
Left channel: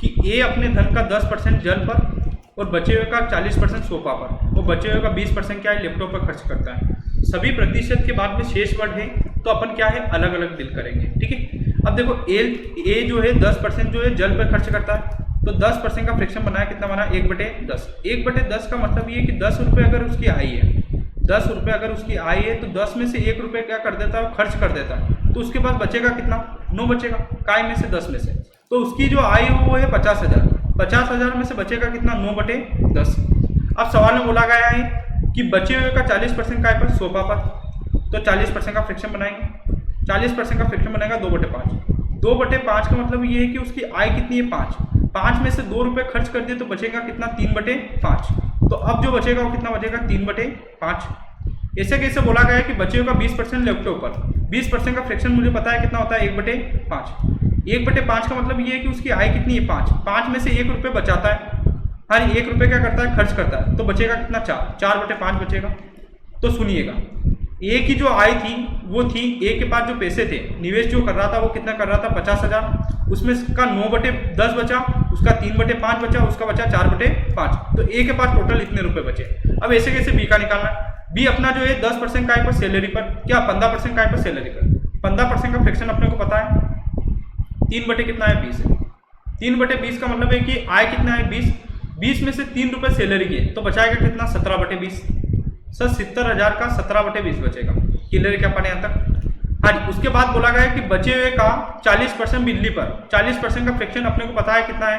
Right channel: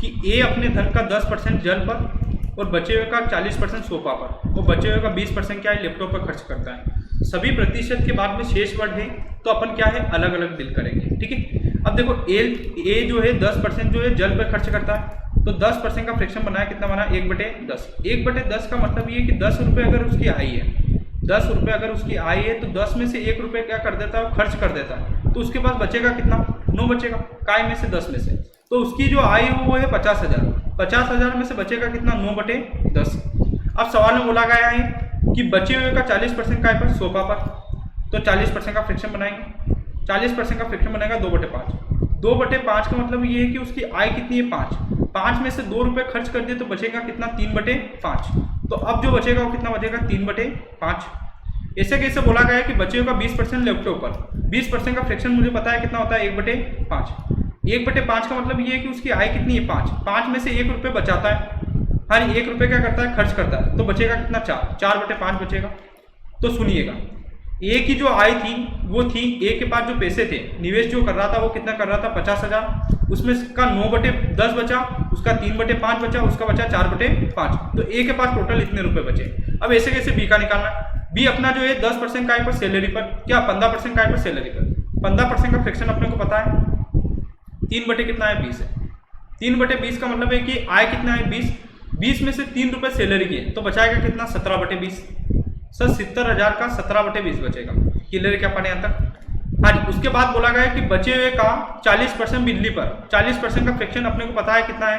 कि ए अपने धन का 10% जल पर और बचे हुए का 40% सोफा पर और बचे हुए का 20% क्या है? लैपटॉप पर खर्च करता है। सभी प्रतिशत के बाद में शेष वर्ड है तो अपन क्या है? अलग अलग डील करेंगे, ठीक है। अब देखो ए जो है 10% जो है जल पर खर्च करता है, तो 10% का फ्रैक्शन बनाया, कितना बना? 1/10। 1/10 का मतलब ये कि 10 रुपये अगर उसकी आई है, 10 रुपये अगर उसकी आई है तो 10 में से 1 रुपये क्या कर देता है? खर्च कर देता है। तो उसके पास बचेगा कितना? 9 बचेगा। काय में से? 10 में से। तो उसकी जो आई हो वो है 50,000। 50,000 में से बचेगा कितना? 9/10। अब सवाल में बोला गया है कि बचे हुए का 40% काय पर? सोफा पर। तो 40% का फ्रैक्शन बनाएंगे। 40% का फ्रैक्शन बनेगा 2/5। 2/5 का मतलब ये है कि उसकी आय कितनी है? 5। 5 में से 2 रुपये खर्च कर दिए तो बचेगा कितना? 3/5। तो अब जो बचेगा वो कितना बचेगा? 3/5। ऐसे कैसे बोला गया है कि बचे हुए का 20% लैपटॉप पर। 20% का फ्रैक्शन मुझे पता है कितना होता है? 1/5। 1/5 का मतलब ये है कि उसकी आय कितनी है? 5। 5 में से 1 रुपये बचाता है, हाँ 1 रुपये क्या करता है? खर्च करता है। तो बचेगा कितना? 4। 4/5 बचेगा। तो सुनिएगा, ए की जो आय थी वो थी, ए के पास जो पैसे थे, निवेश जो कर रहा था वो कितना कर रहा था? 50,000। उसमें का 9/10 बचा, उसका 3/5 बचा, उसका बचा 4/5। तो ए के पास टोटल इतने रुपए बचे। अब ऐसे कैसे बी का निकालना है? बी अपना जो है 10% काय पर? सैलरी पर। क्या? 15% काय पर? सैलरी पर। 15% का फ्रैक्शन अपने को पता है 3 कितना है? 20 है। 3/20 का मतलब है कि आय कितना है? 20। 20 में से 3 रुपये सैलरी की है तो बचाएगा कितना? 17/20। सर 70,000 का 17/20 बचेगा। क्लियर है क्या पाने यहाँ तक? हाँ जी। उसके बाद बोला गया है कि बचे हुए का 40% बिजली पर। 40% का फ्रैक्शन अपने को पता है कितना है?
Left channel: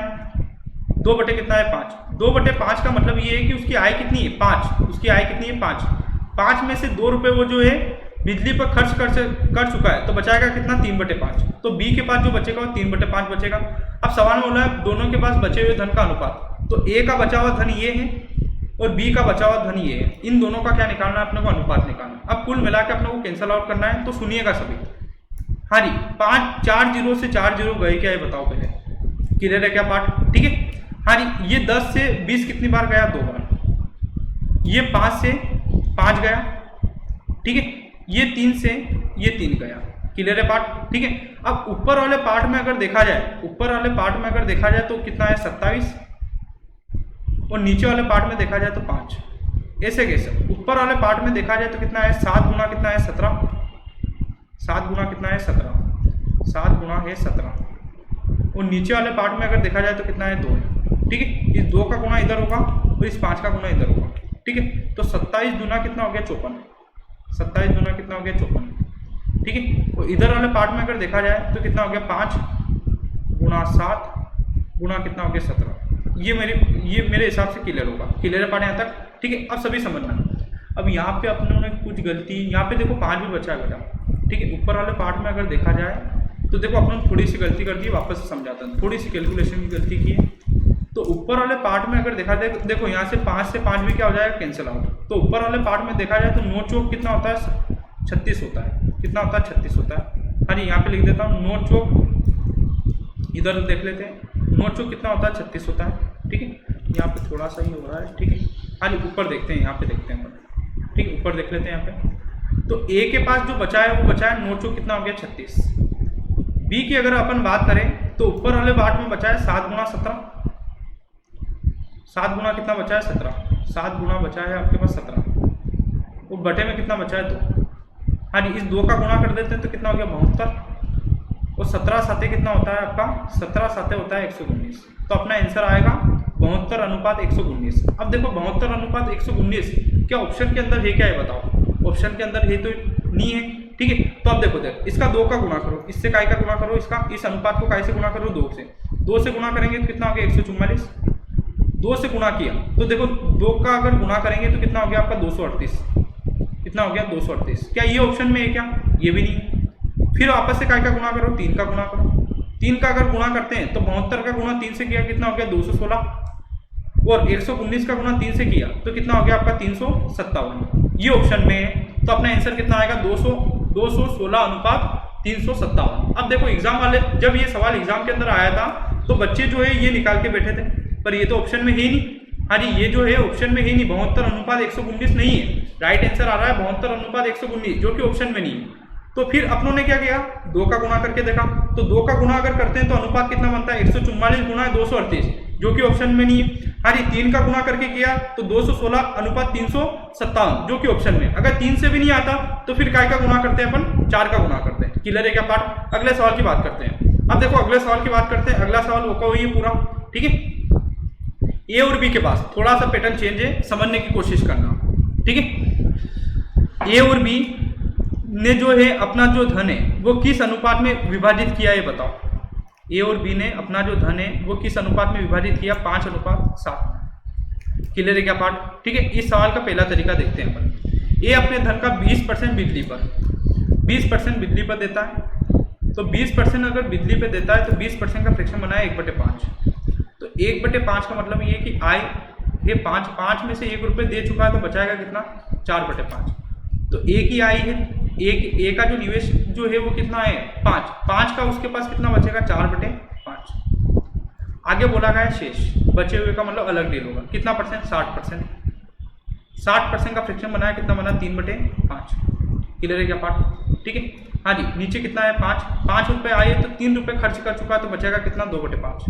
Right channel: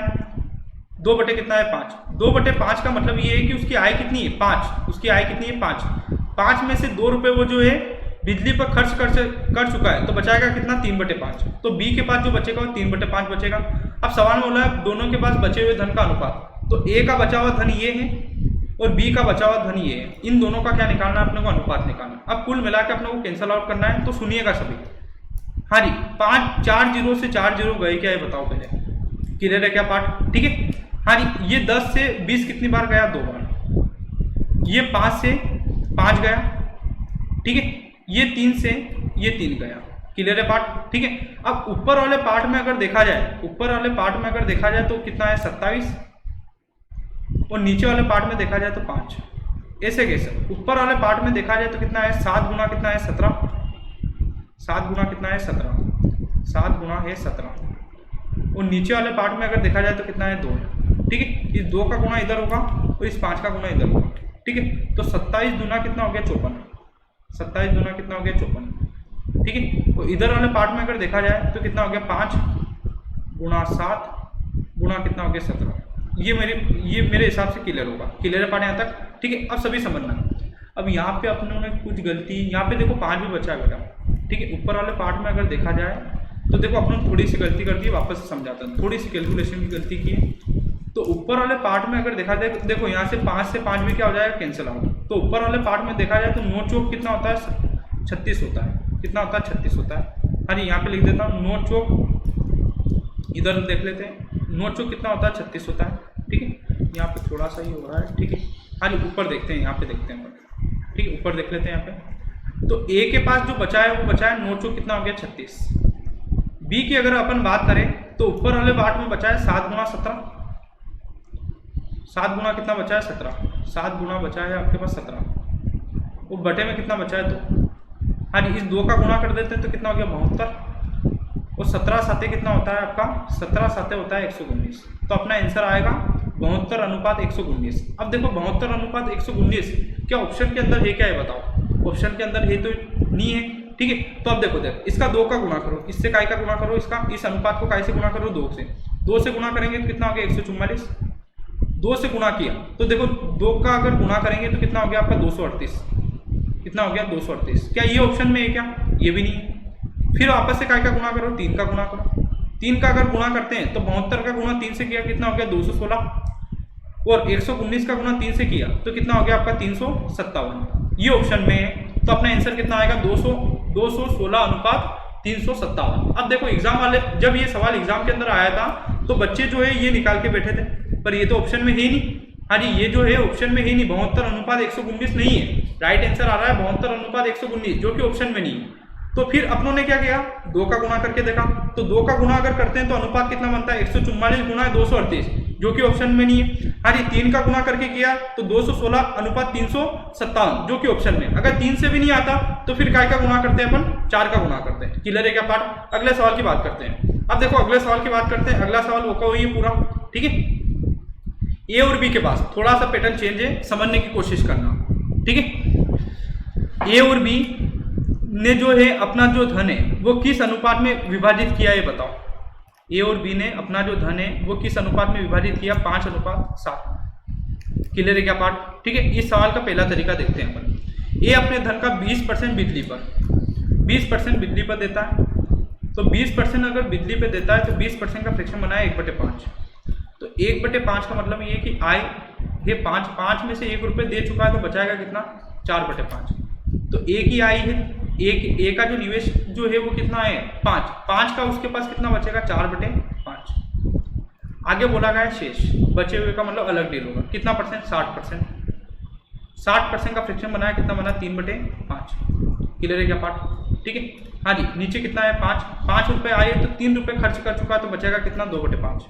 5। 2/5 का मतलब ये है कि उसकी आय कितनी है? 5। उसकी आय कितनी है? 5। 5 में से 2 रुपये वो जो है बिजली पर खर्च कर चुका है तो बचाएगा कितना? 3/5। तो बी के पास जो बचेगा वो 3/5 बचेगा। अब सवाल में बोला है दोनों के पास बचे हुए धन का अनुपात। तो ए का बचा हुआ धन ये है और बी का बचा हुआ धन ये है। इन दोनों का क्या निकालना है? अपने को अनुपात निकालना है। अब कुल मिला के अपने को कैंसल आउट करना है। तो सुनिएगा सभी, हाँ जी 4 जीरो से 4 जीरो गए क्या है बताओ पहले? क्लियर है क्या पार्ट? ठीक है। हाँ जी, ये 10 से 20 कितनी बार गया? 2 बार। ये 5 से 5 गया, ठीक है। ये 3 से ये 3 गया। क्लियर है पार्ट? ठीक है। अब ऊपर वाले पार्ट में अगर देखा जाए, तो कितना है? 27 और नीचे वाले पार्ट में देखा जाए तो 5। ऐसे कैसे? ऊपर वाले पार्ट में देखा जाए तो कितना है? 7 गुना कितना है? 17। 7 गुना कितना है? 17। 7 गुना है 17। और नीचे वाले पार्ट में अगर देखा जाए तो कितना है? 2 है, ठीक है। इस 2 का गुना इधर होगा और इस 5 का गुना इधर होगा, ठीक है। तो 27 दूना कितना हो गया? 54। 27 दूना कितना हो गया? 54, ठीक है। और इधर वाले पार्ट में अगर देखा जाए तो कितना हो गया? 5 गुना 7 गुना कितना हो गया? 17। ये मेरे हिसाब से क्लियर होगा। क्लियर है पार्ट यहाँ तक? ठीक है। अब सभी समझना। अब यहाँ पे अपनों ने कुछ गलती, यहाँ पे देखो 5 भी बचा है बेटा, ठीक है। ऊपर वाले पार्ट में अगर देखा जाए तो देखो अपनों ने थोड़ी सी गलती कर दी, वापस से समझाता हूँ। थोड़ी सी कैलकुलेशन की गलती की है। तो ऊपर वाले पार्ट में अगर देखा जाए, देखो यहाँ से 5 भी क्या हो जाएगा? Cancel out. तो ऊपर वाले पार्ट में देखा जाए तो 9 चौक कितना होता है? 36 होता है। कितना होता है? 36 होता है। हाँ जी, यहाँ पे लिख देता हूँ 9 चौक, इधर देख लेते हैं 9 चौक कितना होता है? 36 होता है, ठीक है। यहाँ पे थोड़ा सा ही हो रहा है, ठीक है। हाँ जी, ऊपर देखते हैं, यहाँ पे देखते हैं, ठीक है। ऊपर देख लेते हैं यहाँ पे। तो ए के पास जो बचा है वो बचा है 9 चौक कितना हो गया? 36। बी की अगर अपन बात करें तो ऊपर वाले पार्ट में बचा है 7 गुना 17। 7 गुना कितना बचा है? 17। 7 गुना बचा है आपके पास 17 और बटे में कितना बचा है? 2। हाँ जी, इस 2 का गुणा कर देते हैं तो कितना हो गया? 72 और 17 साते कितना होता है आपका? 17 साते होता है 119। तो अपना आंसर आएगा 72:119। अब देखो 72:119 क्या ऑप्शन के अंदर है? क्या है बताओ? ऑप्शन के अंदर है तो नहीं है, ठीक है। तो अब देखो इसका 2 का गुणा करो, इससे काय का गुणा करो, इसका इस अनुपात को काय से गुणा करो? 2 से। 2 से गुणा करेंगे तो कितना हो गया? 144। 2 से गुणा किया तो देखो 2 का अगर गुणा करेंगे तो कितना हो गया आपका? 238। कितना हो गया? 238। क्या ये ऑप्शन में है क्या? ये भी नहीं है। फिर वापस से काय का गुणा करो? 3 का गुणा करो। 3 का अगर गुणा करते हैं तो 72 का गुणा 3 से किया कितना हो गया? 216 और 119 का गुणा 3 से किया तो कितना हो गया आपका? 357। ये ऑप्शन में है। तो अपना आंसर कितना आएगा 216 अनुपात 357। अब देखो एग्जाम वाले जब ये सवाल एग्जाम के अंदर आया था तो बच्चे जो है ये निकाल के बैठे थे, पर ये तो ऑप्शन में है ही नहीं। हाँ जी, ये जो है ऑप्शन में है ही नहीं, 72 अनुपात 119 नहीं है। राइट आंसर आ रहा है 72 अनुपात 119, जो कि ऑप्शन में नहीं है। तो फिर अपनों ने क्या किया, 2 का गुणा करके देखा, तो 2 का गुणा अगर करते हैं तो अनुपात कितना बनता है 144 गुणा 238, जो कि ऑप्शन में नहीं है। हाँ जी, 3 का गुणा करके किया तो 216 अनुपात 357, जो कि ऑप्शन में। अगर 3 से भी नहीं आता तो फिर काय का गुणा करते हैं अपन, 4 का गुणा करते हैं। क्लियर है क्या पार्ट? अगले सवाल की बात करते हैं। अब देखो अगले सवाल की बात करते हैं। अगला सवाल वो हुई है पूरा, ठीक है। ए और बी के पास थोड़ा सा पैटर्न चेंज है, समझने की कोशिश करना, ठीक है। ए और बी ने जो है अपना जो धन है वो किस अनुपात में विभाजित किया है बताओ। ए और बी ने अपना जो धन है वो किस अनुपात में विभाजित किया, 5:7। क्लियर है क्या पार्ट? ठीक है। इस सवाल का पहला तरीका देखते हैं अपन। ए अपने धन का 20% बिजली पर 20% बिजली पर देता है, तो 20% अगर बिजली पे देता है तो 20% का फ्रैक्शन बनाया 1/5। तो 1/5 का मतलब ये कि आई ये 5 में से 1 रुपये दे चुका है, तो बचाएगा कितना 4/5। तो ए की आई है, ए का जो निवेश जो है वो कितना है 5 का उसके पास कितना बचेगा 4/5। आगे बोला गया है शेष बचे हुए का मतलब अलग डील होगा, कितना परसेंट 60%। 60% का फ्रैक्शन बनाया, कितना बना 3/5। क्लियर है क्या पार्ट? ठीक है। हाँ जी, नीचे कितना है 5 रुपये आए तो 3 रुपये खर्च कर चुका है, तो बचेगा कितना 2/5।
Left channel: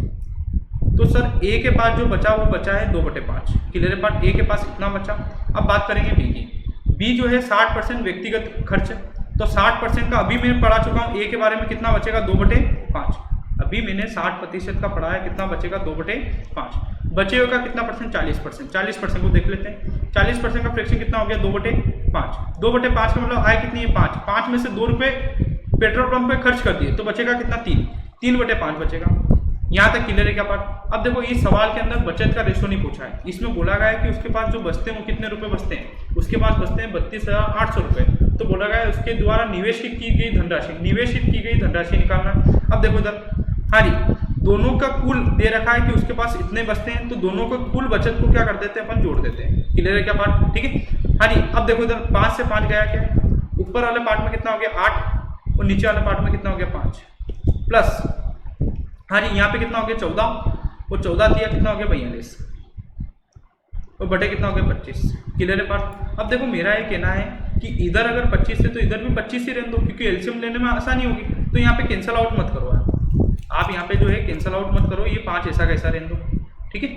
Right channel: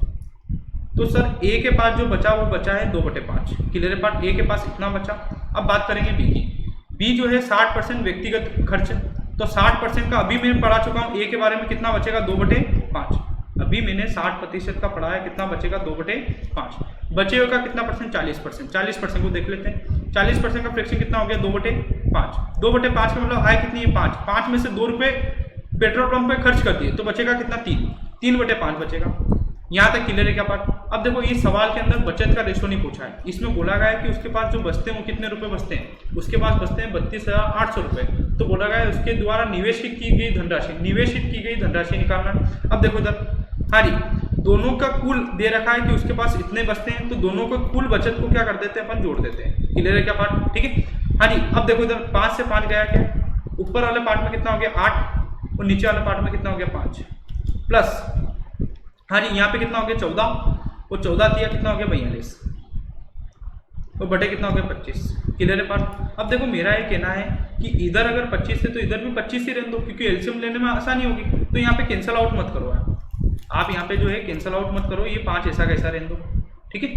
तो सर ए के पास जो बचा वो बचा है 2/5। क्लियर है पार्ट? ए के पास इतना बचा। अब बात करेंगे बी की। बी जो है 60% व्यक्तिगत खर्च, तो 60% का अभी मैं पढ़ा चुका हूँ। ए के बारे में कितना बचेगा 2/5। अभी मैंने 60% का पढ़ा है, कितना बचेगा 2/5। बचे हुए का कितना परसेंट 40%। 40% को देख लेते हैं। 40% का फ्रैक्शन कितना हो गया 2/5। 2/5 का मतलब आय कितनी है 5 में से 2 रुपये पेट्रोल पंप पे खर्च कर दिए, तो बचेगा कितना 3/5 बचेगा। यहाँ तक क्लियर है क्या पार्ट? अब देखो इस सवाल के अंदर बचत का रेशो नहीं पूछा है, इसमें बोला गया है कि उसके पास जो बचते हैं वो कितने रुपए बचते हैं। उसके पास बचते हैं 32,800 रुपये। तो बोला गया है उसके द्वारा निवेशित की गई धनराशि निकालना। अब देखो इधर, हाँ जी, दोनों का कुल दे रखा है कि उसके पास इतने बचते हैं, तो दोनों को कुल बचत को क्या कर देते हैं अपन, जोड़ देते हैं। क्लियर है क्या पार्ट? ठीक है। हाँ जी, अब देखो इधर 5 से 5 गया क्या, ऊपर वाले पार्ट में कितना हो गया 8 और नीचे वाले पार्ट में कितना हो गया 5 प्लस, हाँ जी, यहाँ पे कितना हो गया 14 और 14 दिया कितना हो गया 42 और बटे कितना हो गया 25। क्लियर है पार्ट? अब देखो मेरा ये कहना है कि इधर अगर 25 है तो इधर भी 25 ही रहने दो, क्योंकि एलसीएम लेने में आसानी होगी। तो यहाँ पे कैंसल आउट मत करो आप यहाँ पे जो है कैंसल आउट मत करो। ये 5 ऐसा कैसा रहने दो, ठीक है।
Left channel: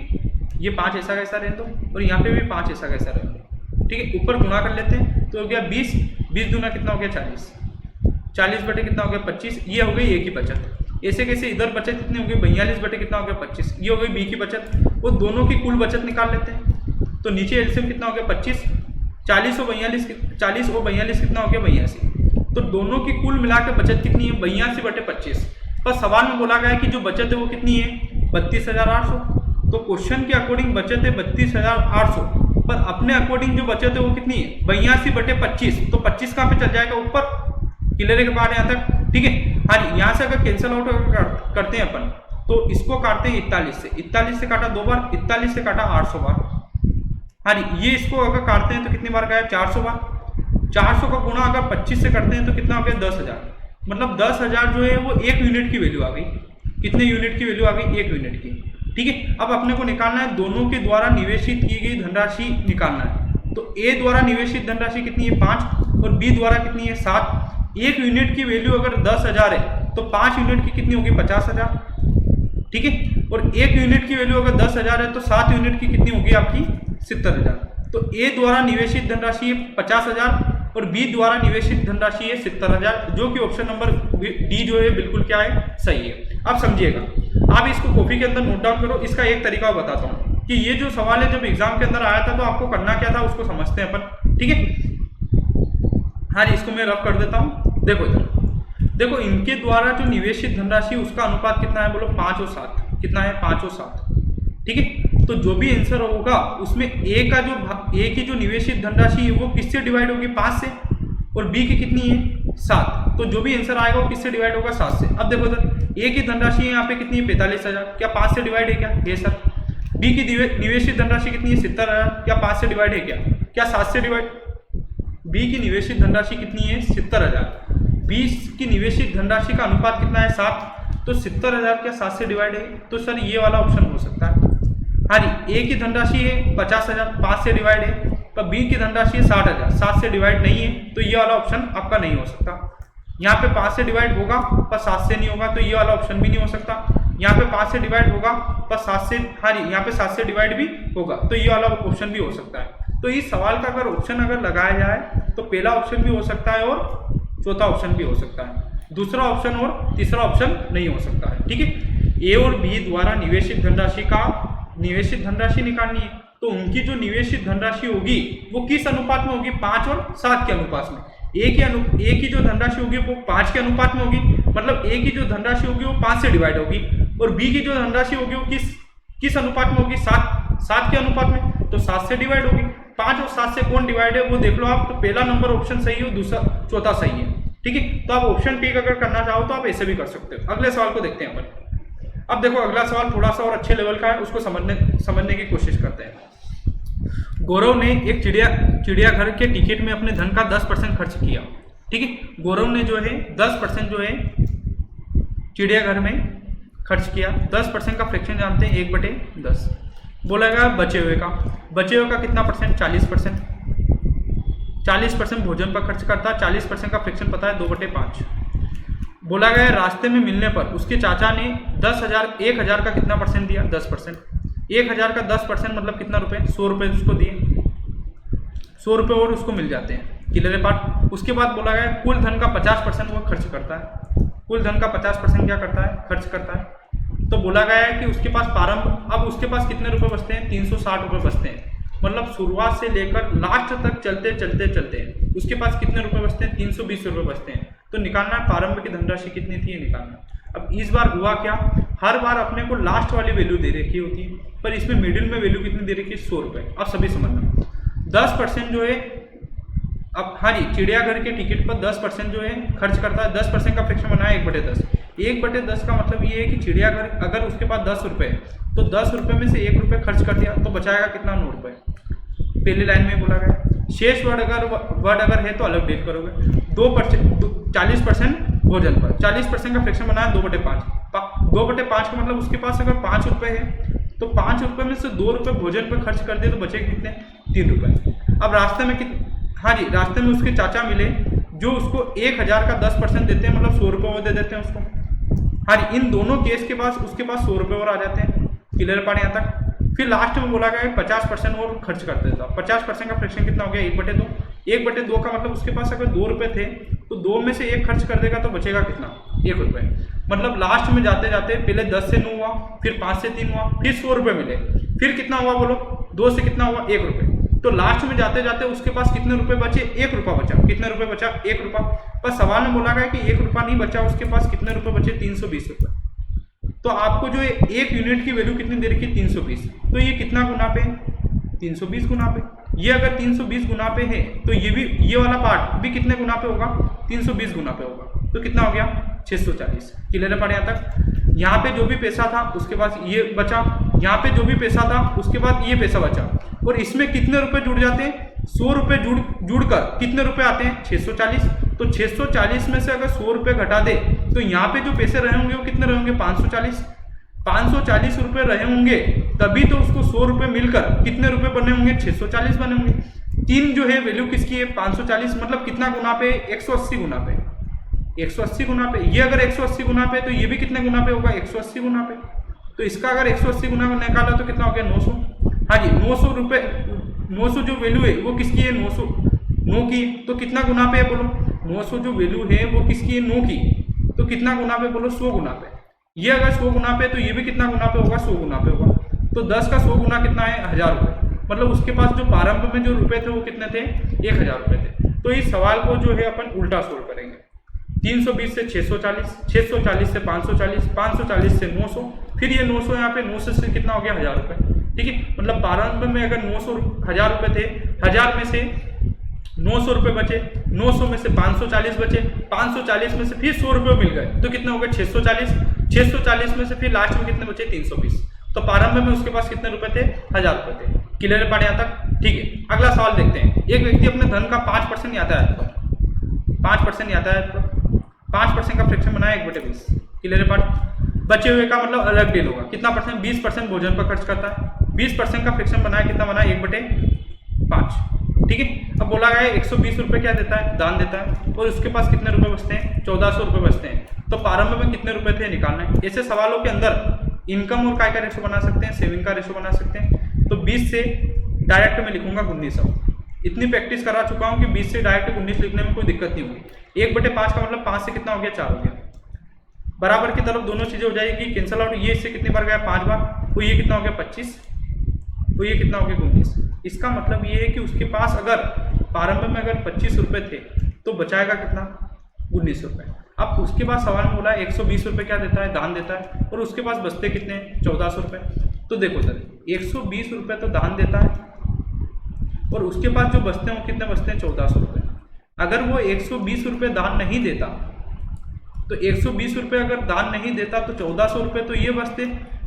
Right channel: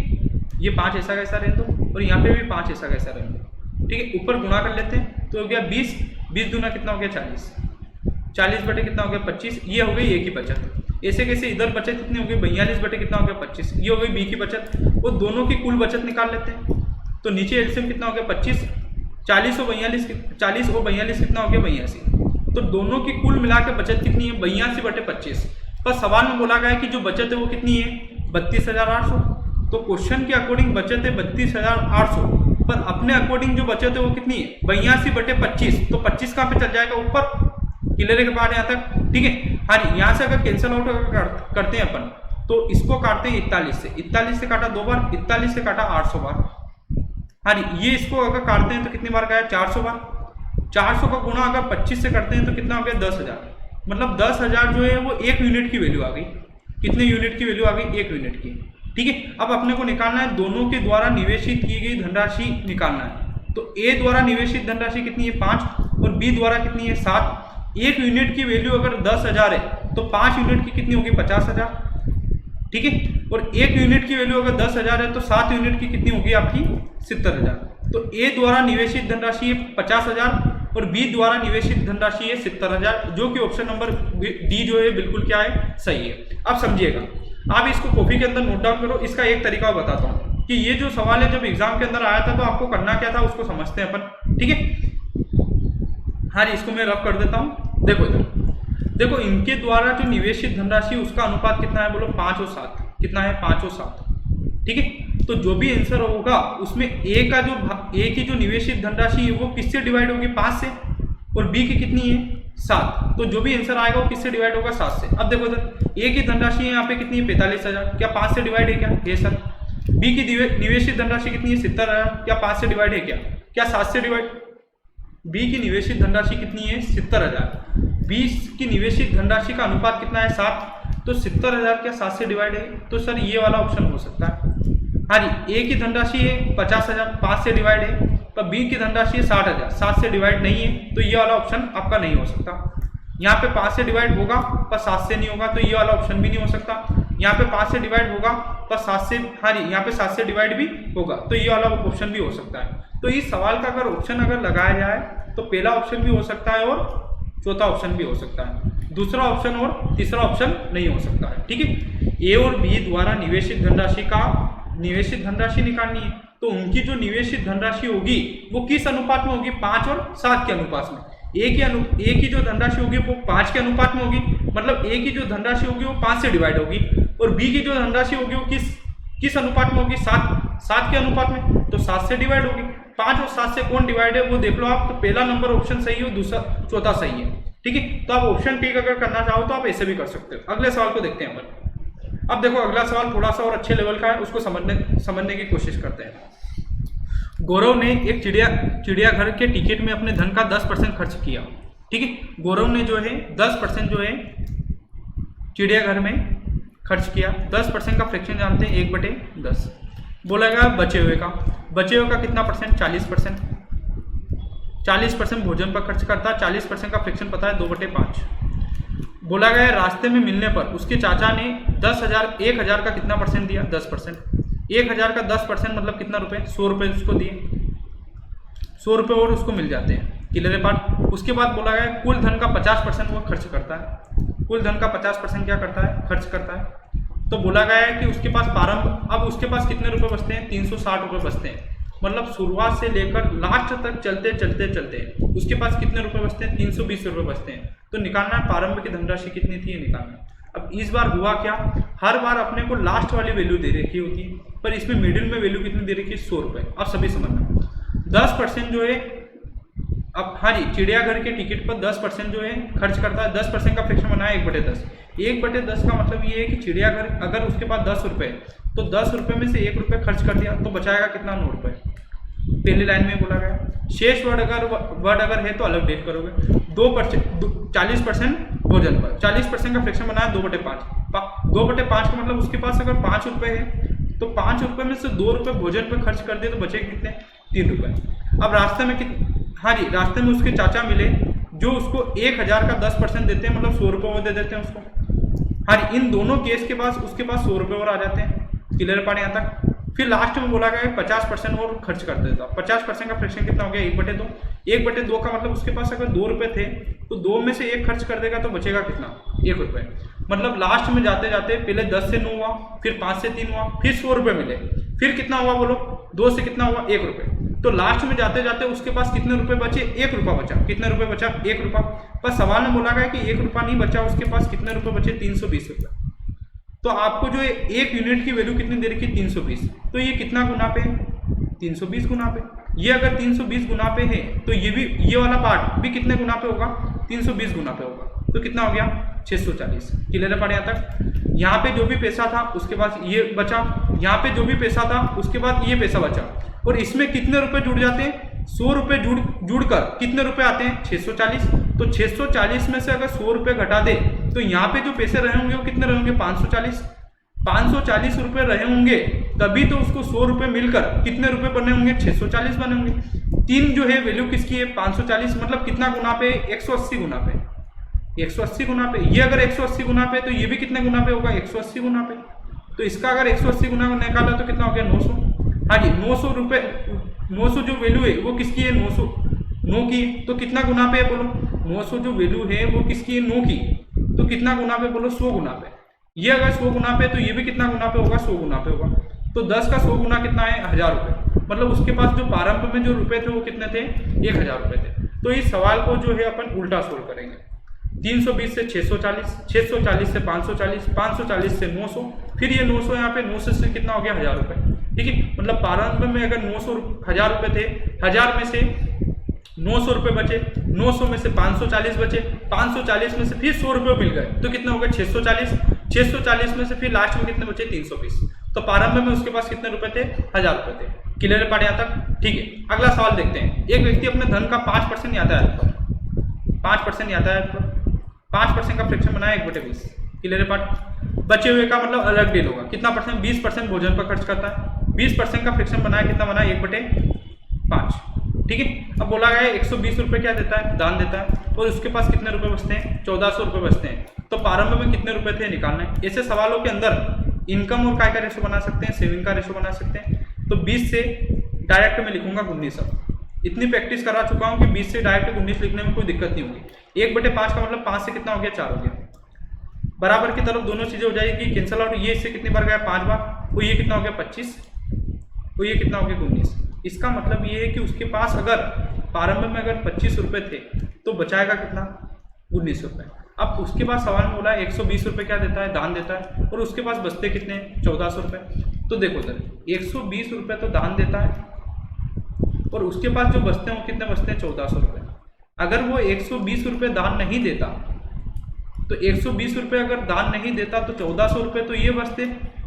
ये 5 ऐसा कैसा रहने दो और यहाँ पे भी 5 ऐसा कैसा रहने दो, ठीक है। ऊपर गुणा कर लेते हैं तो हो गया 20 दूना कितना हो गया 40 बटे कितना हो गया 25। ये हो गई ए की बचत। ऐसे कैसे इधर बचत कितनी हो गई 42 बटे कितना हो गया 25। ये हो गई बी की बचत। वो दोनों की कुल बचत निकाल लेते हैं। तो नीचे एलसीएम कितना हो गया 25, 40 और 42 कितना हो गया 82। तो दोनों की कुल मिलाकर बचत कितनी है 82/25। पर सवाल में बोला गया है कि जो बचत है वो कितनी है 32,800। तो क्वेश्चन के अकॉर्डिंग बचत है 32,800, पर अपने अकॉर्डिंग जो बचत है वो कितनी है 82/25। तो 25 कहाँ पे चल जाएगा ऊपर। क्लियर है के बाद यहाँ तक, ठीक है। हाँ जी, यहाँ से अगर कैंसल आउट करते हैं अपन तो इसको काटते हैं 41 से काटा 2 बार, 41 से काटा 800 बार। हाँ जी, ये इसको अगर काटते हैं तो कितनी बार गया 400 बार। 400 का गुणा अगर 25 से करते हैं तो कितना हो गया 10,000। मतलब 10,000 जो है वो 1 यूनिट की वैल्यू आ गई। कितने यूनिट की वैल्यू आ गई 1 यूनिट की, ठीक है। अब अपने को निकालना है दोनों के द्वारा निवेशित की गई धनराशि निकालना है। तो ए द्वारा निवेशित धनराशि कितनी है 5 और बी द्वारा कितनी है 7। 1 यूनिट की वैल्यू अगर 10,000 है तो 5 यूनिट की कितनी होगी 50,000, ठीक है। और 1 यूनिट की वैल्यू अगर 10,000 है तो 7 यूनिट की कितनी होगी आपकी 70,000। तो ए द्वारा निवेशित धनराशि है 50,000 और बी द्वारा निवेशित धनराशि है 70,000, जो कि ऑप्शन नंबर डी जो है बिल्कुल क्या है सही है। अब समझिएगा, आप इसको कॉपी के अंदर नोट डाउन करो। इसका एक तरीका बताता हूँ कि ये जो सवाल है जब एग्जाम के अंदर आया था तो आपको करना क्या था उसको समझते हैं अपन, ठीक है। हाँ जी, इसको मैं रफ कर देता हूँ। देखो इधर देखो, इनके द्वारा जो निवेशित धनराशि उसका अनुपात कितना है बोलो 5 और 7। कितना है 5 और 7, ठीक है। तो जो भी आंसर होगा उसमें ए की जो निवेशित धनराशि है वो किससे डिवाइड होगी 5 से, और बी की कितनी है 7। तो जो भी आंसर आएगा वो किससे डिवाइड होगा 7 से। अब देखो इधर ए की धनराशि यहाँ पे कितनी है 45,000, क्या 5 से डिवाइड है क्या, ये सर। बी की निवेशित धनराशि कितनी है 70,000, क्या 5 से डिवाइड है क्या 7 से डिवाइड। बी की निवेशित धनराशि कितनी है 70,000। बी की निवेशित धनराशि का अनुपात कितना है 7, तो 70,000 क्या 7 से डिवाइड है, तो सर ये वाला ऑप्शन हो सकता है। हाँ जी, ए की धनराशि है 50,000, 5 से डिवाइड है, पर बी की धनराशि है 60,000, 7 से डिवाइड नहीं है, तो ये वाला ऑप्शन आपका नहीं हो सकता। यहाँ पे 5 से डिवाइड होगा पर 7 से नहीं होगा, तो ये वाला ऑप्शन भी नहीं हो सकता। यहाँ पे 5 से डिवाइड होगा पर 7 से, हाँ जी, यहाँ पे 7 से डिवाइड भी होगा, तो ये वाला ऑप्शन भी हो सकता है। तो इस सवाल का अगर ऑप्शन अगर लगाया जाए तो पहला ऑप्शन भी हो सकता है और चौथा ऑप्शन भी हो सकता है, दूसरा ऑप्शन और तीसरा ऑप्शन नहीं हो सकता है। ठीक है, ए और बी द्वारा निवेशित धनराशि निकालनी है, तो उनकी जो निवेशित धनराशि होगी वो किस अनुपात में होगी, 5 और 7 के अनुपात में। ए की जो धनराशि होगी वो 5 के अनुपात में होगी, मतलब ए की जो धनराशि होगी वो 5 से डिवाइड होगी, और बी की जो धनराशि होगी वो किस अनुपात में होगी, 7 के अनुपात में, तो 7 से डिवाइड होगी। 5 और 7 से कौन डिवाइड है वो देख लो आप, तो पहला नंबर ऑप्शन सही है, दूसरा चौथा सही है। ठीक है, तो आप ऑप्शन टिक अगर करना चाहो तो आप ऐसे भी कर सकते हो। अगले सवाल को देखते हैं अपन। अब देखो अगला सवाल थोड़ा सा और अच्छे लेवल का है, उसको समझने की कोशिश करते हैं। गौरव ने एक चिड़ियाघर के टिकट में अपने धन का 10% खर्च किया। ठीक है, गौरव ने जो है 10% जो है चिड़ियाघर में खर्च किया। 10% का फ्रैक्शन जानते हैं 1/10। बोला गया बचे हुए का कितना परसेंट, 40%। 40% भोजन पर खर्च करता है, 40% का फ्रैक्शन पता है 2/5। बोला गया रास्ते में मिलने पर उसके चाचा ने 1,000 का कितना परसेंट दिया, 10%। 1,000 का 10% मतलब कितना रुपए, 100 रुपये उसको दिए, 100 रुपये और उसको मिल जाते हैं, क्लियर है पार्ट। उसके बाद बोला गया कुल धन का 50% वो खर्च करता है, कुल धन का 50% क्या करता है, खर्च करता है। तो बोला गया है कि उसके पास अब उसके पास कितने रुपए बचते हैं, 360 रुपये बचते हैं, मतलब शुरुआत से लेकर लास्ट तक चलते उसके पास कितने रुपए बचते हैं, 320 रुपये बचते हैं। तो निकालना है प्रारंभ की धनराशि कितनी थी, ये निकालना। अब इस बार हुआ क्या, हर बार अपने को लास्ट वाली वैल्यू दे रखी होती है, पर इसमें मिडिल में वैल्यू कितनी दे रखी है, 100 रुपये। अब सभी समझना, 10% जो है, अब हाँ जी, चिड़ियाघर के टिकट पर 10% जो है खर्च करता है। 10% का फ्रैक्शन बना है 1/10। 1/10 का मतलब ये है कि चिड़ियाघर अगर उसके पास 10 रुपये है तो 10 रुपये में से 1 रुपये खर्च कर दिया तो बचाएगा कितना, 9 रुपये। पहली लाइन में बोला गया। शेष वर्ड अगर है तो अलग डेट करोगे। 40% भोजन पर, 40% का फ्रैक्शन बना है 2/5। 2/5 का मतलब उसके पास अगर 5 रुपये है तो 5 रुपये में से 2 रुपये भोजन पर खर्च कर दिए तो बचे कितने, 3 रुपये। अब रास्ते में हाँ जी, रास्ते में उसके चाचा मिले जो उसको 1,000 का 10% देते हैं, मतलब 100 रुपये वो दे देते हैं उसको। हाँ जी, इन दोनों केस के पास उसके पास 100 रुपये और आ जाते हैं, क्लियर पार्ट यहाँ तक। फिर लास्ट में बोला गया 50% और खर्च कर देता। 50% का फ्रैक्शन कितना हो गया, 1/2। 1/2 का मतलब उसके पास अगर 2 रुपये थे तो 2 में से 1 खर्च कर देगा तो बचेगा कितना, 1 रुपये। मतलब लास्ट में जाते जाते पहले 10 से 9 हुआ, फिर 5 से 3 हुआ, फिर 100 रुपये मिले, फिर कितना हुआ बोलो, 2 से कितना हुआ, 1 रुपये। तो लास्ट में जाते जाते उसके पास कितने रुपए बचे, 1 रुपया बचा। कितने रुपए बचा, 1 रुपया। पर सवाल में बोला गया कि 1 रुपया नहीं बचा, उसके पास कितने रुपए बचे, 320 रुपये। तो आपको जो 1 यूनिट की वैल्यू कितनी दे रखी है, 320। तो ये कितना गुना पे, 320 गुना पे। ये अगर 320 गुना पे है तो ये वाला पार्ट भी कितने गुना पे होगा, 320 गुना पे होगा। तो कितना हो गया, 640। क्लियर है पार्ट यहाँ तक। यहाँ पे जो भी पैसा था उसके पास ये बचा, यहाँ पे जो भी पैसा था उसके बाद ये पैसा बचा, और इसमें कितने रुपए जुड़ जाते हैं, 100 रुपये जुड़कर कितने रुपए आते हैं, 640। तो 640 में से अगर 100 रुपये घटा दे तो यहाँ पे जो पैसे रहे होंगे वो कितने रहे होंगे, 540। 540 रुपये रहे होंगे, तभी तो उसको 100 रुपये मिलकर कितने रुपए बने होंगे, 640 बने होंगे। 3 जो है वैल्यू किसकी है, 540, मतलब कितना गुना पे, 180 गुना पे। 180 गुना पे, ये अगर 180 गुना पे तो ये भी कितने गुना पे होगा, 180 गुना पे। तो इसका अगर 180 गुना निकाला तो कितना हो गया, 900। हाँ जी, 900 रुपये, 900 जो वैल्यू है वो किसकी है, 9 की। तो कितना गुना पे है बोलो, 900 जो वैल्यू है वो किसकी है, 9 की। तो कितना गुना पे बोलो, 100 गुना पे। ये अगर 100 गुना पे तो ये भी कितना गुना पे होगा, 100 गुना पे होगा। तो 10 का 100 गुना कितना है, 1000 रुपये। मतलब उसके पास जो प्रारंभ में जो रुपए थे वो कितने थे, 1000 रुपये थे। तो इस सवाल को जो है अपन उल्टा सोल्व करेंगे। 320 से 640, 640 से 540, 540 से 900, फिर ये 900 यहाँ पे 900 से कितना हो गया, 1000 रुपये। ठीक है, मतलब प्रारंभ में अगर 1000 रुपये थे, 1000 में से 900 रुपये बचे, 900 में से 540 बचे, 540 में से फिर 100 रुपये मिल गए तो कितना हो गया, 640। 640 में से फिर लास्ट में कितने बचे, 320। तो प्रारंभ में उसके पास कितने रुपए थे, 1000 रुपए थे। क्लियर है पार्ट यहाँ तक? ठीक है, अगला सवाल देखते हैं। एक व्यक्ति अपने धन का 5% यातायात पर 5% यातायात पर 5% का फ्रैक्शन बनाया 1/20। क्लियर है पार्ट? बचे हुए का मतलब अलग डील होगा। कितना परसेंट? 20% भोजन पर खर्च करता है। 20% का फ्रैक्शन बनाया, कितना बनाया? 1/5। ठीक है, अब बोला गया है 120 रुपये क्या देता है, दान देता है, और उसके पास कितने रुपए बचते हैं? 1400 रुपये बचते हैं। तो प्रारंभ में कितने रुपए थे, निकालना है। ऐसे सवालों के अंदर इनकम और काय का रेशो बना सकते हैं, सेविंग का रेशो बना सकते हैं। तो 20 से डायरेक्ट में लिखूंगा 19। इतनी प्रैक्टिस करा चुका हूं कि 20 से डायरेक्ट 19 लिखने में कोई दिक्कत नहीं होगी। 1/5 का मतलब 5 से कितना हो गया, 4 हो गया। बराबर की तरफ दोनों चीजें हो जाएगी, कैंसल आउट। ये इससे कितनी बार गया, 5 बार। तो ये कितना हो गया, 25। तो ये कितना हो गया, 19। इसका मतलब ये है कि उसके पास अगर प्रारंभ में अगर 25 रुपये थे तो बचाएगा कितना, 19 रुपये। अब उसके पास सवाल में बोला 120 रुपये क्या देता है, दान देता है, और उसके पास बचते कितने, 1400 रुपये। तो देखो सर, 120 रुपये तो दान देता है, और उसके पास जो बचते हैं वो कितने बचते हैं, 1400 रुपये। अगर वो 120 रुपये दान नहीं देता, तो 120 रुपये अगर दान नहीं देता तो 1400 रुपये तो ये बचते,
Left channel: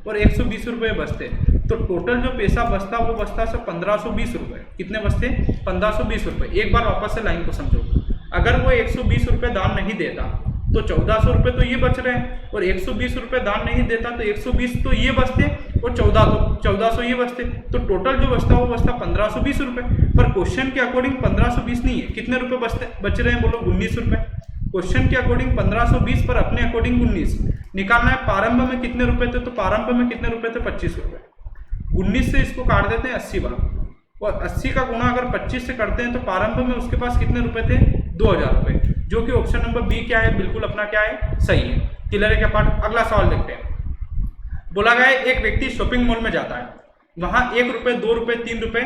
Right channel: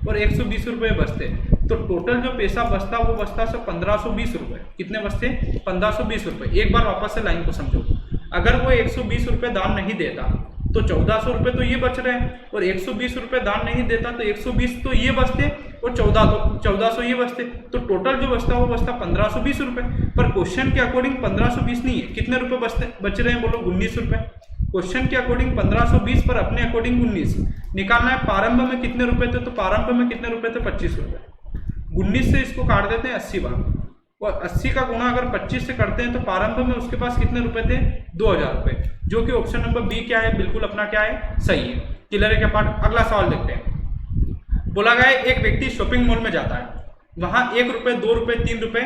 और 120 रुपये बचते। तो टोटल जो पैसा बचता वो बचता सब 1520 रुपये। कितने बचते, 1520 रुपये। एक बार वापस से लाइन को समझो। अगर वो 120 रुपये दान नहीं देता तो 1400 रुपये तो ये बच रहे हैं, और 120 रुपये दान नहीं देता तो 120 तो ये बचते, और 1400 ये बचते। तो टोटल जो बचता वो बचता 1520 रुपये। पर क्वेश्चन के अकॉर्डिंग 1520 नहीं है, कितने रुपये बच रहे हैं, बोलो 19 रुपये। क्वेश्चन के अकॉर्डिंग 1520 पर अपने अकॉर्डिंग 19 निकालना है। प्रारंभ में कितने रुपए थे, तो प्रारंभ में कितने रुपए थे, 25 रुपये। 19 से इसको काट देते हैं 80 बार, और 80 का गुणा अगर 25 से करते हैं तो प्रारंभ में उसके पास कितने रुपए थे, 2000 रुपये। जो कि ऑप्शन नंबर बी क्या है, बिल्कुल अपना क्या है, सही है। क्लियर है क्या पार्ट? अगला सवाल देखते हैं। बोला गया है एक व्यक्ति शॉपिंग मॉल में जाता है, वहां 1 रुपये, 2 रुपये, 3 रुपये,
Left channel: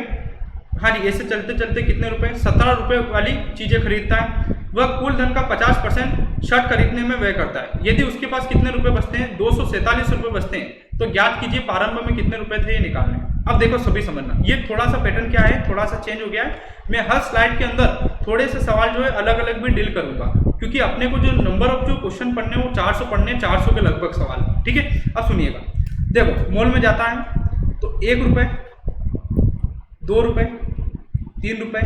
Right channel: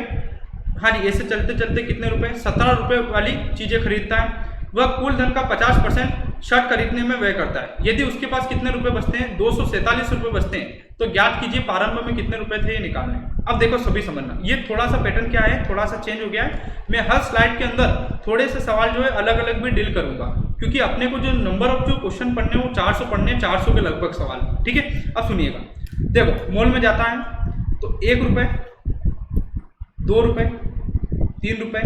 हाँ जी, ऐसे चलते चलते कितने रुपए, 17 रुपये वाली चीजें खरीदता है। वह कुल धन का 50% शर्ट खरीदने में व्यय करता है। यदि उसके पास कितने रुपए बचते हैं, 247 रुपये बचते हैं, तो ज्ञात कीजिए प्रारंभ में कितने रुपए थे, ये निकालने। अब देखो सभी समझना, ये थोड़ा सा पैटर्न क्या है, थोड़ा सा चेंज हो गया है। मैं हर स्लाइड के अंदर थोड़े से सवाल जो है अलग अलग भी डील करूंगा, क्योंकि अपने को जो नंबर ऑफ जो क्वेश्चन पढ़ने वो 400 पढ़ने, 400 के लगभग सवाल। ठीक है, अब सुनिएगा। देखो मॉल में जाता है तो 1 रुपये, 2 रुपये, 3 रुपये,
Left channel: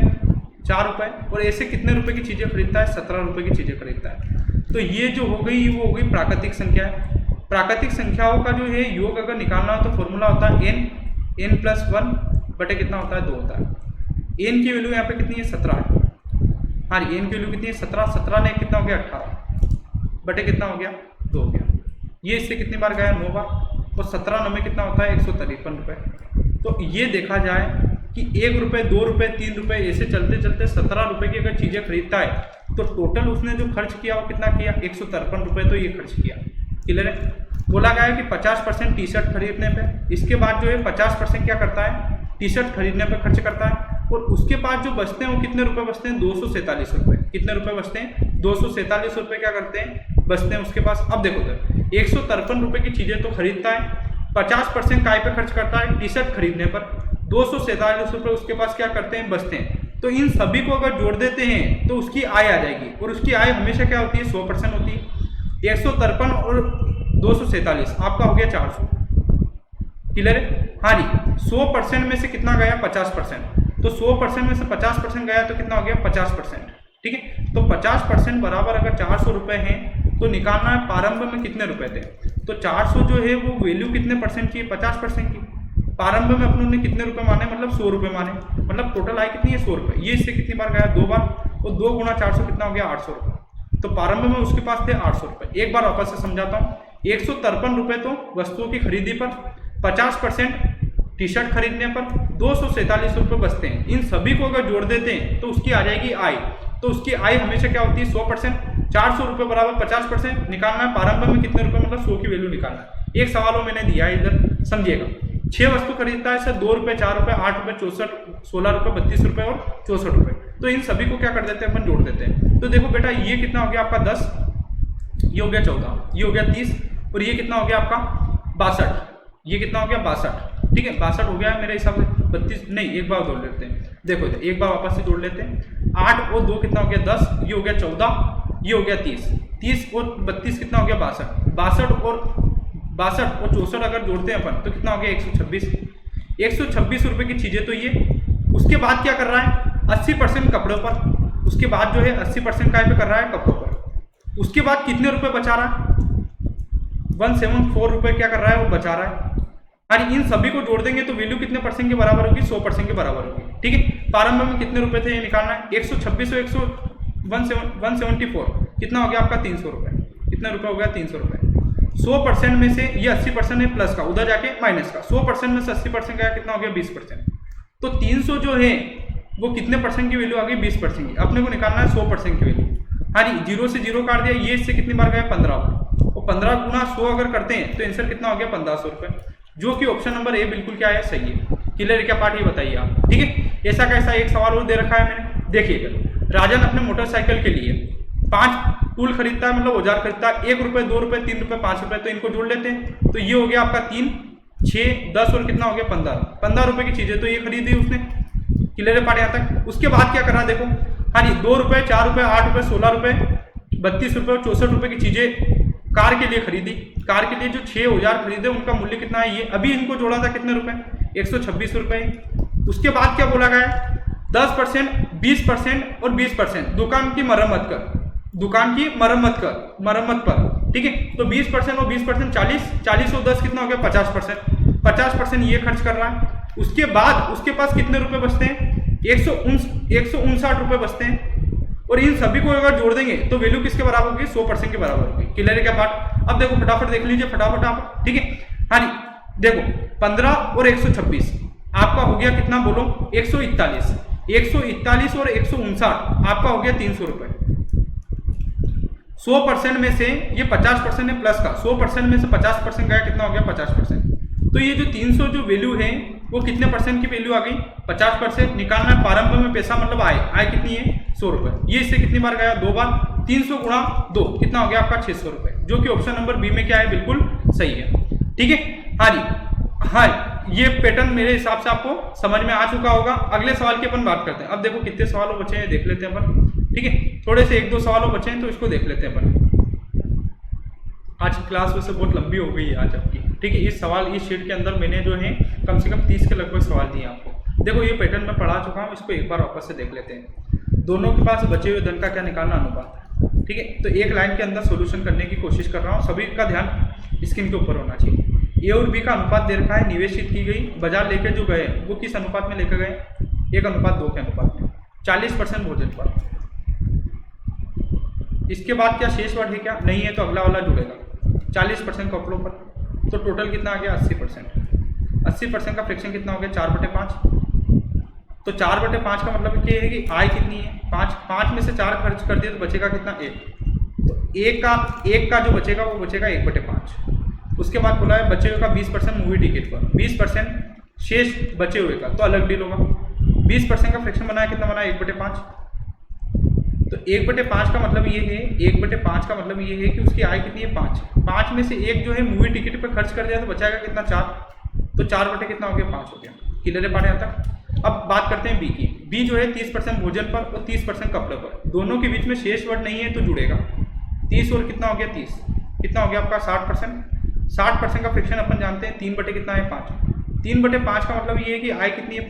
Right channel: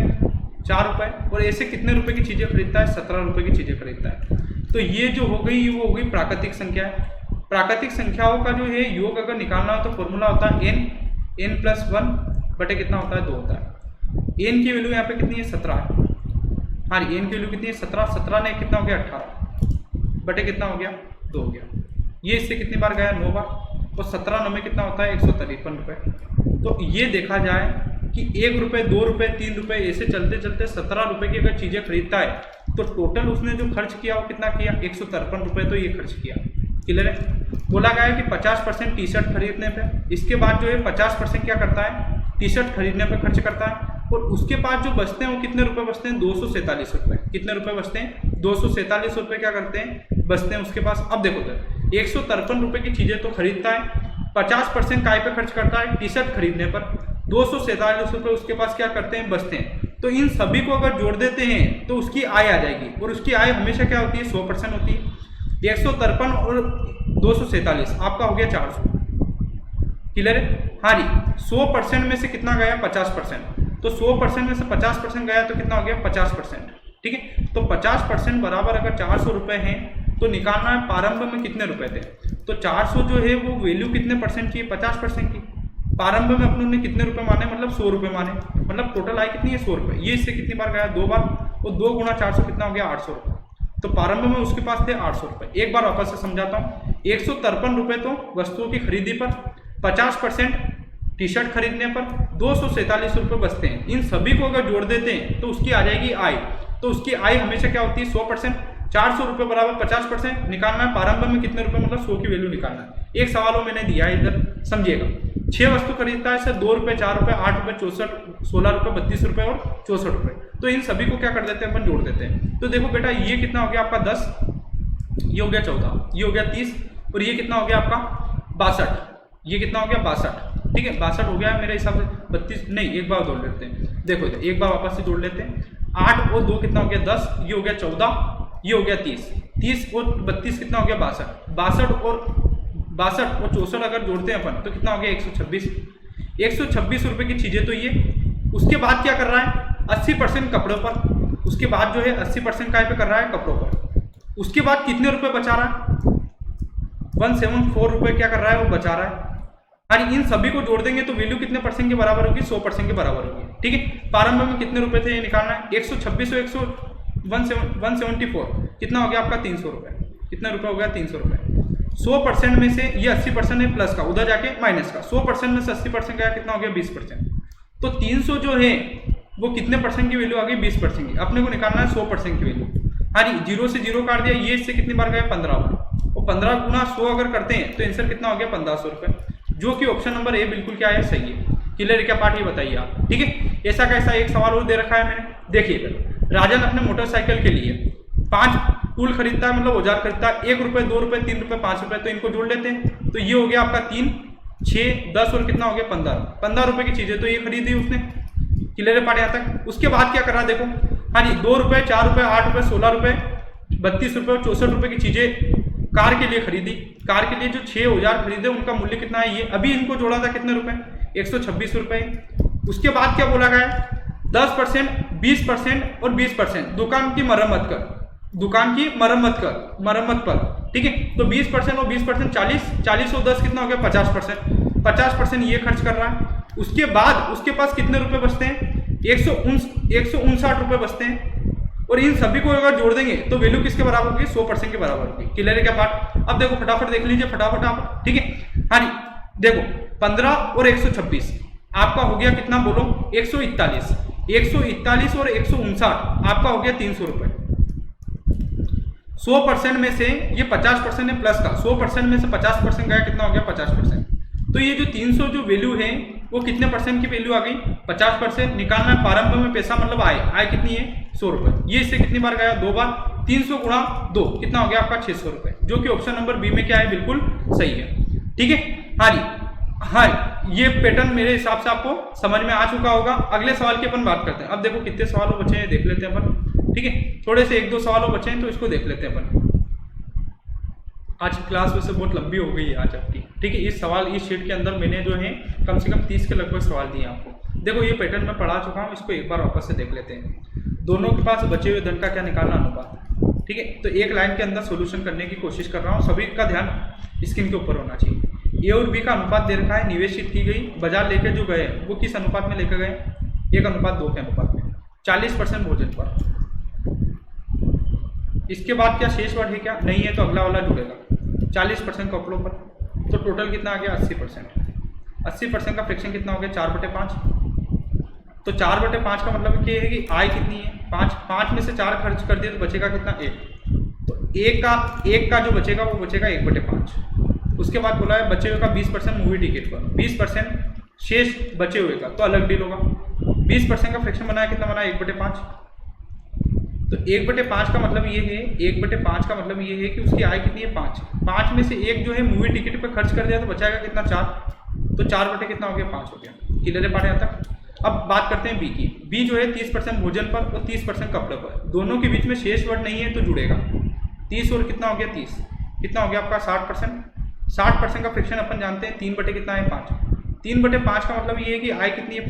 4 रुपये, और ऐसे कितने रुपए की चीजें खरीदता है, 17 रुपये की चीजें खरीदता है। तो ये जो हो गई वो हो गई प्राकृतिक संख्या है। प्राकृतिक संख्याओं का जो है योग अगर निकालना हो तो फॉर्मूला होता है n+1 बटे कितना होता है, 2 होता है। n की वैल्यू यहाँ पे कितनी है, 17 है। हाँ जी, n की वैल्यू कितनी है, 17। 17 ने कितना हो गया, 18 बटे कितना हो गया, 2 हो गया। ये इससे कितनी बार गया, 9 बार, और 17 में कितना होता है, 153 रुपये। तो ये देखा जाए कि 1 रुपये, 2 रुपये, 3 रुपये, ऐसे चलते चलते 17 रुपये की अगर चीज़ें खरीदता है तो टोटल उसने जो खर्च किया वो कितना किया, 153 रुपये तो ये खर्च किया। क्लियर है? बोला गया है कि 50% टी शर्ट खरीदने पे, इसके बाद जो है 50% क्या करता है, टी शर्ट खरीदने पे खर्च करता है, और उसके बाद जो बचते हैं वो कितने रुपए बचते हैं, 247 रुपये। कितने रुपए बचते हैं, 247 रुपये क्या करते हैं, बचते हैं उसके पास। अब देखो तो 153 रुपये की चीज़ें तो खरीदता है, 50% काय पे खर्च करता है, टी शर्ट खरीदने पर, 247 रुपये उसके पास क्या करते हैं, बचते हैं। तो इन सभी को अगर जोड़ देते हैं तो उसकी आय आ जाएगी, और उसकी आय हमेशा क्या होती है, 100% होती है। 153 और 247 आपका हो गया 400। क्लियर है? हाँ जी, 100% में से कितना गया, 50%। तो 100% में से 50% गया तो कितना हो गया, 50%। ठीक है, तो 50% बराबर अगर 400 रुपये हैं तो निकालना है प्रारंभ में कितने रुपए थे। तो 400 जो है वो वैल्यू कितने परसेंट की है, 50% की। प्रारंभ में अपने ने कितने रुपए माने, मतलब 100 रुपये माने, मतलब टोटल आय कितनी है, 100 रुपये। ये इससे कितनी बार गया, 2 बार, और 2 गुणा 400 कितना हो गया, 800 रुपये। तो प्रारंभ में उसके पास थे 800 रुपये। एक बार वापस से समझाता हूँ, 153 रुपये तो वस्तुओं की खरीदी पर, 50% टी शर्ट खरीदने पर, 247 रुपये बचते हैं। इन सभी को अगर जोड़ देते हैं तो उसकी आ जाएगी आय। तो उसकी आय हमेशा क्या होती है, 100%। 400 रुपये बराबर 50% निकालना है। प्रारंभ में कितने रुपए, मतलब 100 की वैल्यू निकालना है। एक सवाल मैंने दिया है इधर, समझिएगा। 6 वस्तु खरीदता है सर, 2 रुपये, 4 रुपये, 8 रुपये, 64, 16 रुपये, 32 रुपये और 64 रुपये। तो इन सभी को क्या कर देते हैं, अपन जोड़ देते हैं। तो देखो बेटा, ये कितना हो गया आपका 10, ये हो गया 14, ये हो गया 30, और ये कितना हो गया आपका 62, ये कितना हो गया 62। ठीक है, 62 हो गया है मेरे हिसाब से। 32 नहीं, एक बार जोड़ लेते हैं। देखो इधर एक बार वापस से जोड़ लेते हैं। 8 और 2 कितना हो गया 10, ये हो गया 14, ये हो गया 30, 30 और 32 कितना हो गया 62, 62 और 62 और 64 अगर जोड़ते हैं अपन तो कितना हो गया 126। 126 रुपये की चीज़ें तो ये। उसके बाद क्या कर रहा है 80% कपड़ों पर, उसके बाद जो है 80% काय पे कर रहा है कपड़ों पर। उसके बाद कितने रुपए बचा रहा है 174 रुपये क्या कर रहा है वो बचा रहा है। और इन सभी को जोड़ देंगे तो वैल्यू कितने परसेंट के बराबर होगी 100% के बराबर होगी। ठीक है, प्रारंभ में कितने रुपए थे ये निकालना है 126 और 174 कितना हो गया आपका 300 रुपये। कितना रुपये हो गया 300 रुपये। 100% में से ये 80% है प्लस का, उधर जाके माइनस का। 100% में से 80% गया कितना हो गया 20%। तो 300 जो है वो कितने परसेंट की वैल्यू आ गई 20% की। अपने को निकालना है 100% की वैल्यू। हाँ जी, 0 से 0 काट दिया, ये इससे कितनी बार गया 15 बार। और 15 गुना 100 अगर करते हैं तो आंसर कितना हो गया 1500 रुपये, जो कि ऑप्शन नंबर ए बिल्कुल क्या है सही है। क्लियर क्या पार्ट ये बताइए आप। ठीक है, ऐसा कैसा एक सवाल और दे रखा है मैंने, देखिएगा। राजन अपने मोटरसाइकिल के लिए 5 टूल खरीदता है, मतलब औजार खरीदता है, 1 रुपये 2 रुपये 3 रुपये 5 रुपये, तो इनको जोड़ लेते हैं। तो ये हो गया आपका 3 6 10 और कितना हो गया 15 रुपये की चीजें तो ये खरीदी उसने। क्लियर पार्ट यहाँ तक। उसके बाद क्या करा देखो, हाँ जी 2 रुपये 4 रुपये 8 रुपये 16 रुपये 32 रुपये और 64 रुपये की चीजें कार के लिए खरीदी। कार के लिए जो 6 औजार खरीदे उनका मूल्य कितना है ये, अभी इनको जोड़ा था कितने रुपए 126 रुपये। उसके बाद क्या बोला गया 10%, 20% और 20% दुकान की मरम्मत कर, दुकान की मरम्मत पर। ठीक है, तो 20% और 20% 40 और 10 कितना हो गया 50% ये खर्च कर रहा है। उसके बाद उसके पास कितने रुपए बचते हैं 159 रुपये बचते हैं। और इन सभी को अगर जोड़ देंगे तो वैल्यू किसके बराबर होगी 100% के बराबर होगी। क्लियर है क्या पार्ट। अब देखो फटाफट देख लीजिए फटाफट आप। ठीक है, हाँ जी देखो 15 और 126 आपका हो गया कितना बोलो 141 और 159 आपका हो गया 300 रुपये। 100% में से ये 50% है प्लस का, 100% में से 50% गया कितना हो गया 50%। तो ये जो 300 जो वैल्यू है वो कितने परसेंट की वैल्यू आ गई 50%। निकालना है प्रारंभ में पैसा मतलब आय कितनी है 100 रुपये। ये इससे कितनी बार गया 2 बार, 300 गुणा 2 कितना हो गया आपका 600 रुपये, जो कि ऑप्शन नंबर बी में क्या है बिल्कुल सही है। ठीक है, हाँ जी हाँ, ये पैटर्न मेरे हिसाब से आपको समझ में आ चुका होगा। अगले सवाल की अपन बात करते हैं। अब देखो कितने सवालों बचे हैं देख लेते हैं अपन। ठीक है, थोड़े से 1-2 सवालों बचे हैं तो इसको देख लेते हैं अपन। आज की क्लास वैसे बहुत लंबी हो गई है आज आपकी। ठीक है, इस शीट के अंदर मैंने जो है कम से कम 30 के लगभग सवाल दिए आपको। देखो ये पैटर्न मैं पढ़ा चुका हूँ, इसको एक बार वापस से देख लेते हैं। दोनों के पास बचे हुए धन का क्या निकालना अनुपात है। ठीक है, तो एक लाइन के अंदर सॉल्यूशन करने की कोशिश कर रहा हूँ, सभी का ध्यान स्क्रीन के ऊपर होना चाहिए। ए और बी का अनुपात दे रखा है, निवेशित की गई, बाजार लेके जो गए वो किस अनुपात में लेकर गए 1:2 के अनुपात में, 40% भोजन पर। इसके बाद क्या शेष वर्ड है क्या नहीं है, तो अगला वाला जुड़ेगा 40% कपड़ों पर। तो टोटल कितना आ गया 80%। 80% का फ्रैक्शन कितना हो गया 4/5। तो 4/5 का मतलब ये है कि आय कितनी है 5 में से 4 खर्च कर दिए तो बचेगा कितना 1। तो 1 का जो बचेगा वो बचेगा 1/5। उसके बाद बोला है बचे हुए का 20% मूवी टिकट पर, 20% शेष बचे हुए का तो अलग डील होगा। 20% का फ्रैक्शन बनाया कितना बनाया 1/5। तो 1/5 का मतलब ये है 1/5 का मतलब ये है कि उसकी आय कितनी है 5 में से 1 जो है मूवी टिकट पर खर्च कर दिया तो बचाएगा कितना 4। तो 4 कितना हो गया 5 हो गया। क्लियर है पार्ट यहाँ तक। अब बात करते हैं बी की। बी जो है 30% भोजन पर और 30% कपड़े पर, दोनों के बीच में शेष वर्ड नहीं है तो जुड़ेगा। 30 और कितना हो गया 30 कितना हो गया आपका 60%। 60% का फ्रैक्शन अपन जानते हैं 3 बटे कितना है 5। 3/5 का मतलब ये है कि आय कितनी है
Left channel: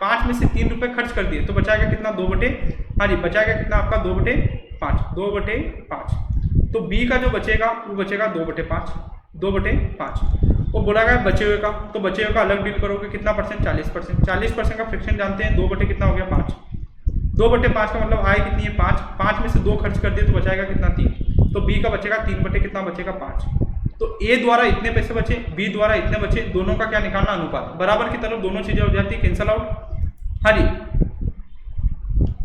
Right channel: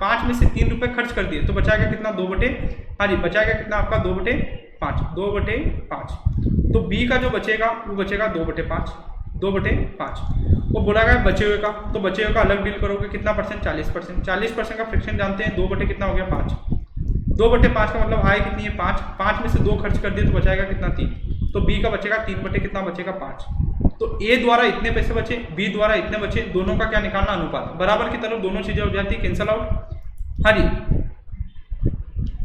5 में से 3 रुपये खर्च कर दिए तो बचाएगा कितना 2 बटे, हाँ जी बचाएगा कितना आपका 2/5। तो बी का जो बचेगा वो बचेगा 2/5। वो बोला गया बचे हुए का, तो बचे हुए का अलग डील करोगे कितना परसेंट 40%। 40% का फ्रैक्शन जानते हैं 2 बटे कितना हो गया 5। 2/5 का मतलब आय कितनी है 5 में से 2 खर्च कर दिए तो बचाएगा कितना 3। तो बी का बचेगा 3 बटे कितना बचेगा 5। तो ए द्वारा इतने पैसे बचे, बी द्वारा इतने बचे, दोनों का क्या निकालना अनुपात। बराबर की तरफ दोनों चीजें हो जाती है कैंसल आउट। हाँ जी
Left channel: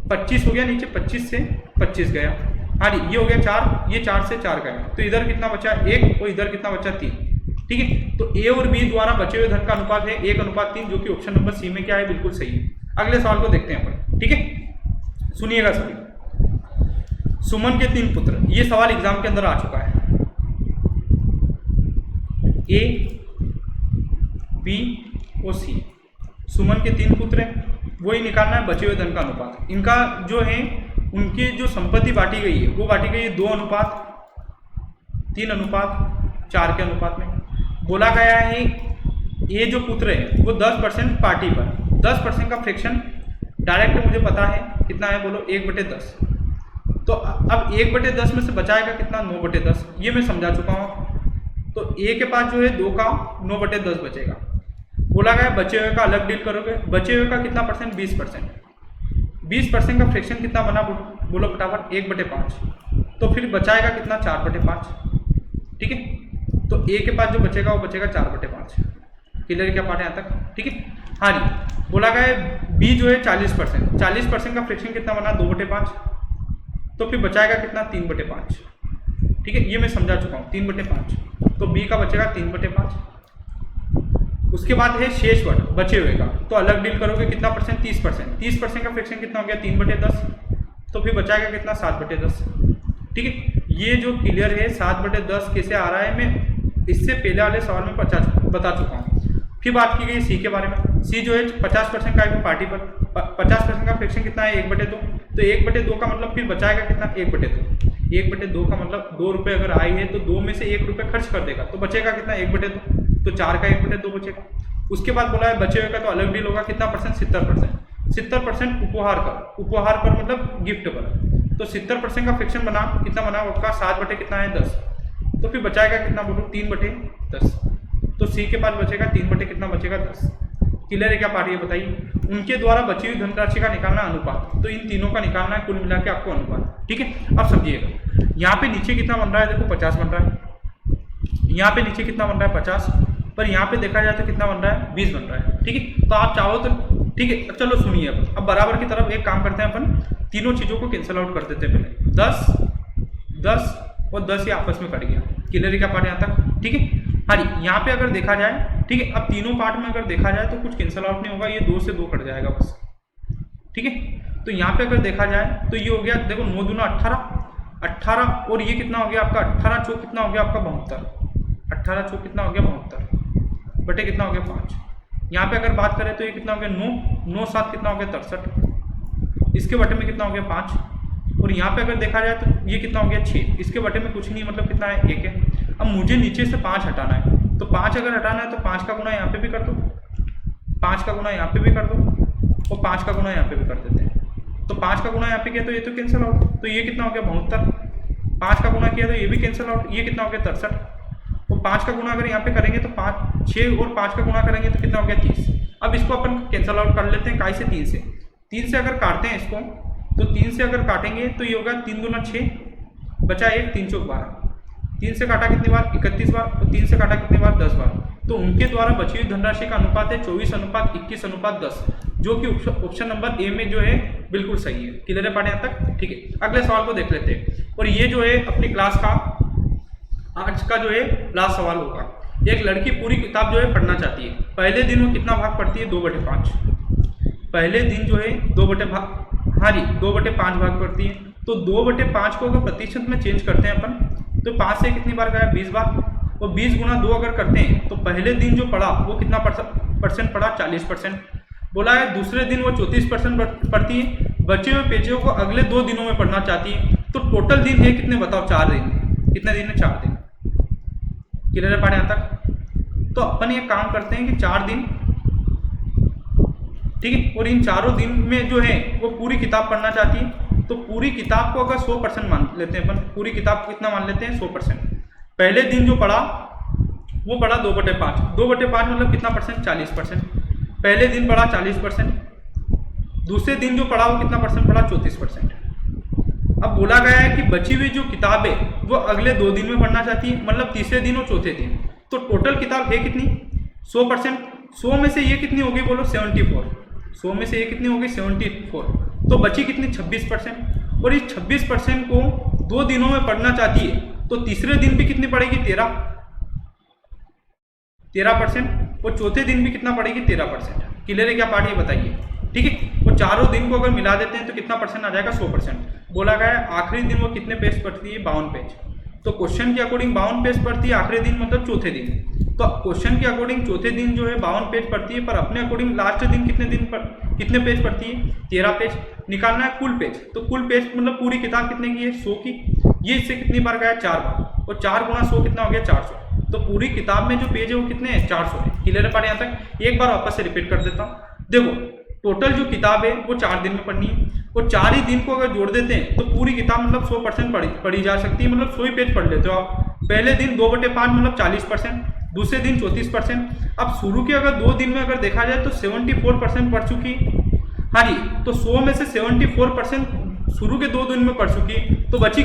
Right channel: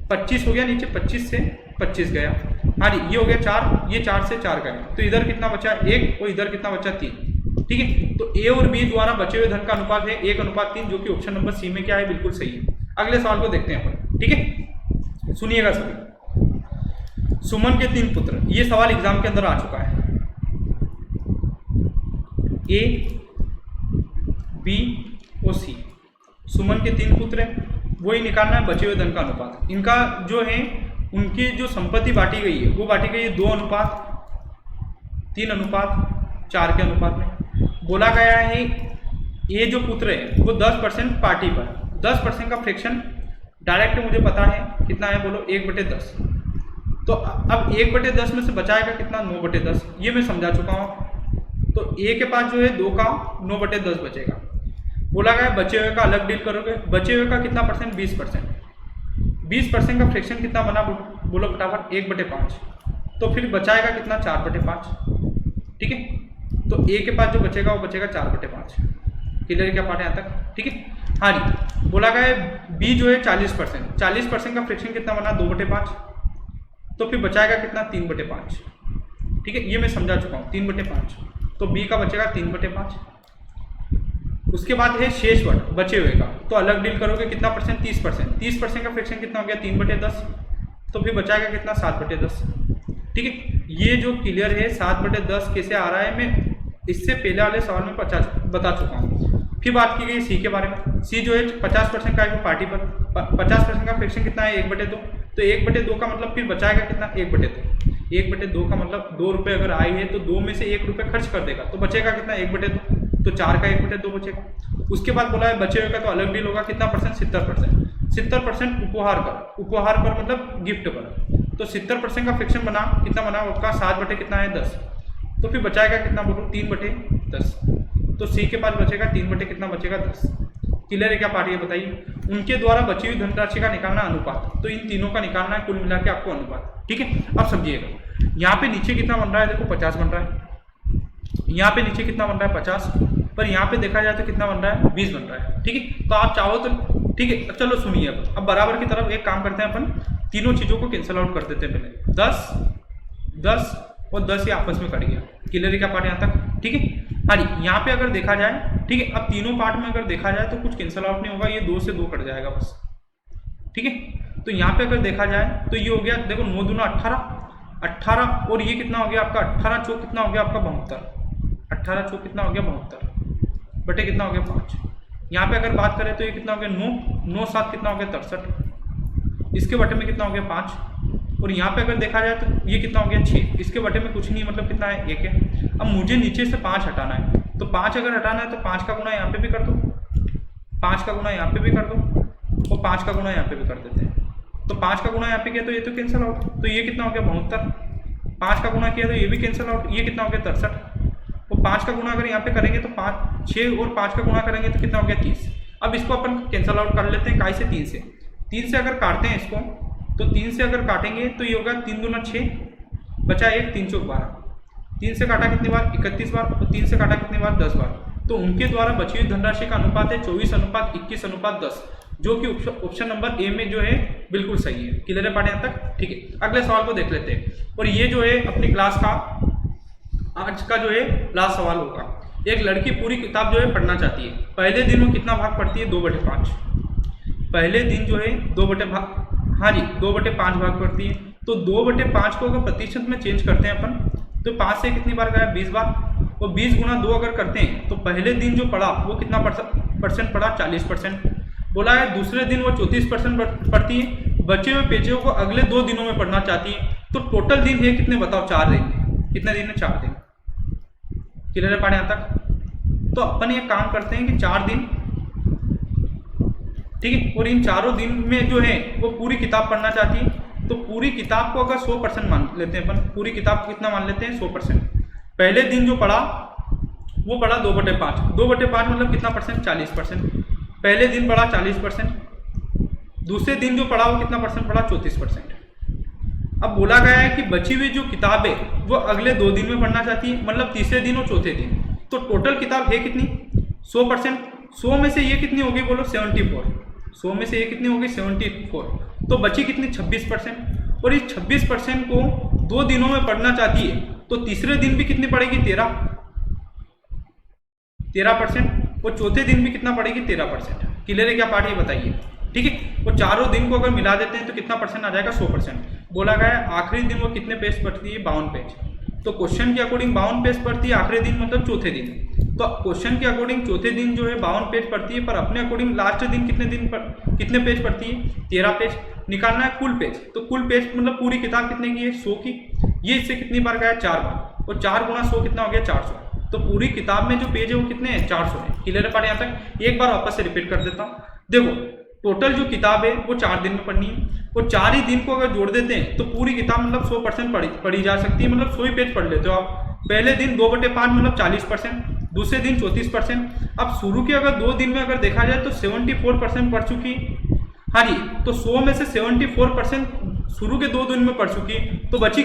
25 हो गया, नीचे 25 से 25 गया। हाँ जी ये हो गया 4, ये 4 से 4 गया, तो इधर कितना बचा 1 और इधर कितना बचा 3। ठीक है, तो ए और बी द्वारा बचे हुए धन का अनुपात है 1:3, जो कि ऑप्शन नंबर सी में क्या है बिल्कुल सही है। अगले सवाल को देखते हैं अपन। ठीक है, सुनिएगा सभी। सुमन के 3 पुत्र, ये सवाल एग्जाम के अंदर आ चुका है। ए बी और सी, सुमन के 3 पुत्र हैं, वही निकालना है बचे हुए धन का अनुपात। इनका जो है उनकी जो संपत्ति बांटी गई है वो बांटी गई है 2:3:4 के अनुपात में। बोला गया है ये जो पुत्र है वो 10% पार्टी पर, 10% का फ्रैक्शन डायरेक्ट मुझे पता है कितना है, बोलो 1/10। तो अब 1/10 में से बचाएगा कितना, 9/10, ये मैं समझा चुका हूँ। तो ए के पास जो है 2 का 9/10 बचेगा। बोला गया बचे हुए का अलग डील करोगे, बचे हुए का कितना परसेंट, 20%। 20% का फ्रैक्शन कितना बना, बोलो फटाफट, 1/5। तो फिर बचाएगा कितना, 4/5। ठीक है, तो ए के पास जो बचेगा वो बचेगा 4/5। क्लियर क्या पार्ट यहाँ तक, ठीक है। हाँ जी, बोला गया बी जो है 40%, 40% का फ्रैक्शन कितना बना, 2/5। तो फिर बचाएगा कितना, 3/5। ठीक है, ये मैं समझा चुका हूँ, 3/5। तो बी का बचेगा 3/5। उसके बाद है शेष वर्ड बचे हुए का, तो अलग डील करोगे कितना परसेंट, 30%। 30% का फ्रैक्शन कितना हो गया, 3/10। तो फिर बचाएगा कितना, 7/10। ठीक है, ये जो क्लियर है 7/10 कैसे आ रहा है, मैं इससे पहले वाले सवाल में बता चुका हूँ। फिर बात की गई सी के बारे में। सी जो है 50% का है पार्टी पर, 50% का फ्रैक्शन कितना है, 1/2। तो 1/2 का मतलब फिर बचाएगा कितना, 1/2। 1/2 का मतलब 2 रुपये अगर आई है तो 2 में से 1 रुपये खर्च कर देगा, तो बचेगा कितना, 1/2। तो 4 का 1/2 बचेगा। उसके बाद बोला है बचे हुए का तो अलग डील होगा कितना परसेंट, 70%। 70% उपहार पर, उपहार पर मतलब गिफ्ट पर। तो 70% का फ्रैक्शन बना कितना बना आपका, 7 कितना है, 10। तो फिर बचाएगा कितना, बोलो 3/10। तो सी के पास बचेगा 3 कितना बचेगा, 10। क्लियर है क्या पार्ट, ये बताइए। उनके द्वारा बची हुई धनराशि का निकालना अनुपात, तो इन तीनों का निकालना है, कुल मिला के आपको अनुपात। ठीक है, अब समझिएगा यहाँ पे नीचे कितना बन रहा है, देखो 50 बन रहा है। यहाँ पे नीचे कितना बन रहा है, 50। पर यहाँ पे देखा जाए तो कितना बन रहा है, 20 बन रहा है। ठीक है, तो आप चाहो तो ठीक है, चलो सुनिए। अब बराबर की तरफ एक काम करते हैं, अपन तीनों चीज़ों को कैंसिल आउट कर देते हैं पहले। 10 10 और 10 ये आपस में कट गया। क्लियर क्या पार्ट यहाँ तक, ठीक है। हाँ जी, यहाँ पे अगर देखा जाए, ठीक है, अब तीनों पार्ट में अगर देखा जाए तो कुछ कैंसिल आउट नहीं होगा, ये 2 से 2 कट जाएगा बस। ठीक है, तो यहाँ पे अगर देखा जाए तो ये हो गया, देखो 9 दूना 18 और ये कितना हो गया आपका, 18 चौक कितना हो गया आपका, 72। 18 चौक कितना हो गया, 72 बटे कितना हो गया, 5। यहाँ पे अगर बात करें तो ये कितना हो गया, 9 7 कितना हो गया, 63। इसके बटे में कितना हो गया, 5। और यहाँ पे अगर देखा जाए तो ये कितना हो गया, 6। इसके बटे में कुछ नहीं, मतलब कितना है, 1 है। अब मुझे नीचे से 5 हटाना है, तो 5 अगर हटाना है तो 5 का गुना यहाँ पे भी कर दो, 5 का गुना यहाँ पे भी कर दो, और 5 का गुना यहाँ पे भी कर देते हैं। तो 5 का गुना यहाँ पे किया तो ये तो कैंसिल आउट, तो ये कितना हो गया, 72। 5 का गुना किया तो ये भी कैंसिल आउट, ये कितना हो गया, 63। और 5 का गुना अगर यहाँ पे करेंगे तो 6 और 5 का गुना करेंगे तो कितना हो गया, 30। अब इसको अपन कैंसिल आउट कर लेते हैं, काय से, 3 से अगर काटते हैं इसको, तो 3 से अगर काटेंगे तो ये होगा 3 दूना 6, बचा 1, 3 चौक 12। 3 से काटा कितनी बार, 31 बार, और 3 से काटा कितनी बार, 10 बार। तो उनके द्वारा बची हुई धनराशि का अनुपात है 24:21:10, जो कि ऑप्शन नंबर ए में जो है बिल्कुल सही है। क्लियर है पार्ट यहाँ तक, ठीक है। अगले सवाल को देख लेते हैं, और ये जो है अपनी क्लास का आज का जो है लास्ट सवाल होगा। एक लड़की पूरी किताब जो है पढ़ना चाहती है, पहले दिन वो कितना भाग पढ़ती है, 2/5। पहले दिन जो है 2/5 भाग पढ़ती है। तो 2/5 को अगर प्रतिशत में चेंज करते हैं अपन, तो 5 से कितनी बार गया, 20 बार। और 20 गुना 2 अगर करते हैं तो पहले दिन जो पढ़ा वो कितना परसेंट पढ़ा, 40%। बोला है दूसरे दिन वो 34% पढ़ती है, बचे हुए पेजों को अगले 2 दिनों में पढ़ना चाहती है। तो टोटल दिन है कितने बताओ, 4 दिन। कितने दिन है, 4 दिन। क्लियर है पार्ट यहाँ तक। तो अपन ये काम करते हैं कि 4 दिन, ठीक है, और इन चारों दिन में जो है वो पूरी किताब पढ़ना चाहती है। तो पूरी किताब को अगर 100% मान लेते हैं अपन, पूरी किताब को कितना मान लेते हैं, 100%। पहले दिन जो पढ़ा वो पढ़ा 2/5, 2/5 मतलब कितना परसेंट, 40%। पहले दिन पढ़ा 40%, दूसरे दिन जो पढ़ा वो कितना परसेंट पढ़ा, 34%। अब बोला गया है कि बची हुई जो किताब है वो अगले 2 दिन में पढ़ना चाहती है, मतलब तीसरे दिन और चौथे दिन। तो टोटल किताब है कितनी, 100%। 100 में से ये कितनी होगी, बोलो 74। 100 में से ये कितनी होगी, 74। तो बची कितनी, 26%। और इस 26% को 2 दिनों में पढ़ना चाहती है, तो तीसरे दिन भी कितनी पड़ेगी, 13%। और चौथे दिन भी कितना पड़ेगी, 13%। क्लियर है क्या पार्ट, ये बताइए, ठीक है। वो चारों दिन को अगर मिला देते हैं तो कितना परसेंट आ जाएगा, 100%। बोला गया है आखिरी दिन वो कितने पेज पढ़ती है, 52 पेज। तो क्वेश्चन के अकॉर्डिंग 52 पेज पढ़ती है आखिरी दिन, मतलब चौथे दिन। तो क्वेश्चन के अकॉर्डिंग चौथे दिन जो है 52 पेज पढ़ती है, पर अपने अकॉर्डिंग लास्ट दिन कितने पेज पढ़ती है, 13 पेज। निकालना है कुल पेज, तो कुल पेज मतलब पूरी किताब कितने की है, 100 की। ये इससे कितनी बार गया, 4 बार। और 4 गुणा 100 कितना हो गया, 400। तो पूरी किताब में जो पेज है वो कितने हैं, 400 है। क्लियर है बात यहाँ तक? एक बार वापस से रिपीट कर देता हूँ। देखो टोटल जो किताब है वो 4 दिन में पढ़नी है, वो 4 ही दिन को अगर जोड़ देते हैं तो पूरी किताब मतलब 100% पढ़ी जा सकती है, मतलब 100 ही पेज पढ़ लेते हो आप। पहले दिन 2/5 मतलब 40%, दूसरे दिन 34%। अब शुरू के अगर 2 दिन में अगर देखा जाए तो 74% पढ़ चुकी। हाँ जी, तो 100 में से 74% शुरू के 2 दिन में पढ़ चुकी, तो बची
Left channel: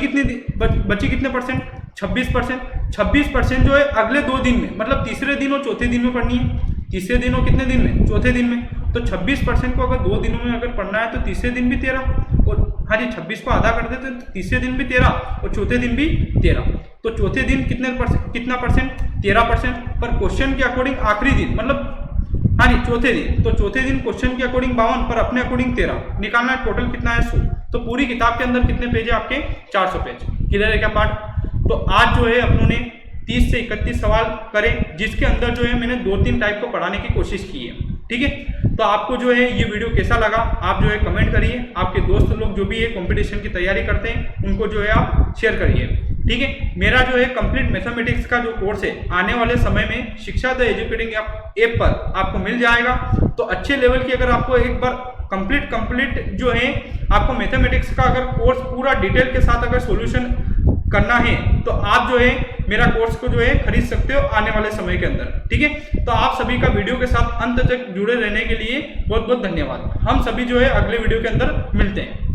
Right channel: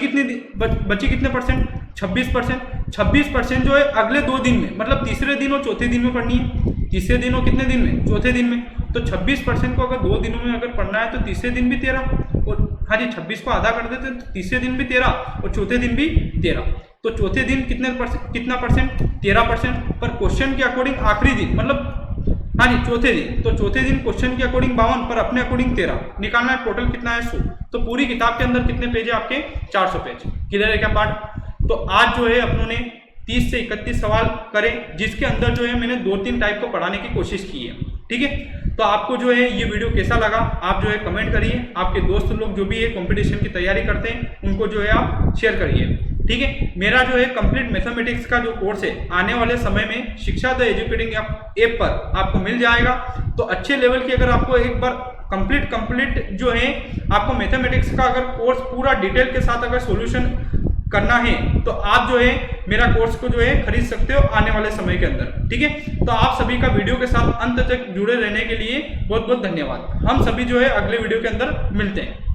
कितने परसेंट, 26%। 26% जो है अगले 2 दिन में, मतलब तीसरे दिन और चौथे दिन में पढ़नी है। तीसरे दिन और कितने दिन में, चौथे दिन में। तो 26% को अगर 2 दिनों में अगर पढ़ना है तो तीसरे दिन भी 13, और हाँ जी 26 को आधा कर देते हैं तो तीसरे दिन भी 13 और चौथे दिन भी 13। तो चौथे दिन कितना परसेंट, 13%। पर क्वेश्चन के अकॉर्डिंग आखिरी दिन मतलब हाँ जी चौथे दिन, तो चौथे दिन क्वेश्चन के अकॉर्डिंग 52 पर अपने अकॉर्डिंग 13 निकालना है। टोटल कितना है, 100। तो पूरी किताब के अंदर कितने पेज है आपके, 400 पेज। क्लियर है क्या पार्ट? तो आज जो है अपनों ने 30 से 31 सवाल करे, जिसके अंदर जो है मैंने 2-3 टाइप को पढ़ाने की कोशिश की है। ठीक है, तो आपको जो है ये वीडियो कैसा लगा आप जो है कमेंट करिए। आपके दोस्त लोग जो भी है कंपटीशन की तैयारी करते हैं उनको जो है आप शेयर करिए। ठीक है, मेरा जो है कंप्लीट मैथमेटिक्स का जो कोर्स है आने वाले समय में शिक्षा द एजुकेटिंग ऐप पर आपको मिल जाएगा। तो अच्छे लेवल की अगर आपको एक बार कंप्लीट जो है आपको मैथमेटिक्स का अगर कोर्स पूरा डिटेल के साथ अगर सॉल्यूशन करना है तो आप जो है मेरा कोर्स को जो है खरीद सकते हो आने वाले समय के अंदर। ठीक है, तो आप सभी का वीडियो के साथ अंत तक जुड़े रहने के लिए बहुत बहुत धन्यवाद। हम सभी जो है अगले वीडियो के अंदर मिलते हैं।